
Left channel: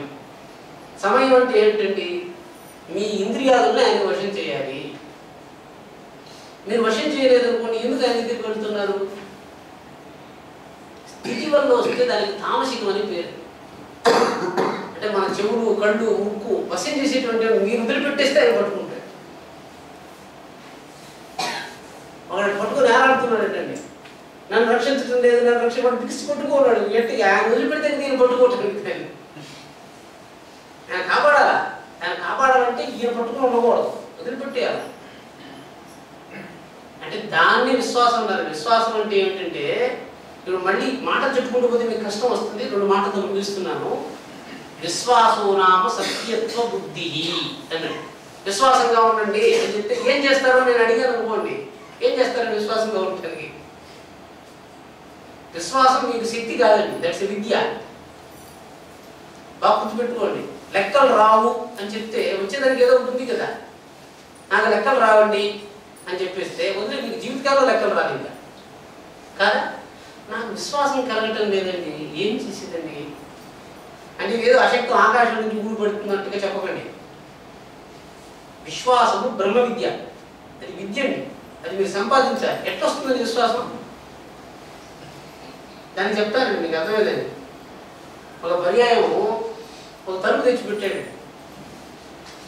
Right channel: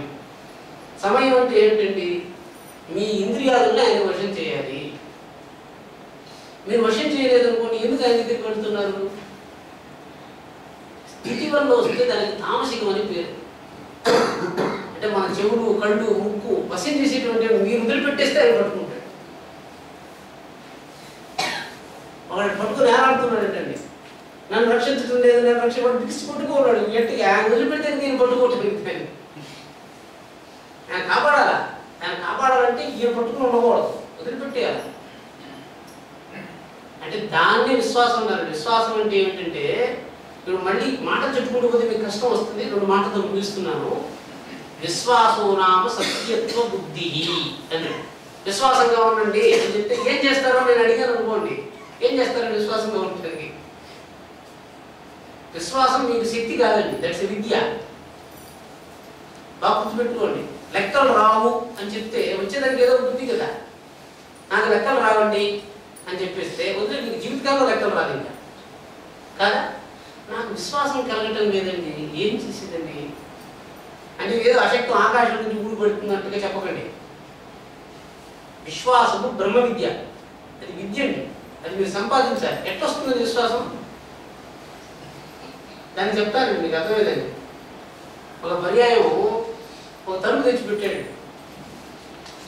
సమయం అంటే ఏంటండి? మీ ఇంద్రియాలను ఆయన వశం చేయాలి. మీరు వశం చేయలేదనుకోండి, ఎందుకు ఆయన దగ్గరికి వెళ్తున్నారు? స్థితి వల్ల వస్తే దానికి తామసికం అని పేరు. అంటే మన చెవులు, కళ్ళు, ముక్కు వశం చేసేటువంటి మీరు వదిలిపెట్టేస్తే ఆయన పట్టుకుంటాడు. ఒకటి పట్టుకుని ఏలాడుతున్నాడండి, నన్ను రక్షించడం లేదు, నన్ను రక్షించబడి బిగిసి పట్టుకోన్నాడు. గట్టిగా ఆయన వదిలిపెడితే నేను పట్టుకోవటానికి ఆయన కాపాడాలా. ఆయన కాపాడాలంటే ఈయన పట్టుకుని ఉండకూడదు, వదిలిపెట్టేయాలి. అంటే దాన్ని విశ్వాసం అన్నారు. విశ్వాసం అంటే ఏమిటంటే, ఇప్పుడు మళ్ళీ మాట చెప్పుకుంటూ పోతే మీకు కష్టం వస్తుంది, 2 మాటలతో ముగిస్తున్నాను. విశ్వాసో నామ సత్యత్వ బుద్ధి అని. విశ్వాసంగా ఉండండి అని చెప్తే ఏం చేస్తారో నేను అడిగాను అనుకోండి, ఏం చేస్తారని విశ్వాసంగా ఉండటానికి? విశ్వాసం మీకు శక్తి కాదండి, దట్స్ విద్య. బాగా గుర్తుపెట్టుకోండి. లెక్కలు రావు అని చెప్తే వచ్చేదానికి ఏదో ఉంది కదా. నాకు లెక్కలు రావండి అని చెప్పేస్తే వదిలే, మీకు జీవితకాలంలో లెక్కలు రాదు ఇంకా కాదా. నాకు విశ్వాసం కలగటం లేదండి, ఏం చేసేదండి అంటే ఏదో అశక్తం ఆకాశం నుంచి ఊడిపడుతున్నట్టుగా చెప్పకండి. విశ్వాసము బ్రహ్మ విద్య, అది విద్య అండి, అది మీరు సంపాదించాలి. ఎట్లా వస్తుందండి విశ్వాసం? దాన్ని చెప్తానండి, మీకు అర్థమైందండి. ఒక పర్యాయం ఒక తలుపు తెచ్చిపెట్టాడు.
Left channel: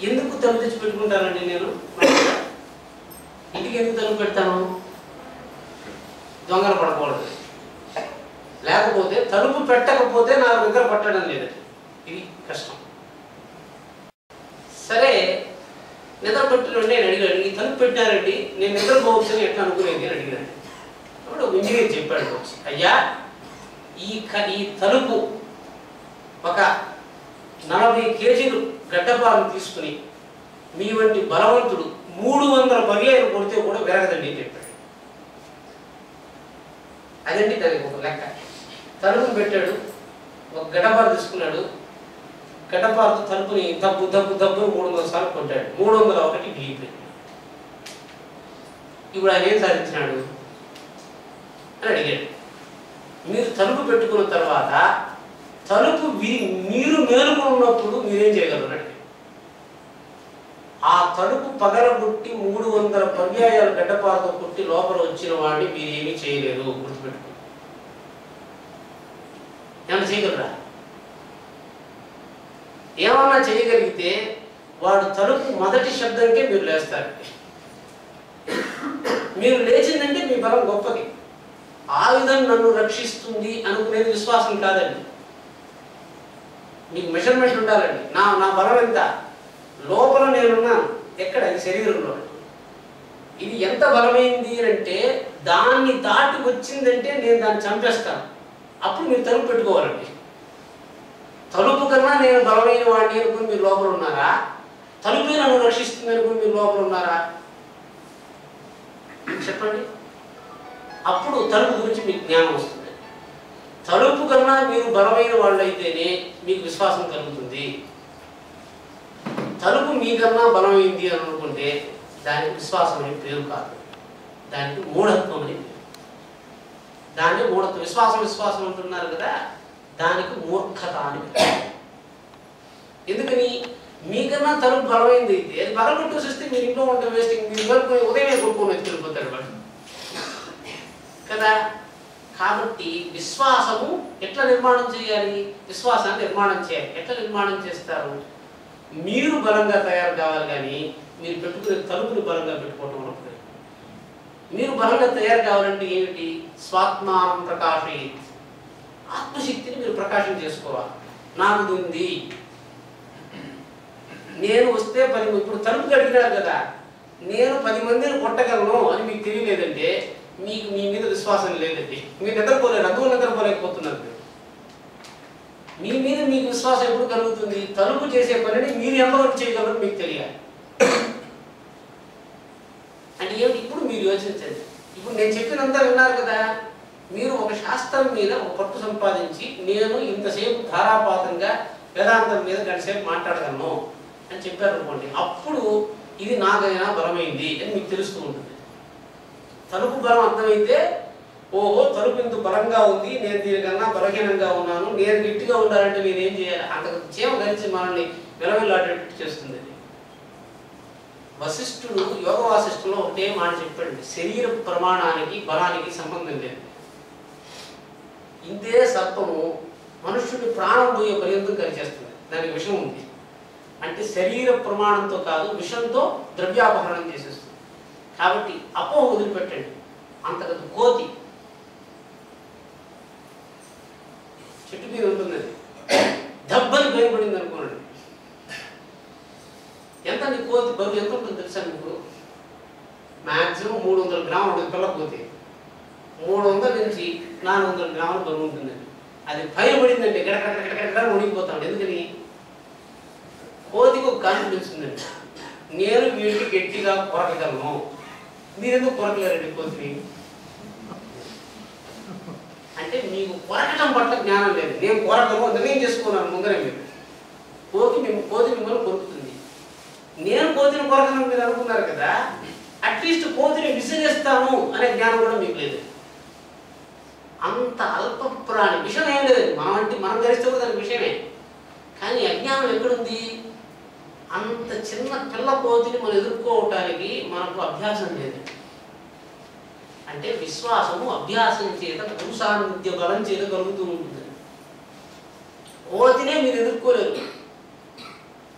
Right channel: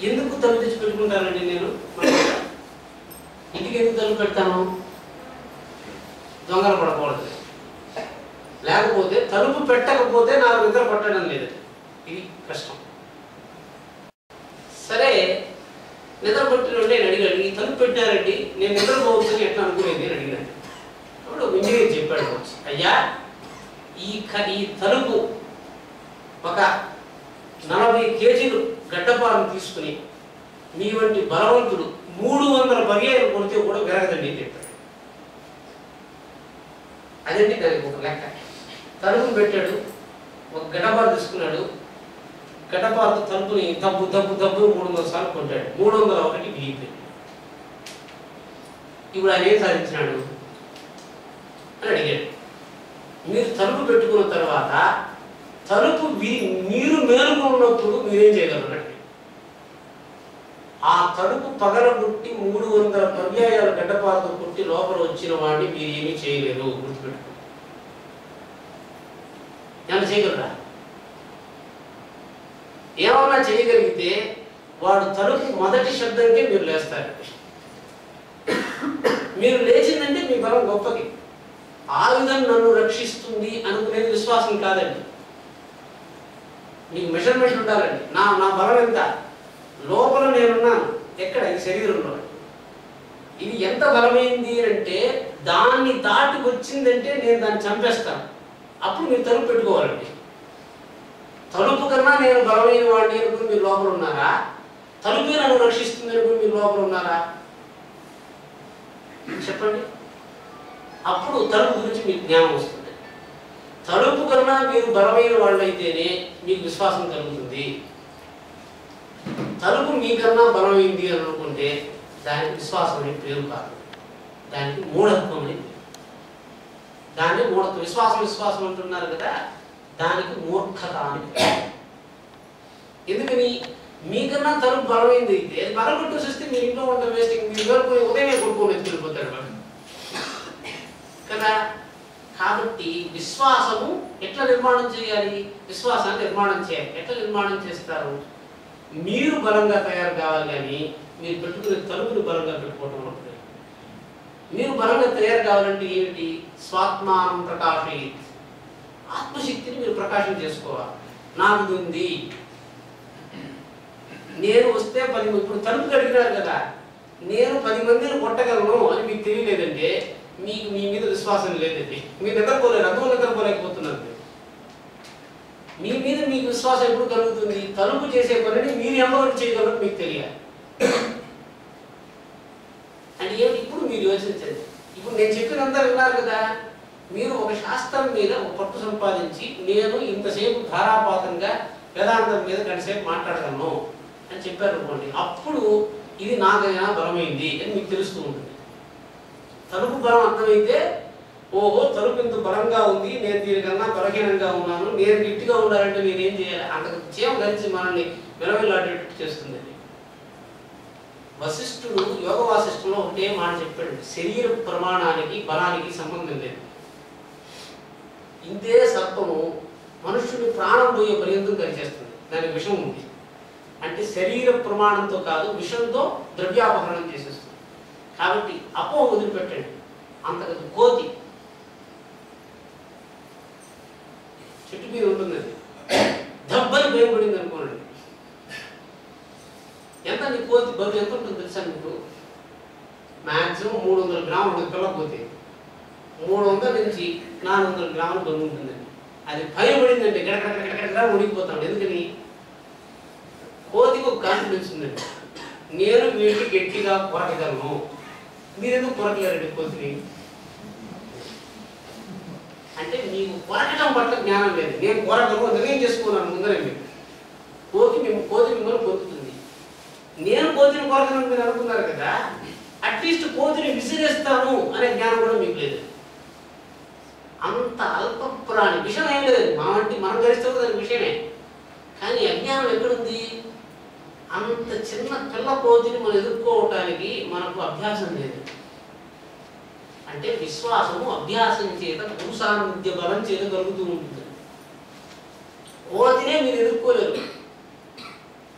ఎందుకు తలుపు తెచ్చి పెట్టుకుంటానండి నేను? ఇంటికి ఎందుకు తలుపు పెడతాను? దొంగలు పడకూడదు. లేకపోతే తలుపు పెట్టకపోతే నాకు నిద్ర పట్టడం లేదు, ఇది కష్టం. సరే, నిద్ర పట్టిన నేను అడిగాడు, ఈ తలుపు పెట్టారండి, నేను నిద్రపోవచ్చు అని ఎట్లా అనుకునేది అని అడిగాడు. అప్పుడు ఇంజనీర్ చెప్పాడు, అయ్యా ఈ తలుపు ఒక 40 కేజీలు గడ్డపాలను తీసుకుని మీ వంటి బలవంతుడు 300 పర్యాలు కొడితే కూడా విరగదండి అని చెప్పాడు. అదండి దానికి ఒక లెక్క. తలుపుని పెట్టాడు, ఒక గడ్డపాలు తీసుకున్నాడు, గడ్డపాలతో తలుపుని దబ్బు దబ్బు దబ్బు 300 సార్లు కొట్టాడు, 301 బిగిపోయింది. ఇప్పుడు ఆయన ఏం సాధించినాడు అని అడిగాడు. మీరు తలుపు పెట్టుకున్న తర్వాత తలుపు మీరు మేలుకున్నప్పుడు మీరేం చేయగలరు అంటే, ఆ తలుపు పగలగొట్టి 300 పర్యాయాలు గడ్డపాలతో కొట్టి లోపల వచ్చిన వాడిని మీరు ఏమీ చేయలేరు, గుర్తుపెట్టుకో. ఏమన్నా చేయగలరా? ఏమన్నా చేయగలిగితే వాడు తలుపు మొదటి శబ్దంకే మీరు లేస్తారు. మీరు లేచిందంటే మీ బలం గొప్పది. ఆయుధం నన్ను రక్షిస్తుంది అనుకునేది విశ్వాసం కాదండి. మీకు మెజర్మెంట్ ఉండాలండి. నా బలం ఎంత? లోపల నేనున్నాను, ఎక్కడ? ఈ శరీరంలో. ఇది ఎంత బలమైంది అంటే దాన్ని దాటి వచ్చిందంటే నేను దాన్ని చంపేస్తాను. అప్పుడు మీరు తలుపు పెట్టుకోవాలండి. తలుపు కన్నా నేను బలమైన వాడిని అనుకుని మీరు లోపల ఉన్నారా? తలుపే నన్ను రక్షిస్తుంది అనుకుని మీరు లోపల ఉన్నారా? చెప్పండి. అప్పుడు తలుపు గురించి మీకు జ్ఞానం వస్తుంది. తలుపు కన్నా మీరు బలమైన వాళ్ళు అయితేనే మీకు విశ్వాసం కలుగుతుంది. తలుపు మీకన్నా బలమైంది అని అనుకుంటే దానికి విశ్వాసం అనే పేరు కాదు, దానికి మూఢత్వం అని పేరు. దాన్ని మూఢత్వం. విశ్వాసం అంటున్నారు కదా, దానికి మూర్ఖత అని పేరు. ఎందుకని? మీకన్నా తలుపు బలమైంది అయితే అది బలగొట్టు వస్తే మీరు ఇంట్లో ఉంటే వేస్టింగ్, మీరు వెళ్ళిపోయి ఉదయమే కొనుక్కొని వెళ్ళిపోతాడు వాడు కదా. కాబట్టి విశ్వాసము ఎట్లా నిర్మాణం చేయాలి? విశ్వాసాన్ని నిర్మాణం చేయాలి. ఎట్లా నిర్మాణం చేస్తారు? మీరు బలంగా తయారు కావాలి, కానీ మీరు పెట్టుకునే తలుపుని బలంగా పెట్టుకోవటం ఉంటుంది. మీరు బలంగా తయారు కావాలంటే ఏమిటి? స్వాత్మానం ప్రకాశయిత్, ఆత్మశక్తిని మీరు ప్రకాశం చేసుకోవాలి. నాకు ఉంది, నేను వస్తే 10, ఇప్పుడు తలుపు కడిగినారు కదా, నేను 10 మందిని కొట్టగలను అని మీకు తెలియలేదంటే మీకు మీ మీద విశ్వాసం లేదండి. మీరు నిద్రపోలేరు, అందులో నిద్రపోలేకపోతున్నారు. మీ మీద మీకు విశ్వాసం ఎప్పుడు కలుగుతుంది? తలుపు చేసే పనిని మీరు ఎంతవరకు చేయగలరో మీకు తెలియాలి. అంటే ఏమిటి? ఇప్పుడు మీరు యోచించండి. ఇప్పుడు నేను చెప్పినంతా విన్నారు కదా, మీరు ఒక శాస్త్రం మీద ఒక పట్టు సంపాదించి నేను ఇంతసేపు ధారాపాతంగా వేదాంతం మీద గంటసేపు మాట్లాడగలను అని చెప్పారు అనుకోండి, అప్పుడు ఇది నాకైనా బలమైంది అని మీకు తెలుస్తూ ఉంటుంది. తలుపు బలం అర్థమైతే, ఓహో తలుపు ఇంత బలంగా ఉంది, నేను దీనికన్నా బలహీనంగా ఉన్నాను, నేను గట్టిగా ఉండాలంటే నేను ఏం చేయాలి? అంతకు చేమ కలిసి మనల్ని విలవిల్లాడేట్టు చేస్తుంది. వశిష్ఠుడు యోగ వాసిష్ఠులో ఒకటే మాట చెప్పాడు, శరీర ప్రమాణానికి బలానికి సంబంధం లేదు. ఇంతే సర్పము మనుష్యుని ప్రాణం పోయే పర్యంతం కరిచేస్తుంది. దానికి విషం ఉంది అంటే శరీర ప్రమాణంతో కాదు, విషంతో ద్రవ్యాపహరణం చేసేస్తుంది. కాబట్టి అపోహ వదిలిపెట్టండి. అంతకదు కోతి చెట్టు మీద ఉంటుంది, అది దెబ్బలు భయపడింది అనుకోండి. ఎంత నీ కోతి బరువు ఎంత ఉంటుంది తెలుసా మీకు? మ్యాక్సిమం 300 గ్రాములు ఉంటుంది పిల్ల కోతి. 300 నుంచి 400 గ్రాములు బరువు ఉంటుందండి. అది భయపడిందంటే గడగడ ఉడికిపోతాడు. ఎందుకని? కోతికి ఒక కాన్ఫిడెన్స్ ఉందండి, నేను వీటికి గట్టిగా కొరకగలను. మీరెందుకు కొరకలేరండి కోతిని? అంటే మీకు కొరకటం పట్ల జ్ఞానం లేదు. నేను కొరకను నిర్ణయం చేసుకున్నాను ముందరే. మీరు కోతి మిమ్మల్ని కొరుకుతుంది. నేను కోతిని కొరకను మీరు అనుకున్నారు కదా, అట్లీస్ట్ కోతిని విసిరేస్తాను అనే జ్ఞానం కూడా మీకు లేదు. అంత అల్ప ప్రాణి, విషయం ఏం లేదు. మనం గరిస్తే దానికి విషయమే. కానీ అజ్ఞానం ఎక్కడుంది? అంత చిన్న పిల్ల కోతిని మనం ఎదుర్కోవటానికి మనకు అభ్యాసం లేదు. అంటే విశ్వాసము అభ్యాసం చేత పురుషానుద్య బలం చేత కలుగుతూ ఉంటుంది. కోతినే మీరు ఎదుర్కోలేరు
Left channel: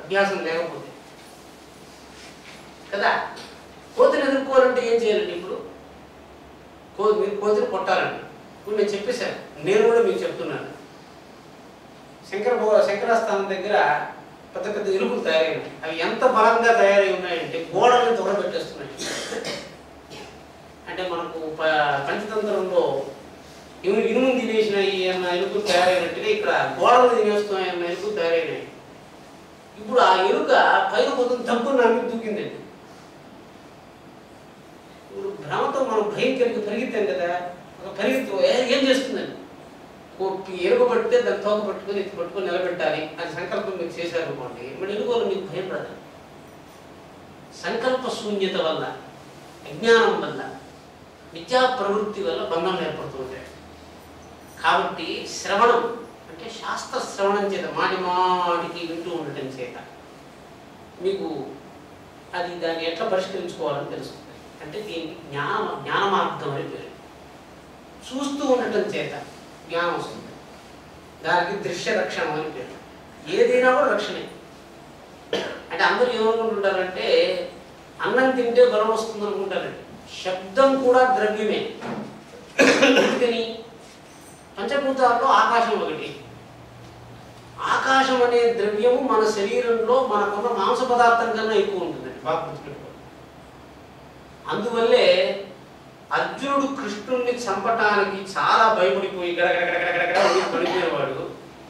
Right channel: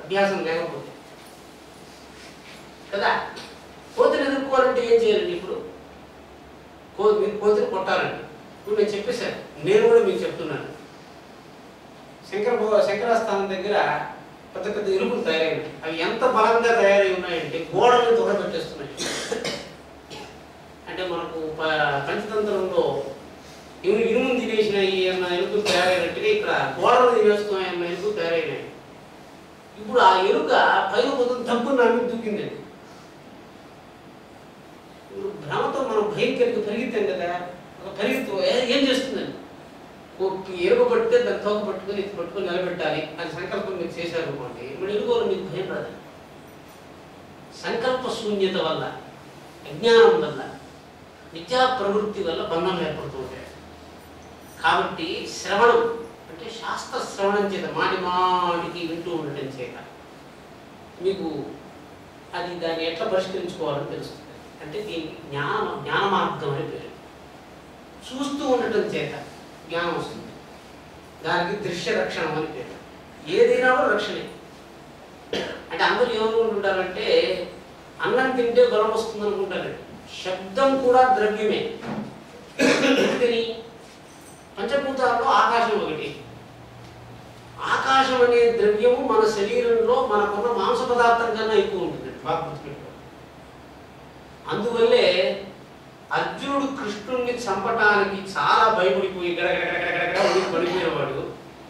అభ్యాసం లేకపోతే కదా. కోతిని ఎదుర్కోవాలంటే ఏం చేయాలండి? ఇప్పుడు మీరు కోతిని కొట్టాలండి. ఇప్పుడు నేను చెప్పేశాను, నేను కూడా మీకు చెప్తున్నాను. శంకరాస్థానం దగ్గర పెద్ద పెద్ద ఎలుకలు తయారైనాయి. అవి ఎంత బలంగా తయారై ఉన్నాయంటే గోడల్ని తొడబెట్టేస్తున్నాయి. అంటే మనకు పంచతంత్రంలో ఇనుము తినేసినాయి అన్న ఎలుకలు తయారైనట్టుగా ఇక్కడ గోడలు తినేస్తున్నాయి అన్న ఎలుకలు తయారైనాయి. ఇప్పుడు ఆ ఎలుక పైన కొంచెం తప్పును నమ్మి దూకిందండి. ఇప్పుడు భ్రమతో మనం భయంకరంగా పరిగెత్తాం కదా, ఒక పరిగెత్తు ఏం చేస్తుందండి? ఎలుక పట్టితే దాన్ని తోక పట్టుకొని ఎత్తి పట్టుకొని నిలబెట్టాలి అని సంకల్పం మీరు చేశారు అనుకోండి, మరి ఎలుకలు మీకు భయం రాదు. సంకల్ప శూన్యత వల్ల, అజ్ఞానం వల్ల, విద్యా ప్రవృత్తి వల్ల బంధం ఏర్పడుతూ ఉంటాయి. కాబట్టి శ్రవణం అంటే శాస్త్ర శ్రవణం చేత మాటి మాటికి వింటూ ఉండటం చేత మీకు అది దాన్ని ఎట్లా పరిష్కరించుకోవాలని తెలుస్తుంది. అంటే దీనికి జ్ఞాన మార్గం అని పేరు. చూస్తూ ఉండటం చేత జ్ఞానం వస్తుంది. దానికి దృశ్య రక్షణం అని పేరు. ఏదైనా కూడా రక్షణే. అంటే అందరూ ఏమనుకుంటుంటారంటే అన్నం తింటే బలం వస్తుంది అనుకుంటారండి. శబ్దం కూడా ద్రవ్యమే. ఎందుకని? పంచభూతాల్లో ఆకాశం ఒకటి. ఆకాశం అనే ద్రవ్యము మన శరీరంలో మనకున్న మాంస పదార్థం కన్నా ఎక్కువ ఉంటుందండి. బాగా గుర్తుపెట్టుకోండి. అందువల్లే అర్జునుడు కృష్ణుడిని చంపటానికి చాలా భయపడిపోయి గడగడగడగడగడ పడిపోయేవాడు.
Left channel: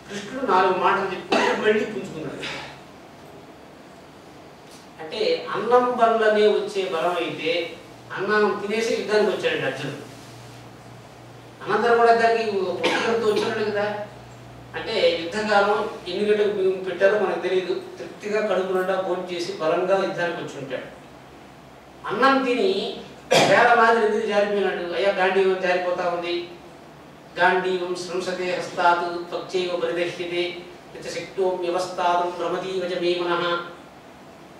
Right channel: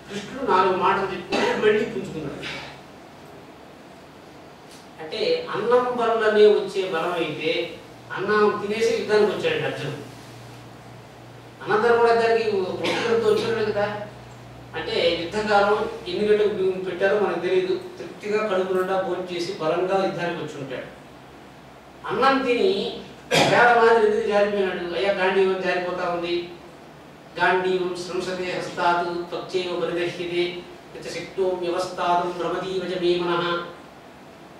కృష్ణుడు 4 మాటలు చెప్పుకుంటే మళ్ళీ పుంజుకున్నాడు. అంటే అన్నం వల్లనే వచ్చే బలం అయితే అన్నం తినేసి యుద్ధానికి వచ్చాడండి అర్జునుడు. అనంతరం కూడా దానికి పుస్తకంతో వచ్చాడు కదా. అంటే యుద్ధకాలం ఎన్ని గంటలకు పెట్టారో మనకు తెలియదు. తృప్తిగా కడుపు నిండా భోజనం చేసి బలంగా యుద్ధానికి వచ్చి ఉంటాడు. అన్నం తిని వేల మాదిరి ఎందుకు జారిపోయినాడు? అయ్యా గాంధీవం జారిపోతా ఉంది. గాంధీవం సంసతే హస్తాత్ త్వచ్చైవ పరిదర్శితే శక్తో వ్యవస్థాతం భ్రమదీవచ మే మనః.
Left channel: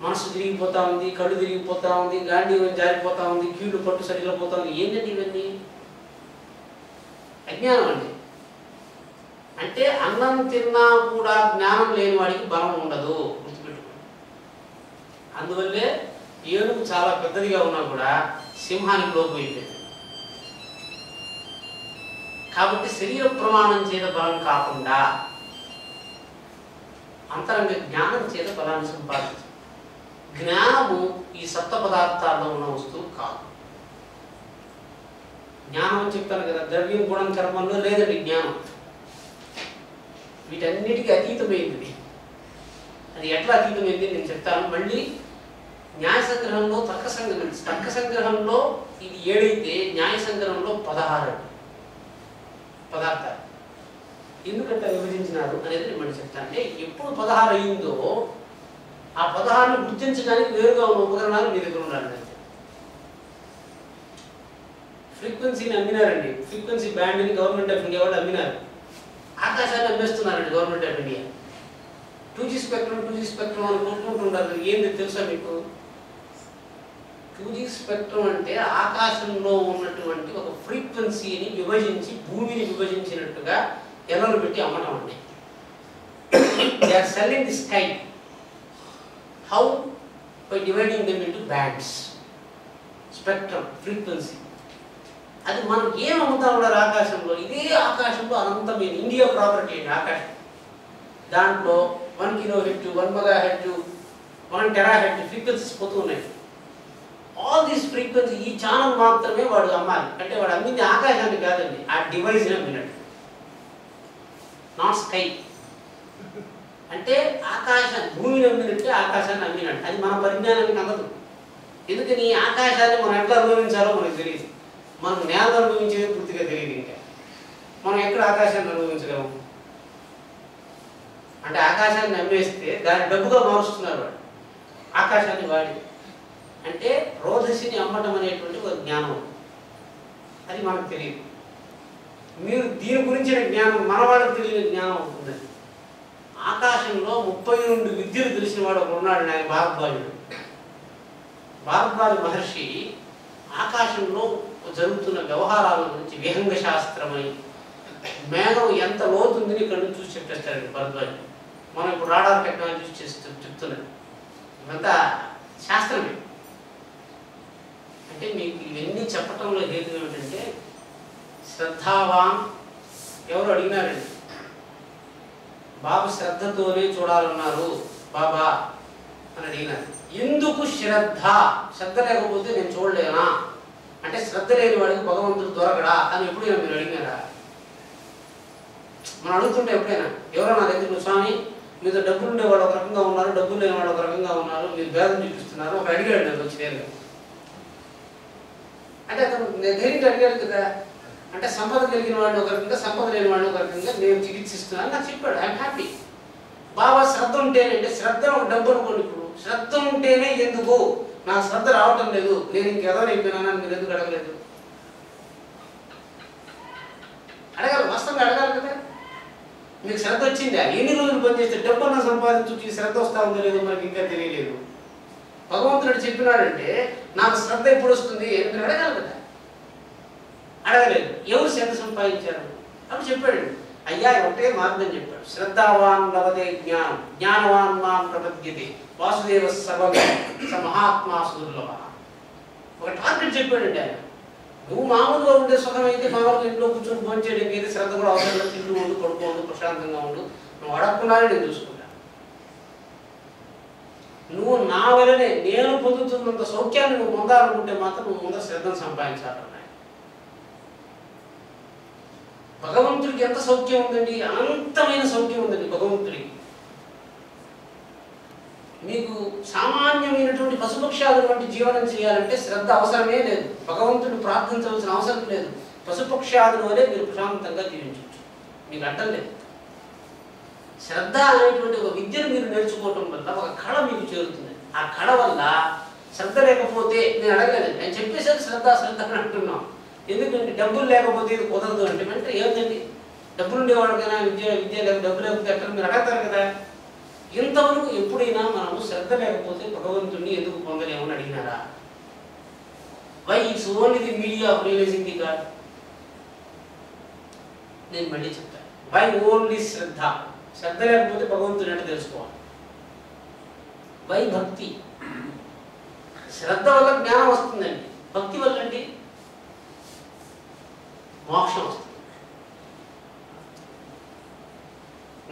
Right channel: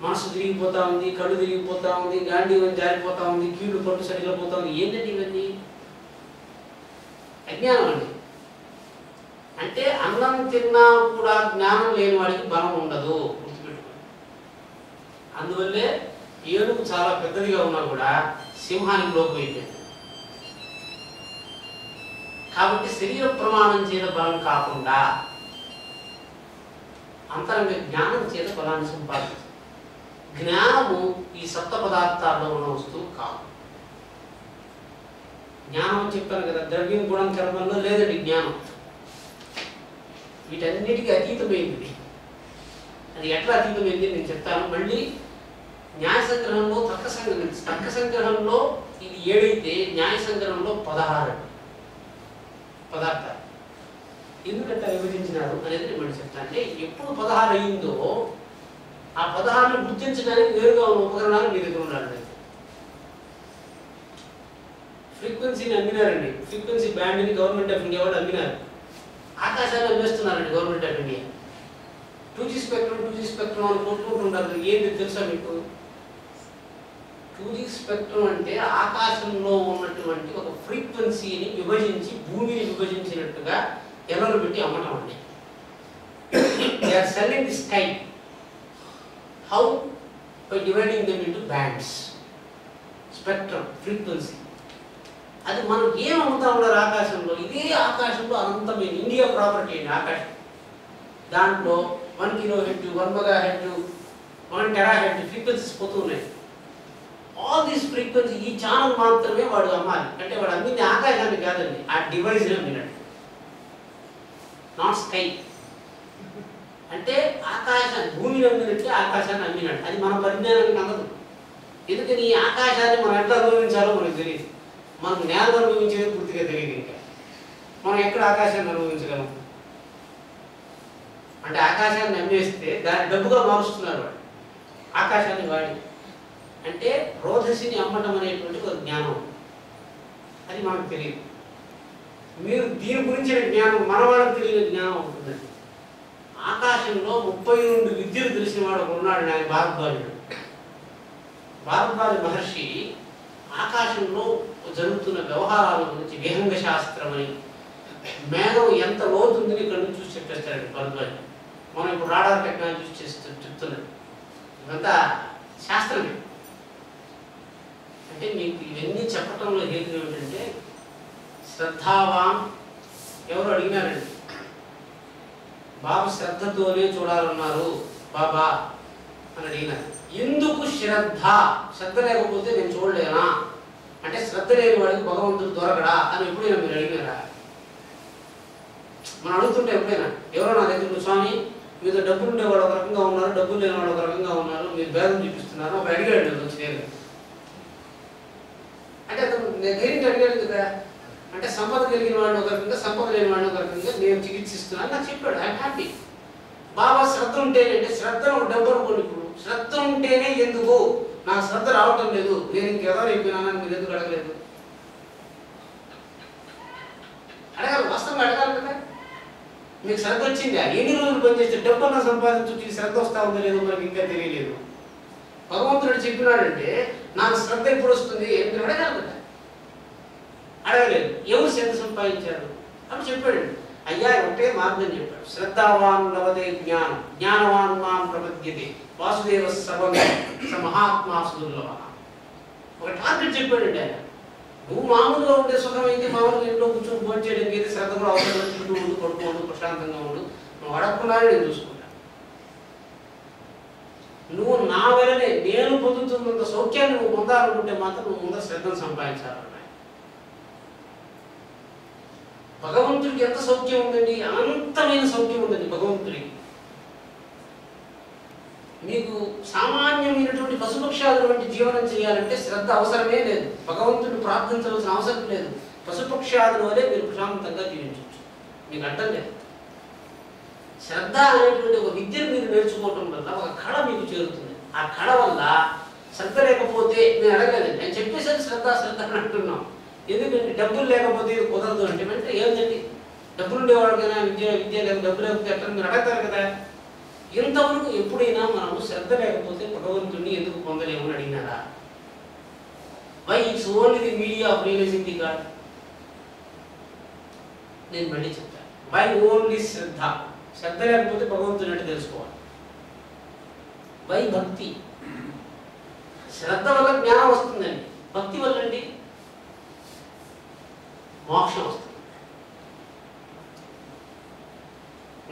మనసు తిరిగిపోతా ఉంది, కళ్ళు తిరిగిపోతా ఉంది, గాంధీవం జారిపోతా ఉంది, కీళ్ళు పట్టు సరిగిపోతా ఉంది. ఏంటంటే ఇవన్నీ అజ్ఞానం అండి. అంటే అన్నం తిన్నా కూడా జ్ఞానం లేని వాడికి బలం ఉండదు, గుర్తుపెట్టుకోండి. అందువల్లే ఏనుగు చాలా పెద్దదిగా ఉన్నా కూడా సింహానికి లోపు అయిపోయింది. కాబట్టి శరీర ప్రమాణం చేత బలం కాకుండా అంతరంగ జ్ఞానం చేత బలాన్ని సంపాదించు. జ్ఞానము ఈ సప్త పదార్థాల్లో ఉన్న వస్తువు కాదు. జ్ఞానం అని చెప్తాను కదా, ద్రవ్యం గుణం కర్మంలో లేదండి జ్ఞానం. వీటన్నిటికీ అతీతమైంది. అది ఎట్లా అతీతమైంది నేను చెప్తాను. మళ్ళీ న్యాయ సంగ్రహంలో తర్క సంగ్రహంలో ఇది 7 అయితే న్యాయ సంగ్రహంలో 16 పదార్థాలు. ఎందుకంటే విభజించినారు అనేది నేను మళ్ళీ చెప్తాను. అంటే ఎప్పుడు 16 అయిందో ఆ 16ని గుర్తించడానికి వేరుగా ఉన్న ఉపకరణాలు మీ దగ్గర ఉండాలి. ఫ్రీక్వెన్సీని అమ్మినారండి. ఫ్రీక్వెన్సీ బ్యాండ్ని గవర్నమెంట్ ఆఫ్ ఇండియా వాళ్ళు అమ్మినారు. ఆకాశాన్ని అమ్మేస్తున్నారండి government of India. 2G spectrum అని కొట్టుకుంటున్నారు. ఏంది తెలుసా మీకు? 2G స్పెక్ట్రమ్ అంటే ఆకాశంలో ఉన్నటువంటి ఒక ఫ్రీక్వెన్సీని విభజించి భూమిని విభజించినట్టుగా ఎర్రలు పెట్టి అమ్మటం అండి. They are selling the sky. How? By dividing them into bands. Spectrum, frequency. అది మనం ఏం అమ్ముతా ఉన్నారు ఆకాశంలో? ఇదే ఆకాశంలో అనంతమైన ఇండియా ప్రాపర్టీ అండి ఆకాశం. దాంట్లో 1 kHz, 1 MHz, 1 THz ఫ్రీక్వెన్సీస్ పోతూ ఉన్నాయి. ఆల్ దీస్ ఫ్రీక్వెన్సీ ఈ ఛానల్ మాత్రమే వాడు అమ్మాలి. అంటే వాడు అమ్మింది ఆకాశాన్ని కాదండి, ఆ డివైస్ అమ్మినట్టు. Not sky. అంటే ఆకాశాన్ని, భూమిని అమ్మినట్టే ఆకాశాన్ని అమ్మినట్టు. అది మన పరిజ్ఞానానికి అందదు. ఎందుకని ఈ ఆకాశాన్ని మనం ఎట్లా అనుభవించాలో మనకు తెలియదు. మనకు నేలను అనుభవించేది పూర్తిగా తెలియదు. ఇంకా మనం ఎక్కడ ఆకాశాన్ని అనుభవించగలము? అంటే ఆకాశాన్ని అమ్మేస్తే దాన్ని డబ్బుగా మారుస్తున్నారు వాడు, ఆకాశాన్ని వాడి. అంటే రోధసిని అమ్మటం అనేటువంటి ఒక జ్ఞానం, అది మనకు తెలియదు. మీరు దీని గురించిన జ్ఞానం మన వాళ్ళకి తెలియని జ్ఞానం ఉంటుందండి. ఆకాశంలో 32 విద్యలు తెలిసిన వాడు ఒకడు ఉన్నాడు, ఆయన భారద్వాజుడు. భారద్వాజ మహర్షి ఆకాశంలో జరుగుతున్న వ్యవహారాల గురించి విహంగ శాస్త్రమై మేఘం ఎంత లోతుందని ఇక్కడ నుంచి చూసి చెప్పేస్తారండి భారద్వాజుడు. మనం ఇప్పుడు రాడార్ టెక్నాలజీ చెప్తున్నాడు. ఇదంతా శాస్త్రమే. అంటే మీకు ఇవన్నీ చెప్పటంలో హేతు ఏమిటంటే, శ్రద్ధావాన్ ఎవరు అడిగినారండి, బాబా శ్రద్ధతోనే చూడాలన్నారు బాబా అని అడిగినారు. ఎందుకు శ్రద్ధ? శ్రద్ధ లేకపోతే నేను చూడలేనా? అంటే శ్రద్ధ లేని వాడికి భగవంతుడు దొరకడా అని ఎప్పుడైనా మీరు అడిగినారా? మనం అడుగుతుంటే ఎప్పుడైనా ఎవరో నా దగ్గర, స్వామి మీతో డబ్బులు ఉండేవాడు ఒక రకంగా ఉన్నారు, డబ్బులు లేని వాడు ఒక రకంగా ఉన్నారు, మీరు భేదం చూపిస్తున్నారు, ఒక అడిగాడు నేను వచ్చి నేను. అంటే అతను ధైర్యం అడిగాడు కదా. అంటే సంపద కలిగిన వాడిని ఒక రకంగా, సంపద లేని వాడిని ఒక రకంగా నేను చికిత్సిస్తున్నాను నాకు చెప్పాడు. I'm happy. బాబా శ్రద్ధ ఉంటేనే, అంటే శ్రద్ధ డబ్బు అనుకోండి. ఇప్పుడు శ్రద్ధ ఉంటేనే ఎందుకు నాకు శ్రద్ధ రావటం లేదు, నేను ఇంకెవరు అయిపోయినానని మీరు ఎందుకు అడగలేదు? అడగాలి, వాస్తవంగా అడగాలి కదా. మీకు శ్రద్ధ వచ్చిందా? ఎన్ని రోజులు పనిచేస్తే డబ్బున్న సంపాదించు శ్రద్ధ వస్తా ఉందో లేదో మనకి ఇంకా తెలియలేదు. భగవంతుడు చెప్పినాడంటే నాకు శ్రద్ధ ఎప్పుడు వస్తుంది మీరు అడగాలి కదా. అడగలేదు. ఎవరు శ్రద్ధ సంపాదించారు అని చెప్పాడు. అయ్యా ఒకటే మార్గం చెప్పాడు, శ్రద్ధావాన్ లభతే జ్ఞానం, జ్ఞానవాన్ మాం ప్రపద్యతే, వాసుదేవ సర్వం స మహాత్మా సుదుర్లభ. ఒక టార్గెట్ చెప్పాడండి ఆయన. నువ్వు మామూలుగా ఉండే సుఖం అయితే మామూలుగా ఇంట్లో కూర్చొని భోజనం చేయడానికి అయితే శ్రద్ధ కూడా అవసరం, తింటూ ఉండు, పడుకోండు, ప్రశాంతంగా ఉండు, నువ్వు అడగకుండానే నేను చూసుకుంటా. నువ్వు నా వలనే నేను పొందుతున్నంత సౌఖ్యాన్ని నువ్వు పొందాలనుకుంటే మాత్రం నువ్వు ముందర శ్రద్ధను సంపాదించాలన్నాయి. భగవంతుడికి ఎంత సౌఖ్యం ఉందండి, అనంతమైన సౌఖ్యం ఉందండి భగవంతుడికి. మీకు సామాన్యమైనటువంటి పశుపక్షాదుల వంటి జీవనం చేయాలంటే శ్రద్ధ అవసరమే లేదు. భగవంతుడిని ప్రార్థించవలసిన అవసరం లేదు. పశుపక్షాదుల వలె మీరు ప్రశాంతంగా జీవించవచ్చు, మీకు అడ్డం లేదు. శ్రద్ధ అనేటువంటి ఒక విద్యను మీరు నేర్చుకోవటం వల్ల ఒక కళ మీకు చేరుతుంది. ఆ కళ వల్ల శ్రద్ధ లేకపోతే నేను అడగలేదండి, నేను చెప్పేసరికి శ్రద్ధ శ్రద్ధ అని అంటున్నాం. ఎందుకంటే డబ్బులు లేకపోతే ఇది కుదరదు అంటే అంటే ఏమిటండి, డబ్బులు ఉండేవాడికైనా విద్య లేక డబ్బు లేకపోతే ఎట్లా మీరు అడగతారు కదా. ఇంతవరకు ఎప్పుడైనా మనము శ్రద్ధ లేకపోతే భగవంతుడిని ఎందుకు పొందలేమని అడిగినారా? Why it's only the media of realising the god. నేను మళ్ళీ చెప్తాను, వై ఓన్లీ శ్రద్ధ. శ్రద్ధ లేకపోతే భగవంతుని అంటే తెలుసుకోవాలి. వై భక్తి. శ్రద్ధ వల్ల జ్ఞానం వస్తుందండి, భక్తి వల్ల అండి మోక్షం వస్తుంది.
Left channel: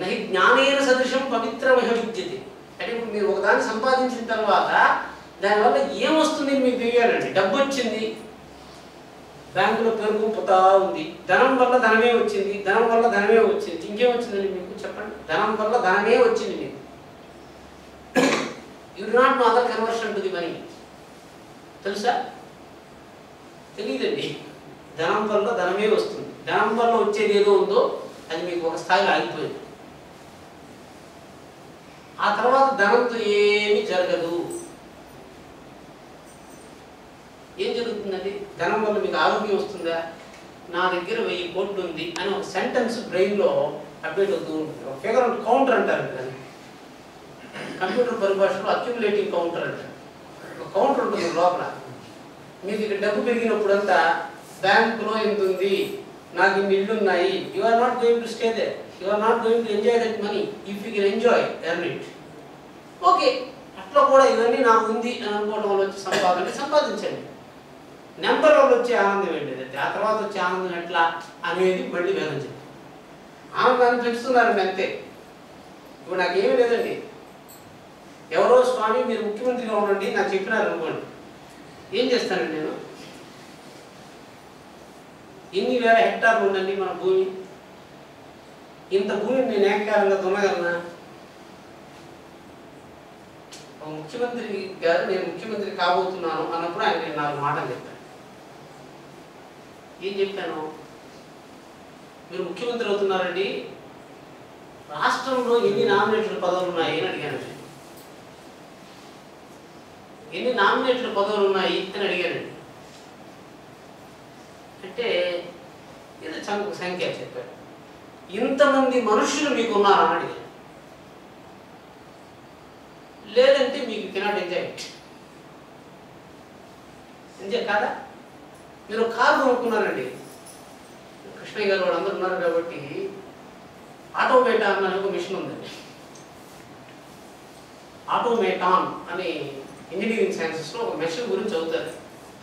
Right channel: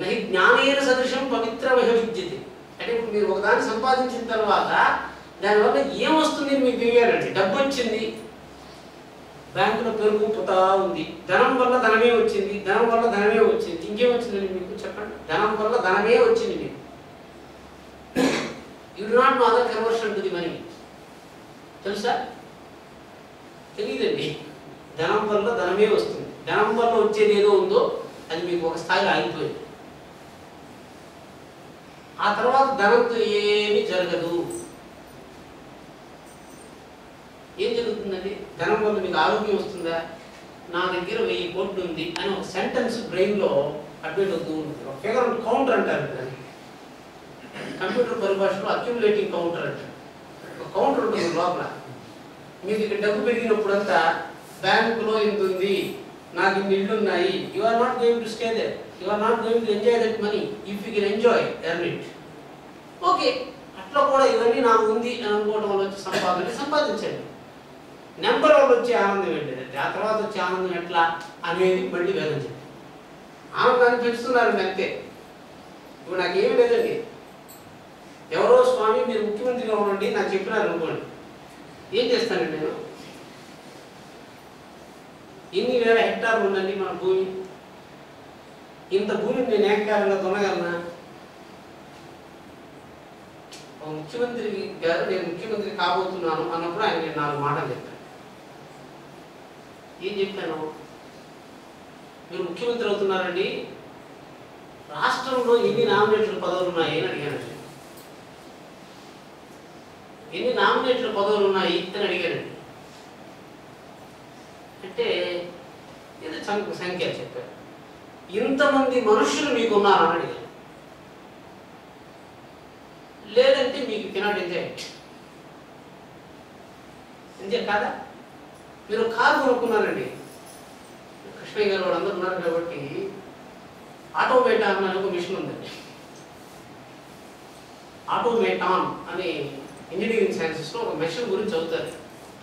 నహి జ్ఞానేన సదృశం పవిత్రమిహ విద్యతే. అంటే ఇప్పుడు మీరు ఒకదాన్ని సంపాదించిన తర్వాత దానివల్ల ఏమొస్తుంది మీకు తెలియాలండి. డబ్బు వచ్చింది, బ్యాంకులో పెరుగు పుతా ఉంది, ధనం వల్ల ధనమే వచ్చింది, ధనం వల్ల ధనమే వచ్చింది. ఇంకేం వచ్చిందండి మీకు చెప్పండి? ధనం వల్ల ధనమే వచ్చింది మీకు. You do not know other conversion to the money. తెలుసా? తెలియదండి. ధనం వల్ల ధనమే వస్తుంది. ధనం వల్ల వచ్చేది ఏదో ఉందో అది మీకు ఒక స్థాయిలో ఆగిపోయింది. ఆ తర్వాత ధనంతో ఏమీ జరగదు. ఏం జరుగుతుందండి? ధనం వల్ల మీకు ఆరోగ్యం వస్తుందా? నా దగ్గర 1000 కోట్లు ఉంది అని ఒక సెంటెన్స్ బ్రెయిన్లో అప్డేట్ అవుతూ ఉంటుంది. ఒక ఫిగర్ కౌంటర్ అంటారు దాన్ని, కంప్యూటర్ పరిభాషలో అక్యుములేటింగ్ కౌంటర్ అంటారు. ఒక కౌంటర్ ఉంటుంది లోపల. మీకు ఇక్కడ డబ్బు పెరిగినప్పుడంతా బ్యాంకులో ఎంత ఉంది, నాకు ఇన్ని ఇళ్ళు ఉన్నాయి. You are not going to stay there, you are not going to enjoy that money. If you can enjoy earn it, okay. అట్లా కూడా ఇవన్నీ నాకు ఉంది అని అనుకోవడం వల్ల వచ్చి సంపాదించండి. నెంబర్ వల్ల వచ్చే ఆనందం ఏంటిది, ఆ తర్వాత వచ్చే ఆనందం ఎట్లా అనేది మళ్ళీ వేదం చెప్పి ఆనందాన్ని పెంచుతున్నారండి అంతే. ఇప్పుడు నాకేమీ లేదండి, ఎవరో స్వామి మీరు ముఖ్యమంత్రిగా ఉండండి నాకు చెప్పినారు అనుకోండి, ఏం చేస్తానండి నేను? ఎన్ని వేల హెక్టార్లు ఉండండి మన భూమి, ఇంత భూమిని నేను ఏకారంగా దున్నగలనా? ముఖ్యమంత్రి గారు నేను ముఖ్యమంత్రి కాబోతున్నాను అన్నప్పుడు ఆయన నేను 4 మాటలు చెప్పాను. ఏం చెప్పాను? మీరు ముఖ్యమంత్రి అవుతున్నారండి, రాష్ట్రంలో ఎన్ని నామినేటెడ్ పదవులు ఉన్నాయి అని అడిగానండి. ఎన్ని నామినేటెడ్ పదవులు ఉన్నాయి అని అడిగానండి. అంటే ఇది సంఖ్య చెప్పారు. ఇంతమంది మనుషులు మీకు ఉన్నారని అడిగాను. లేదంటే మీకు కెనాట్ ఎంజాయ్ ఎంజాయ్ కాదా? మీరు కారు కొనుక్కున్నారండి, కృష్ణయ్య గారు వాళ్ళు అందరూ ఉన్నారు కాబట్టి ఆటోమేటాన్ అనే ఒక మిషన్ ఉందండి. ఆటోమేటాన్ అనే ఇంజనీరింగ్ సైన్సెస్లో ఒక మెషిన్ గురించి చదువుతారు.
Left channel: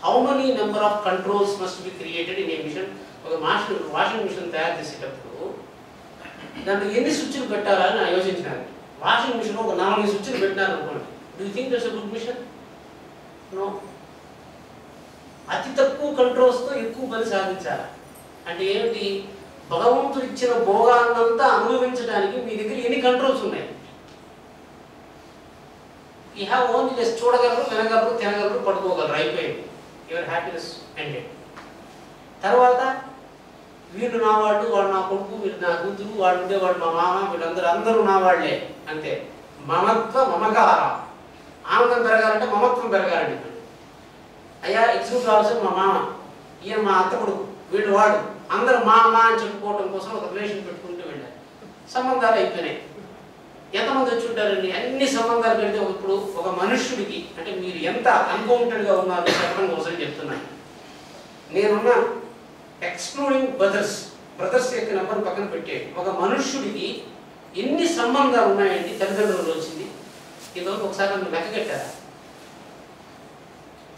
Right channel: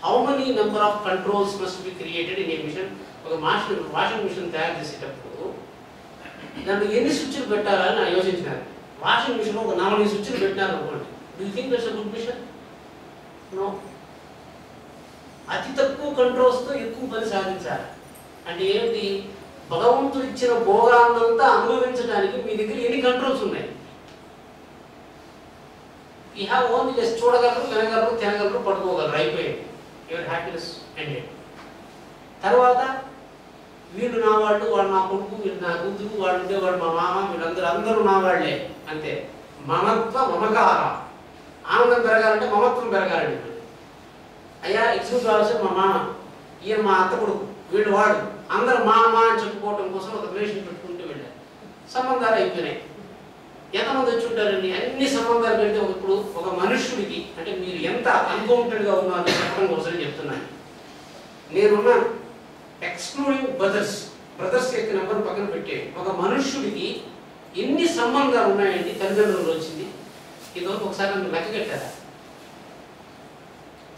How many number of controls must be created in a machine. ఒక వాషింగ్ మిషన్ తయారు చేసేటప్పుడు దాంట్లో ఎన్ని స్విచ్లు పెట్టాలని యోచించినారు. వాషింగ్ మిషన్ ఒక 4 స్విచ్లు పెట్టినారు అనుకోండి, do you think that's a good machine? No. అతి తక్కువ కంట్రోల్స్తో ఎక్కువ పని సాధించాలి. అంటే ఏమిటి? భగవంతుడు ఇచ్చిన భోగాన్నంతా అనుభవించడానికి మీ దగ్గర ఎన్ని కంట్రోల్స్ ఉన్నాయి? యూ హ్యావ్ ఓన్లీ జస్ట్ చూడగలరు, వినగలరు, తినగలరు, పడుకోగలరు, అయిపోయింది. Your happiness ended. తర్వాత వీళ్ళు నా వాళ్ళు, వాడు నా కొడుకు, వీళ్ళు నా కూతురు, వాడు ఉండేవాడు మా మామ, వీళ్ళందరూ నా వాళ్లే అంతే. మమత్వ మమకార. ఆనందం పెరగాలంటే మమత్వం పెరగాలండి. అయ్యా ఎగ్జిక్యూటివ్ ఆఫీసర్ మా మామ, ఈయన మా అత్త కొడుకు, వీళ్ళు వాడు, అందరూ మా అమ్మ అని చెప్పుకోవడం కోసం ఒక రిలేషన్ పెట్టుకుంటూ వెళ్ళారు. సంబంధాలు అయిపోయినాయి. ఎంతమంది వచ్చి ఉంటారండి? అన్ని సంబంధాలు పెడితే ఇప్పుడు ఒక మనుష్యుడికి, అంటే మీరు ఎంత అన్కౌంటెడ్గా ఉన్నారో చెప్పడం కోసం చెప్తున్నాను. నేనున్నాను, ఎక్స్క్లూడింగ్ బ్రదర్స్ యొక్క నెంబర్ పక్కన పెట్టేది. ఒక మనుష్యుడికి ఎన్ని సంబంధాలు ఉన్నాయండి? తల్లిదండ్రులు వచ్చింది, ఇదివరకు ఒకసారి నన్ను లెక్క కట్టారా?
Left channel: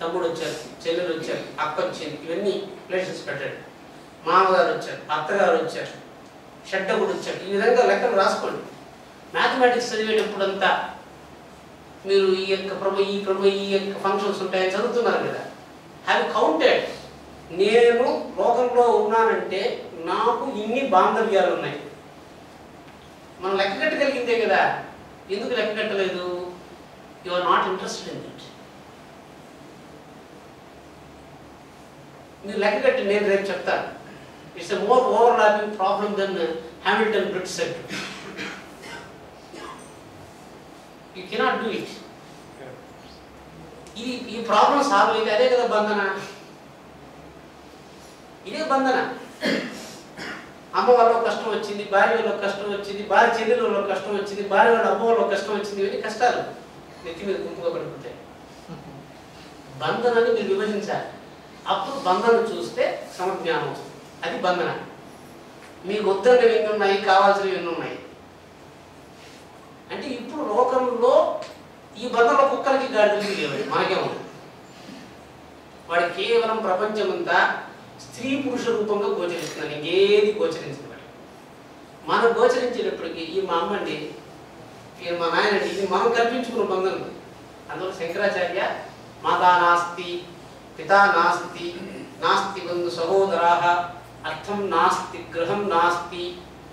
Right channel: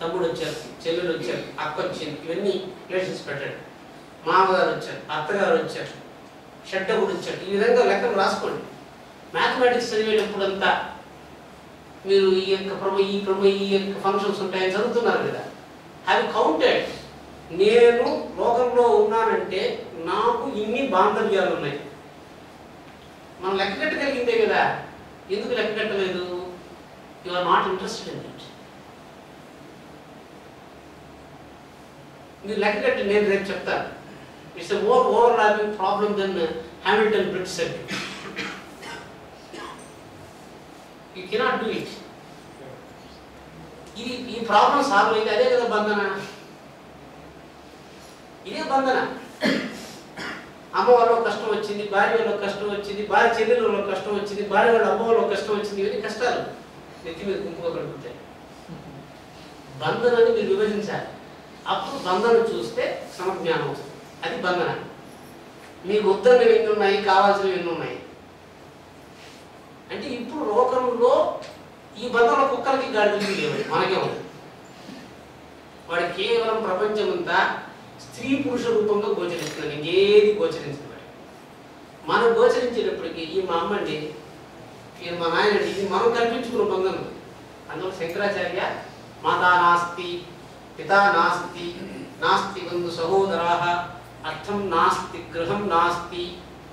తమ్ముడు వచ్చారు, చెల్లెలు వచ్చారు, అక్క వచ్చింది, ఇవన్నీ రిలేషన్స్ పెట్టాడు. మామగారు వచ్చారు, అత్తగారు వచ్చారు, షడ్డగుడు వచ్చాడు. ఈ విధంగా లెక్కలు రాసుకోండి. మ్యాథమెటిక్స్ చదివేటప్పుడంతా మీరు ఈ యొక్క ఫంక్షన్స్ ఉంటాయని చదువుతున్నారు కదా, హ్యావ్ కౌంటెడ్. నేను లోకంలో ఉన్నానంటే నాకు ఇన్ని బాంధవ్యాలు ఉన్నాయి. మనం లెక్క కట్టగలిగిందే కదా. ఎందుకు లెక్క కట్టలేదు? You are not interested in it. మీరు లెక్క కట్టి నేను రేపు చెప్తాను. It's a more overlapping problem then Hamilton bridge set. You cannot do it. ఈ ప్రాబ్లం సాల్వ్ అయితే అదే కదా బంధన. ఇదే బంధన. అమ్మ వాళ్ళ కష్టం వచ్చింది, భార్య వాళ్ళ కష్టం వచ్చింది, భార్య చెల్లెల వాళ్ళ కష్టం వచ్చింది, భార్య వాళ్ళ అమ్మ వాళ్ళ కష్టం వచ్చింది. ఇవన్నీ కష్టాలు నెత్తి మీద గుంపుగా పడిపోతాయి. బంధనాన్ని మీరు విభజించాలి. అప్పుడు బంధన చూస్తే సమజ్ఞానం వస్తుంది. అది బంధన. మీకు వద్దన్నవి ఎన్ని ఉన్నాయి, కావాల్సినవి ఎన్ని ఉన్నాయి అంటే ఇప్పుడు లోకంలో ఈ బంధంలో కుక్కలకి గాడిదలకి లేవు, మనకే ఉంది. వాడి కేవలం ప్రపంచమంతా స్త్రీ పురుష రూపంగా గోచరిస్తున్నాను, ఇంకేది గోచరించదు. మనం గోచరించేటప్పటికి ఈ మా అమ్మ అండి, ఈయన మా నాయన అండి, ఇది మనం కల్పించుకున్న బంధం. అందులో శంకరాచార్య మాతా నాస్తి పితా నాస్తి నాస్తి బంధు సహోదరాః అర్థం నాస్తి గృహం నాస్తి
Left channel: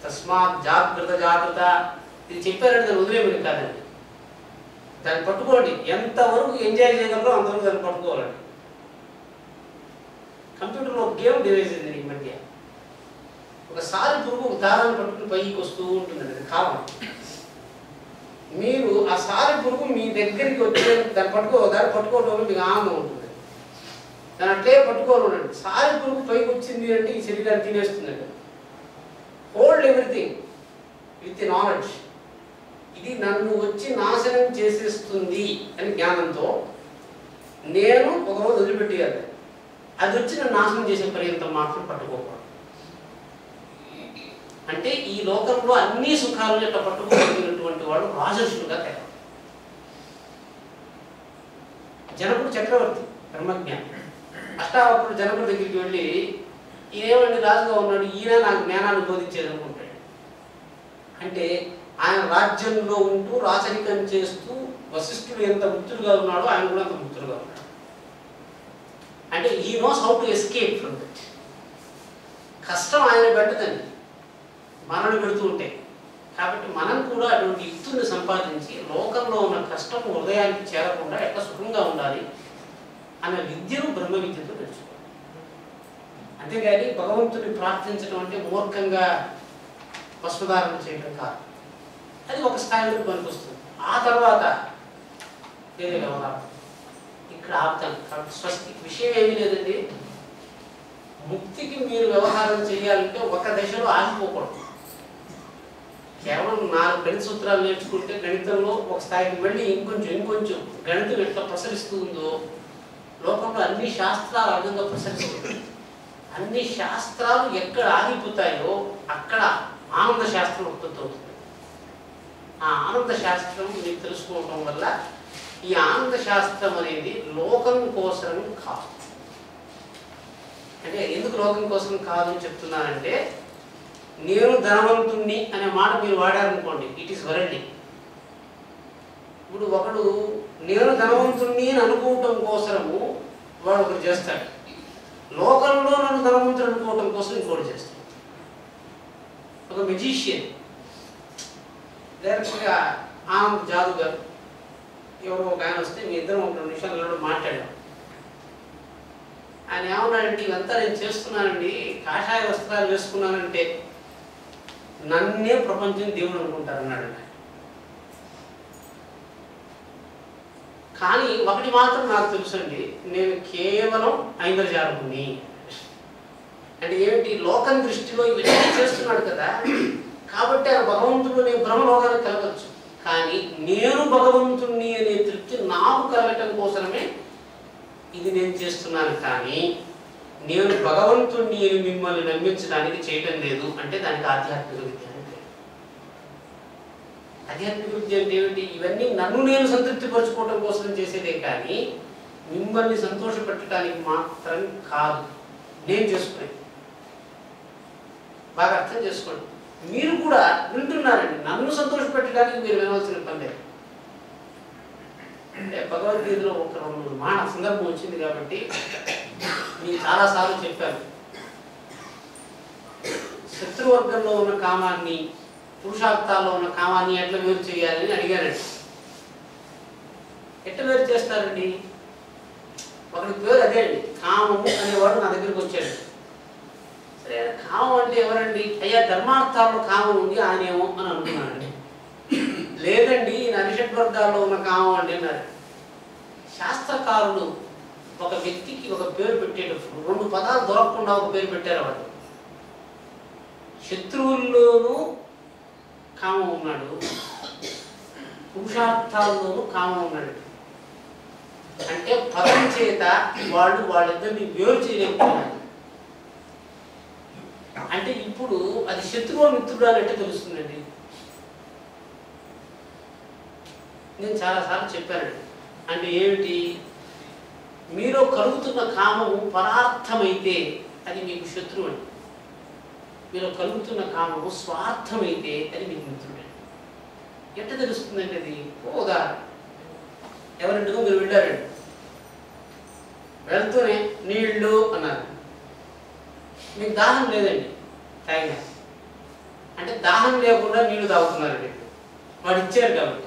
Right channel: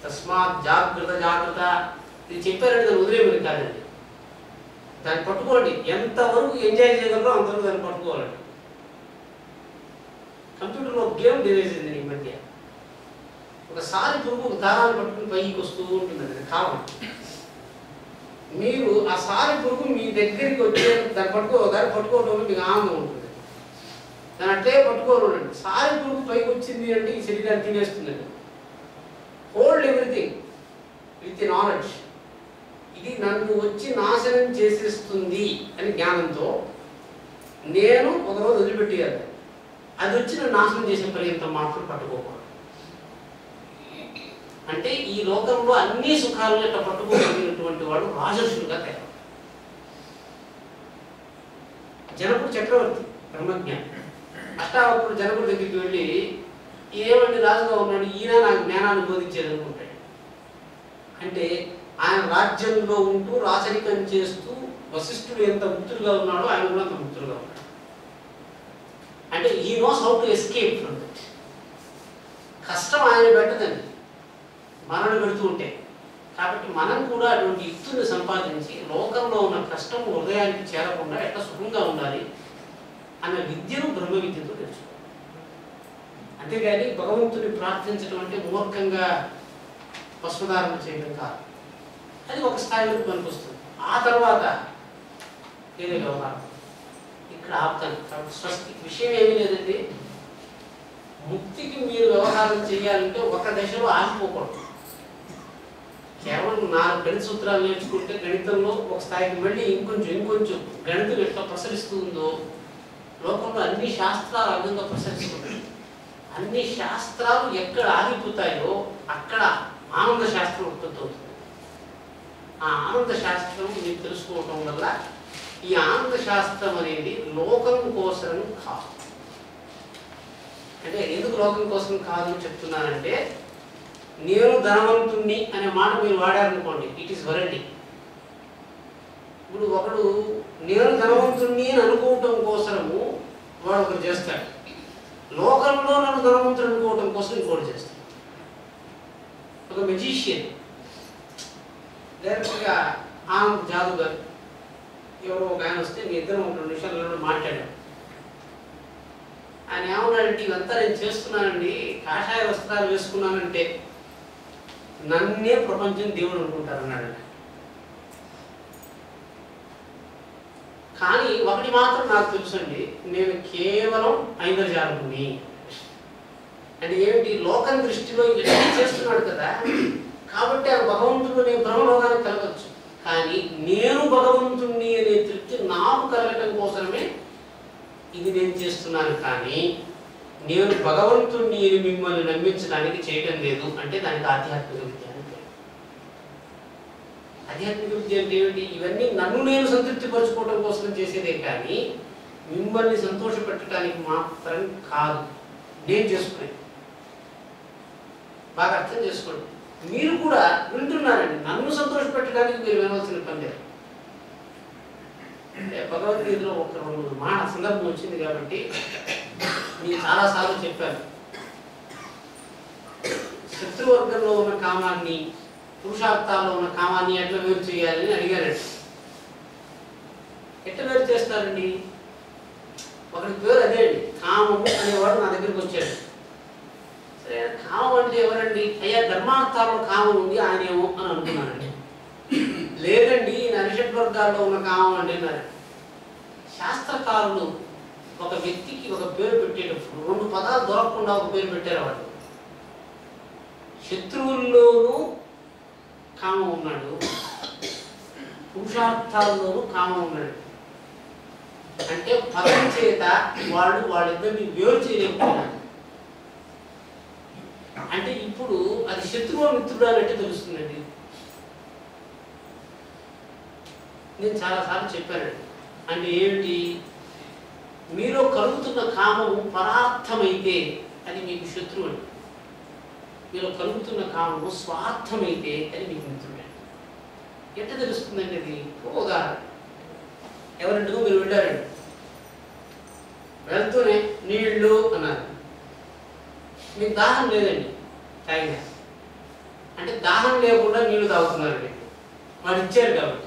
తస్మాత్ జాగ్రత్త ఇది చెప్పారంటే దాన్ని వదిలేమని కాదండి. దాన్ని పట్టుకోండి. ఎంతవరకు ఎంజాయ్ చేయగలరో అంతవరకు దాన్ని పట్టుకోవాలండి. కంప్యూటర్లో ఒక గేమ్ డివైజ్ అయింది ఈ మధ్య. ఒకసారి పురుగు ఒక దారాన్ని పట్టుకుని పైకి వస్తూ ఉంటుందండి, కాలం. మీరు ఆ సారి పురుగు మీ దగ్గరికి వచ్చే దాన్ని పట్టుకోవడం మీకు ఆనందం ఉంటుంది. దాన్ని అట్లే పట్టుకోవాలండి. సారి పురుగు పైకి వచ్చింది అంటే ఈ శరీరాన్ని తినేస్తుందండి. Hold everything with knowledge. ఇది నన్ను వచ్చి నాశనం చేసేస్తుంది అని జ్ఞానంతో నేను ఒకరోజు వదిలిపెట్టేయాలి, అది వచ్చి నన్ను నాశనం చేసే పర్యంత మాత్రం పట్టుకోకూడదు. అంటే ఈ లోకంలో అన్ని సుఖాలను ఎట్లా పట్టుకోగలిగినటువంటి వాడు రాజర్షులుగా తయారు. జనకుడు చక్రవర్తి బ్రహ్మజ్ఞాని. అష్టావక్రుడు జనకుడి దగ్గరికి వెళ్ళి ఏమండి రాజుగా ఉన్నాడు, ఈయన నాకు జ్ఞానాన్ని బోధించేది అనుకుంటాడు. అంటే ఆయన రాజ్యంలో ఉంటూ రాచరికం చేస్తూ వశిష్ఠుడు ఎంత ముక్తుడుగా ఉన్నాడో ఆయన కూడా అంత ముక్తుడుగా ఉన్నాడు. అంటే he knows how to escape from that. కష్టం ఆయన పెట్టదండి, మనల్ని పెడుతూ ఉంటే. కాబట్టి మనం కూడా అటువంటి యుక్తుల్ని సంపాదించి లోకంలో ఉన్న కష్టం హృదయానికి చేరకుండా ఎట్లా సుఖంగా ఉండాలి అనే విద్యను బ్రహ్మ విద్యతో తెలుసుకోవాలి. అంతేగాని భగవంతుని ప్రార్థించడం అంటే మూర్ఖంగా వస్త్రధారణ చేయడం కాదు. అది ఒక స్థాయిలో పనికొస్తుంది. ఆ తర్వాత వేరే వ్యవహారం. ఇక్కడ ఆపుతాను. కాబట్టి స్వస్తి విషయం ఏమీ లేదండి. ముక్తికి మీరు వ్యవహారం చేయాలంటే ఒక దశలో ఆగిపోకూడదు. కేవలం 4 గణిత సూత్రాలు నేర్చుకుంటే గణితంలో ఒక స్థాయికి మళ్ళీ ఇంకొంచెం గణితం ఎట్లా ప్రసరిస్తూ ఉందో లోకంలో అన్ని శాస్త్రాలు ఆ విధంగా ప్రసరిస్తుంటాయి. అన్ని శాస్త్రాలు ఎక్కడ ఆగిపోతాయో అక్కడ ఆనంద శాస్త్రం ఉత్పత్తి అవుతుంది. ఆ ఆనంద శాస్త్రం మీరు తెలుసుకోవటం వల్ల ఈ ఆనంద శాస్త్రం అనేది లోకం కోసం కాదు. అంటే ఎందుకు లోకం కోసం కాదు అని చెప్తున్నానంటే, నేను ధనవంతుణ్ణి అనే మాట మీరు వాడారనుకోండి, ఇట్ ఈస్ వరండి. ఇప్పుడు ఒకడు నేను ధనవంతుణ్ణి అని అనుకోవటం కోసము వాడు ఒకరు చేస్తాడు, లోకంలో నన్ను ధనవంతుడు అనుకోవటం కోసం ఇంకోటి చేస్తాడు. ఒక మెజిషియన్ డైరెక్ట్గా ఆనంద్ జాదుగర్ ఎవరో ఒక ఆయన వస్తే మీ ఇద్దరం ఒక 2 నిమిషాలలో మాట్లాడాం. ఆయన ఏమన్నాడంటే, ఇవంతా నేను చేస్తున్నానండి, కాషాయ వస్త్రాలు వేసుకున్నానంటే నన్నే ప్రపంచం దేవుడు అనుకుంటారు అన్నాడు. కానీ ఒకటి మాత్రం నాకు తెలుసండి, నేను కేవలం ఐంద్రజాలకుని. అంటే ఏమిటి, లోకం దృష్టిలో ఇవన్నీ చేస్తున్నాడు కదా, కాబట్టి ఆ భగవంతుడు నేను బ్రహ్మలోకానికి కలగచ్చు. కానీ నేను భగవంతుణ్ణి అనే తృప్తి నాకు కలగటం కోసమే ఇది నేను చేస్తున్నాను. కానీ నేను భగవంతుణ్ణి అని మిమ్మల్ని నమ్మించడానికి చేయటం లేదు. అంటే దానికి ఆధ్యాత్మిక విద్య అంటే. ఆధ్యాత్మిక విద్య అంటే ఏమిటి, ఇవన్నీ నన్ను నేను సంతృప్తి పరచుకోవడం కోసం చేసేదే కానీ మిమ్మల్ని సంతోషపెట్టడానికి మాత్రం కాదు నేను చేసుకునేది. బాగా అర్థం చేసుకోండి. మీరు కూడా వింటున్నారండి, నన్ను సంతోషపెట్టడానికి మీరు వినవలసిన పని లేదు. అంటే భగవద్గీతలో ఒక 2 మాట సందర్భం వచ్చింది కాబట్టి నేను చాలాసార్లు చెప్పాను. శత్రువర్గంలో ఉన్న కామాన్ని పురుషార్థాల్లో ఉన్న కామాన్ని ఎట్లా వేరు చేయాలని అడిగారండి. ఎట్లా వేరు చేస్తారండి? ఒకటి పేరు అదే అండి, కామము అనేవాడు నా దగ్గరికి వచ్చాడు. సరే, కామం అంటే ఎవరండి? అయ్యా ధర్మార్థాల్లో కామం ఉంది ఆయనేమో అని అనుకున్నానండి. లేదండి అరిషడ్ వర్గాల్లో ఉన్న కామం అండి అన్నారు. శాస్త్రకారులు ఒక వ్యక్తికి ఒక పేరు పెట్టేటప్పుడు 2 పదాలు దొరకకుండా ఒక పేరు పెట్టారు. వాడు శత్రువుల్లోనూ కామం ఉన్నాడు, పురుషార్థాల్లోనూ కామం ఉన్నాడు. అంటే పదం చేత వాళ్ళిద్దరిని వేరు చేయలేకపోయినాడు. అంటే ఇప్పుడు అది శత్రువు మిత్రుడు అన్నట్టు తెలుస్తుందండి. నేను చాలాసార్లు చెప్పానండి. అంటే ఏమిటి, మీలో కలుగుతున్న కామము పరార్థమైతే అది మీకు శత్రువు అండి. మీలో కలుగుతున్న కామము స్వార్థమైతే అది మీకు మిత్రుడు అండి. ఎట్లా తెలుస్తుందండి అది? ఉదాహరణ, ఎవరింటికో మీరు వెళ్ళారండి, వెళ్తూనే నీళ్ళు అన్నారు. మీకు దాహం లేదండి, తాగినా. అంటే దాహం లేకుండా నీళ్లు తాగుతున్నారండి, వాడు ఇచ్చారు కాబట్టి.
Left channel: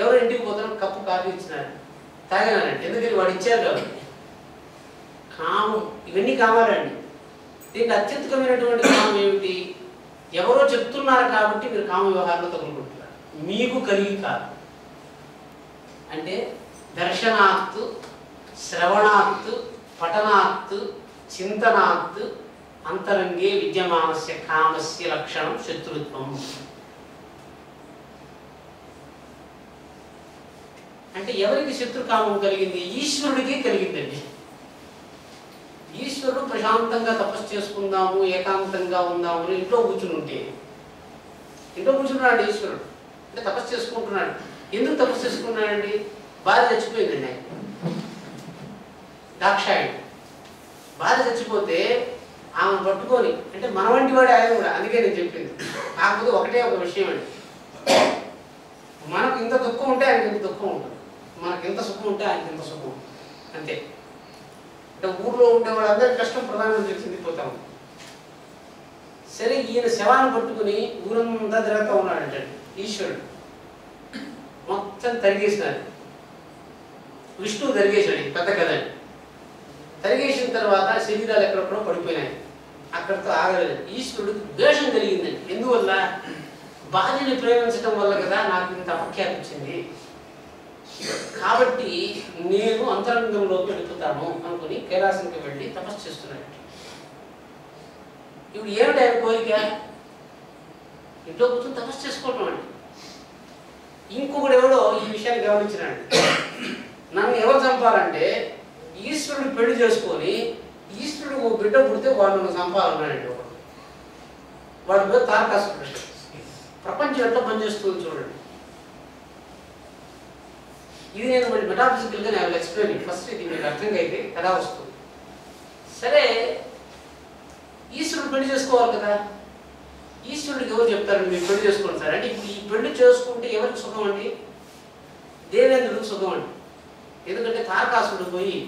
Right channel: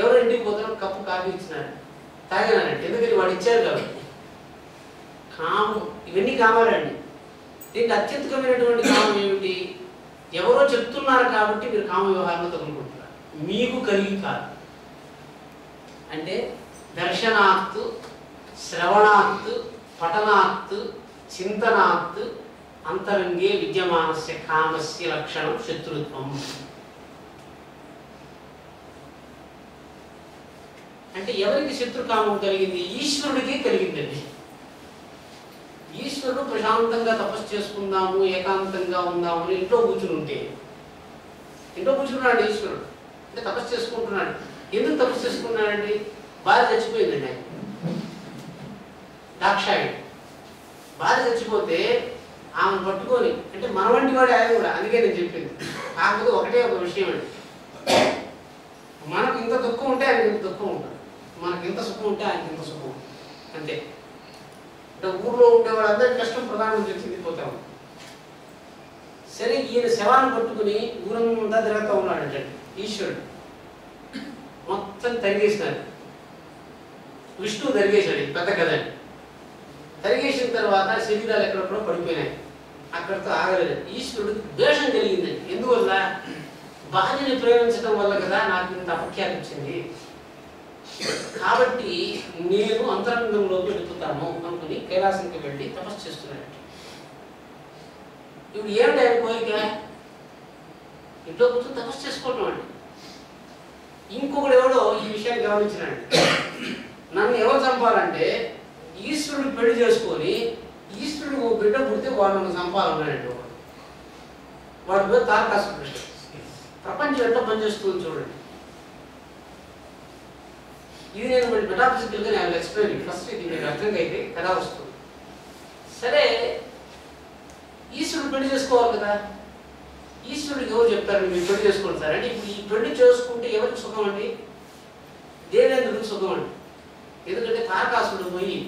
ఎవరు ఇంటికి పోతారో కప్పు కాఫీ ఇచ్చినారు, తాగినారంటే ఎందుకని వాడు ఇచ్చారు కాబట్టి. కామం, ఇవన్నీ కావాలండి. దీనికి అత్యధికమైనటువంటి కామం ఏమిటి? ఎవరో చెప్తున్నారు కాబట్టి మీరు కామ వ్యవహారంలో తగులుకుంటున్నారు, మీకు కలిగి కాదు. అంటే దర్శనాత్, శ్రవణాత్, పఠనాత్, చింతనాత్ అంతరంగే విద్యమానస్య కామస్య లక్షణం శత్రుత్వం. అంటే ఎవరికి శత్రుకామం కలిగింది? ఈశ్వరుడికి కలిగిందండి. ఈశ్వరుడు ప్రశాంతంగా తపస్సు చేసుకుందాము, ఏకాంతంగా ఉందాము అని ఇంట్లో కూర్చుని ఉంటే, ఇంట్లో కూర్చున్నాడు ఈశ్వరుడు, అంటే తపస్సు చేసుకుంటున్నాడు. ఎందుకు తపస్సు చేసుకున్నాడండి? భార్య చచ్చిపోయిందండి. ఆయన దాక్షాయుడు భార్య చచ్చిపోతే ఆమెను పట్టుకొని, అంటే మన వంటి వాడు ఆయన కూడా, అందుకే నేను చెప్పింది. కాకపోతే ఒకటే ఒక విషయం అండి, మనకు ఇంత దుఃఖం ఉంటే ఆయనకి ఇంత దుఃఖం ఉంటుంది, మనకి ఇంత సుఖం ఉంటే ఆయనకి ఇంత సుఖం ఉంటుంది, అంతే. అంటే ఊళ్ళో ఉండే వాళ్ళందరికీ కష్టం ప్రధానమంత్రి చెందిపోతాం. సరే, ఈయన శవాన్ని పట్టుకుని ఊరంతా తిరుగుతూ ఉన్నాడంటే ఈశ్వరుడు మొత్తం తరిగేసినాడు. విష్ణువు తరిగేశాడు, పెద్ద కథని. తరిగేసిన తర్వాత శరీరాలు ఎక్కడెక్కడో పడిపోయినాయి. అక్కడితో ఆగలేదు. ఈశ్వరుడికి ద్వేషం కలిగిందండి. ఎందువల్ల? భార్యని ప్రేమించడం వల్ల కదా నాకు ఇంత అపఖ్యాతి వచ్చింది. కాబట్టి నేను అంతరంగంలోకి వెళుతాను అనుకుని కైలాసానికి వెళ్ళి తపస్సు చేస్తున్నాడు. ఇప్పుడు ఏమిటి ఆయన కోరిక? ఇంట్లో కూర్చొని తపస్సు చేసుకోవటం అండి. ఇంకొకడు ఎవడో ఈ విషయాన్ని గమనించినాడు. నన్ను ఎవరు చంపాలంటే ఈశ్వరుడు పెళ్లి చేసుకొని ఈశ్వరుడు ఓ బిడ్డ పుడితే వాడు నన్ను చంపాలన్నాడండి. వాడి పేరు తారకాసురుడు. ప్రపంచం ఎట్లా పనిచేస్తుందో చూడండి. ఇది నేను మళ్ళీ మెటాఫిజికల్గా నేను ఎక్స్ప్లెయిన్. ఫస్ట్ ఇది మీకు అర్థంగా అయితే కదా వస్తుంది. సరే, ఈశ్వరుడు పెళ్లి చేసుకోవాలి కదా. ఈశ్వరుడికి ఎవరు చెప్తారు మీరు పెళ్లి చేసుకోండి సార్ అంటే? ఇప్పుడు ఈ పెళ్లి చేసుకుంటే ఎవరికి సుఖం అండి? దేవేంద్రుడికి సుఖం అండి. ఎందుకంటే తారకాసురుడు పోయి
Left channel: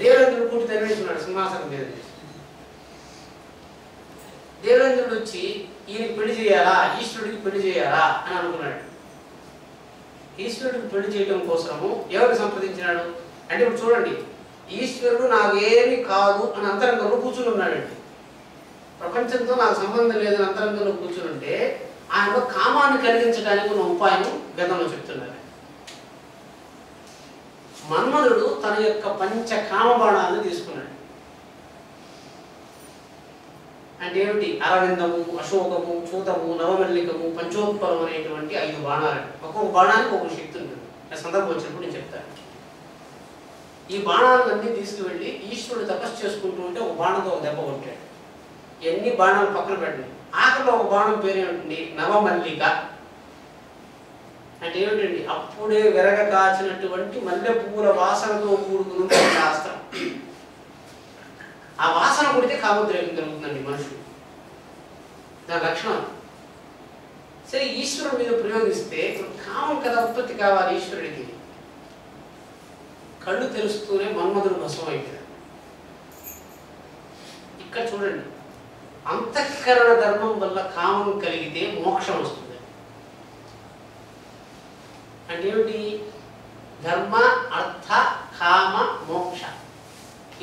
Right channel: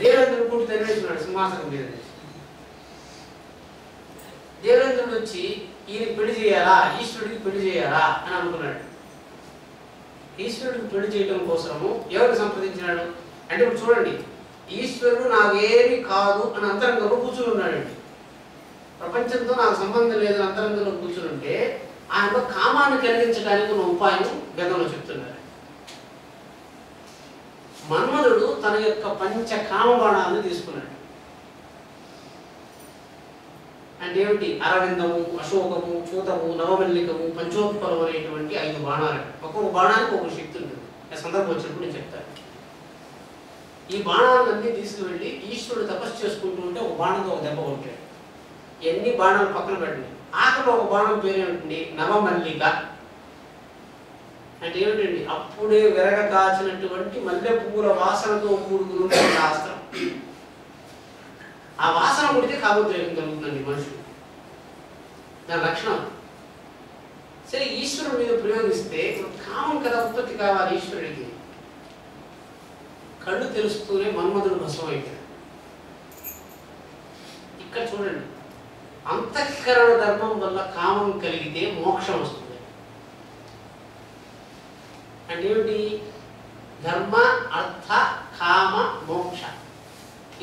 దేవేంద్రుడు కూటి తరివేసుకున్నాడు సింహాసనం మీద. దేవేంద్రుడు వచ్చి ఈయన పెళ్లి చేయాలా, ఈశ్వరుడికి పెళ్లి చేయాలా అని అనుకున్నాడు. ఈశ్వరుడికి పెళ్లి చేయడం కోసము ఎవరిని సంప్రదించినాడు అంటే, ఇప్పుడు చూడండి, ఈశ్వరుడు నాకేమి కాదు అని అంతరంగంలో కూర్చుని ఉన్నాడండి. ప్రపంచంతో నాకు సంబంధం లేదని అంతరంగంలో కూర్చుని ఉంటే ఆయనలో కామాన్ని కలిగించడానికి ఉన్న ఉపాయం గతంలో చెప్తున్నారు. మన్మధుడు తన యొక్క పంచ కామబాణాలను తీసుకున్నాడు. అంటే ఏమిటి? అరవిందము, అశోకము, చూతము, నవమల్లికము, పంచోత్పలం అనేటువంటి 5 బాణాలు. ఒక్కొక్క బాణానికి ఒక్కొక్క శక్తి ఉంటుంది. ఆ సందర్భం వచ్చినప్పుడు నేను చెప్తాను. ఈ బాణాలన్నీ తీసుకువెళ్ళి ఈశ్వరుడు తపస్సు చేసుకుంటూ ఉంటే ఒక బాణంతో ఒక దెబ్బ కొట్టాడు. ఎన్ని బాణాలు పక్కన పెట్టండి. ఆఖరిలో ఒక బాణం పేరు ఏమిటండి? నవమల్లిక. అంటే ఏమిటండి? అప్పుడే విరగ కాచినటువంటి మల్లె పువ్వుల వాసనతో కూడుకున్న శాస్త్రం. ఆ వాసన కొడితే కామోద్రేకం కలుగుతుందండి మనుషులు. దాని లక్షణం. సరే, ఈశ్వరుడు మీద ప్రయోగిస్తే కామం కదా ఉత్పత్తి కావాలి ఈశ్వరుడికి. కళ్ళు తెలుస్తూనే మన్మధుడు భస్మం అయిపోయాడు. ఇక్కడ చూడండి, అంతఃకరణ ధర్మం వల్ల కామం కలిగితే మోక్షం వస్తుంది. అంటే ఏమిటి? ధర్మ, అర్థ, కామ, మోక్ష.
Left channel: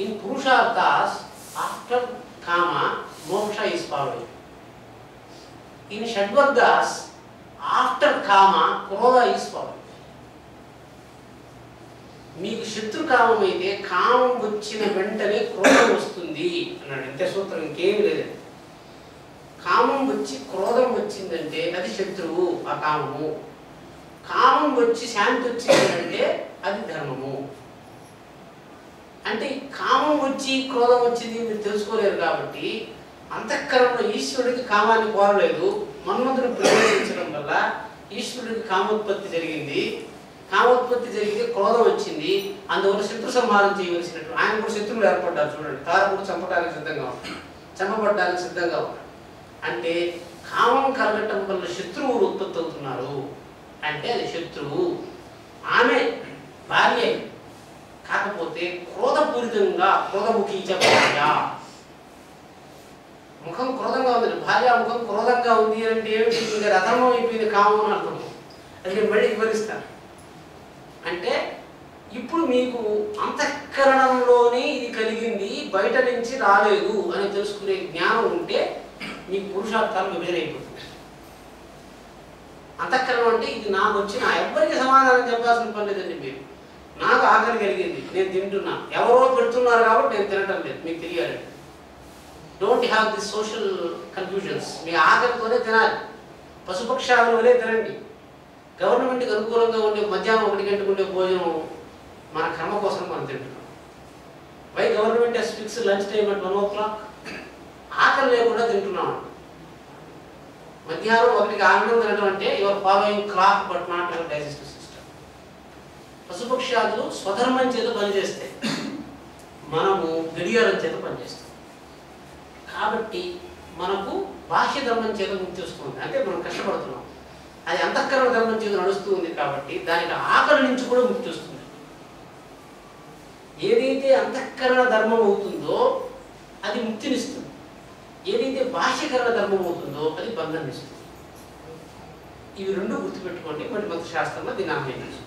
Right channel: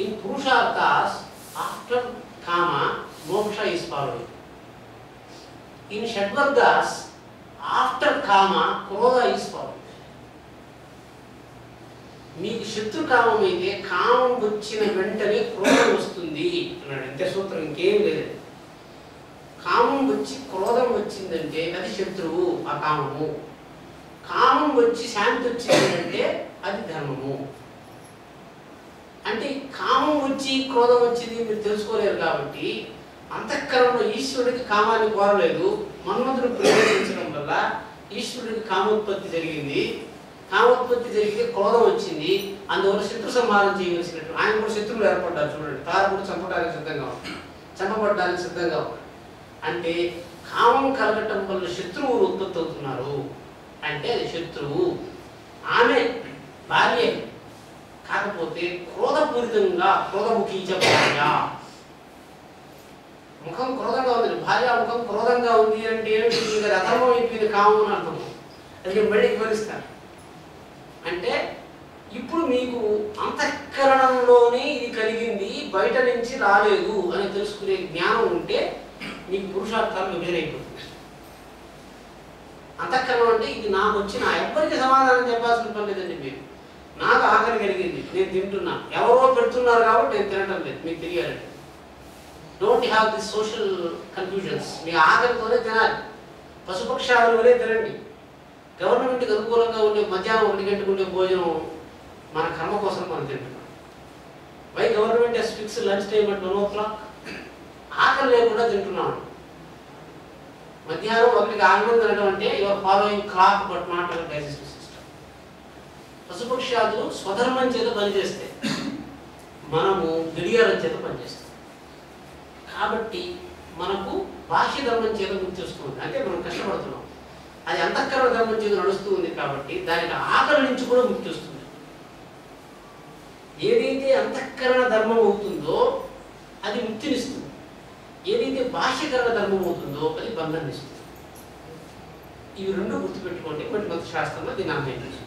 ఇన్ పురుషార్థాస్ ఆఫ్టర్ కామ మోక్ష ఈస్ ఫాలోయింగ్. ఇన్ షడ్వర్గాస్ ఆఫ్టర్ కామ క్రోధ ఈస్ ఫాలోయింగ్. మీకు శత్రుకామం అయితే కామం వచ్చిన వెంటనే క్రోధం వస్తుంది అన్నాడు. అంతే సూత్రం, ఇంకేమి లేదండి. కామం వచ్చి క్రోధం వచ్చిందంటే అది శత్రువు, ఆ కామము. కామం వచ్చి శాంతి వచ్చిందంటే అది ధర్మము. అంటే కామం వచ్చి క్రోధం వచ్చింది మీరు తెలుసుకోలేరు కాబట్టి అంతఃకరణలో ఈశ్వరుడికి కామాన్ని కోరలేదు. మన్మధుడు ప్రవేశించడం వల్ల ఈశ్వరుడికి కామోత్పత్తి జరిగింది. కామోత్పత్తి జరిగితే క్రోధం వచ్చింది. అందువల్ల శత్రు సంహారం చేయవలసినట్టు ఆయన కూడా శత్రువులు ఏర్పడ్డారు. చూడండి, తారకుడు చంపడానికి సిద్ధంగా ఉన్నాడు, చంపబడ్డానికి సిద్ధంగా ఉన్నాడు. అంటే కామం కలగటం వల్ల శత్రువులు ఉత్పత్తి అవుతున్నారు. అంటే అది శత్రువు, ఆమె భార్య. కాకపోతే క్రోధపూరితంగా క్రోధముఖీచ భార్య, ముఖం క్రోధంగా ఉంది. భార్య ముఖం క్రోధంగా ఉంది అంటే ఏమిటి? ఇంకా అధర్మం అయిపోయింది కామం అని అర్థం. అది నేను మళ్ళీ వివరిస్తాను. అంటే ఇప్పుడు మీకు అంతఃకరణంలోనే ఇది కలిగింది, బయట నుంచి రాలేదు అని తెలుసుకునే జ్ఞానం ఉంటే మీకు పురుషార్థాలు విభేదైపోతుంది. అంతఃకరణం అంటే ఇది నాకు వచ్చిన, ఎవ్వరికి సమాధానం చెప్పాల్సిన పని లేదండి. మీరు నాకు ఆకలి కలిగింది, నేను తింటున్నా, ఎవరో పెడుతున్నారు కాబట్టి నేను తినటం లేదు, మీకు తెలియాలండి. Don't have the social confusions. మీ ఆకలితోనే తినాలి, పశుపక్షాదుల వలే తినండి. గవర్నమెంట్కి అనుకూలంగా ఉండే మధ్యాహ్నం 1 గంటకు ఉండే భోజనం మన కర్మ కోసం మనం తింటున్నాం. Why government has fixed lunch time at 1 o'clock? ఆకలి లేకుండా తింటున్నాం. మధ్యాహ్నం 1కి ఆనందం తినడం అంటే your following clock but not your digestive system. పశుపక్షాదులు స్వధర్మం చేత పనిచేస్తాయి, మనము గడియారం చేత పనిచేస్తాం. కాబట్టి మనకు బాహ్య ధర్మం చేత ముక్తి వస్తుంది, అంటే మనం కష్టపడుతున్నాం. అది అంతఃకరణ ధర్మం చేత నడుస్తూ ఉంది కాబట్టి దానికి ఆకలి నుంచి కూడా ముక్తి వస్తుంది. ఏదైతే అంతఃకరణ ధర్మం అవుతుందో అది ముక్తినిస్తుంది, ఏదైతే బాహ్యకరణ ధర్మం అవుతుందో అది బంధాన్ని ఇస్తుంది. ఇవి రెండు గుర్తుపెట్టుకోండి. మరి మంత్రశాస్త్రంలో దీన్ని అన్వయించు.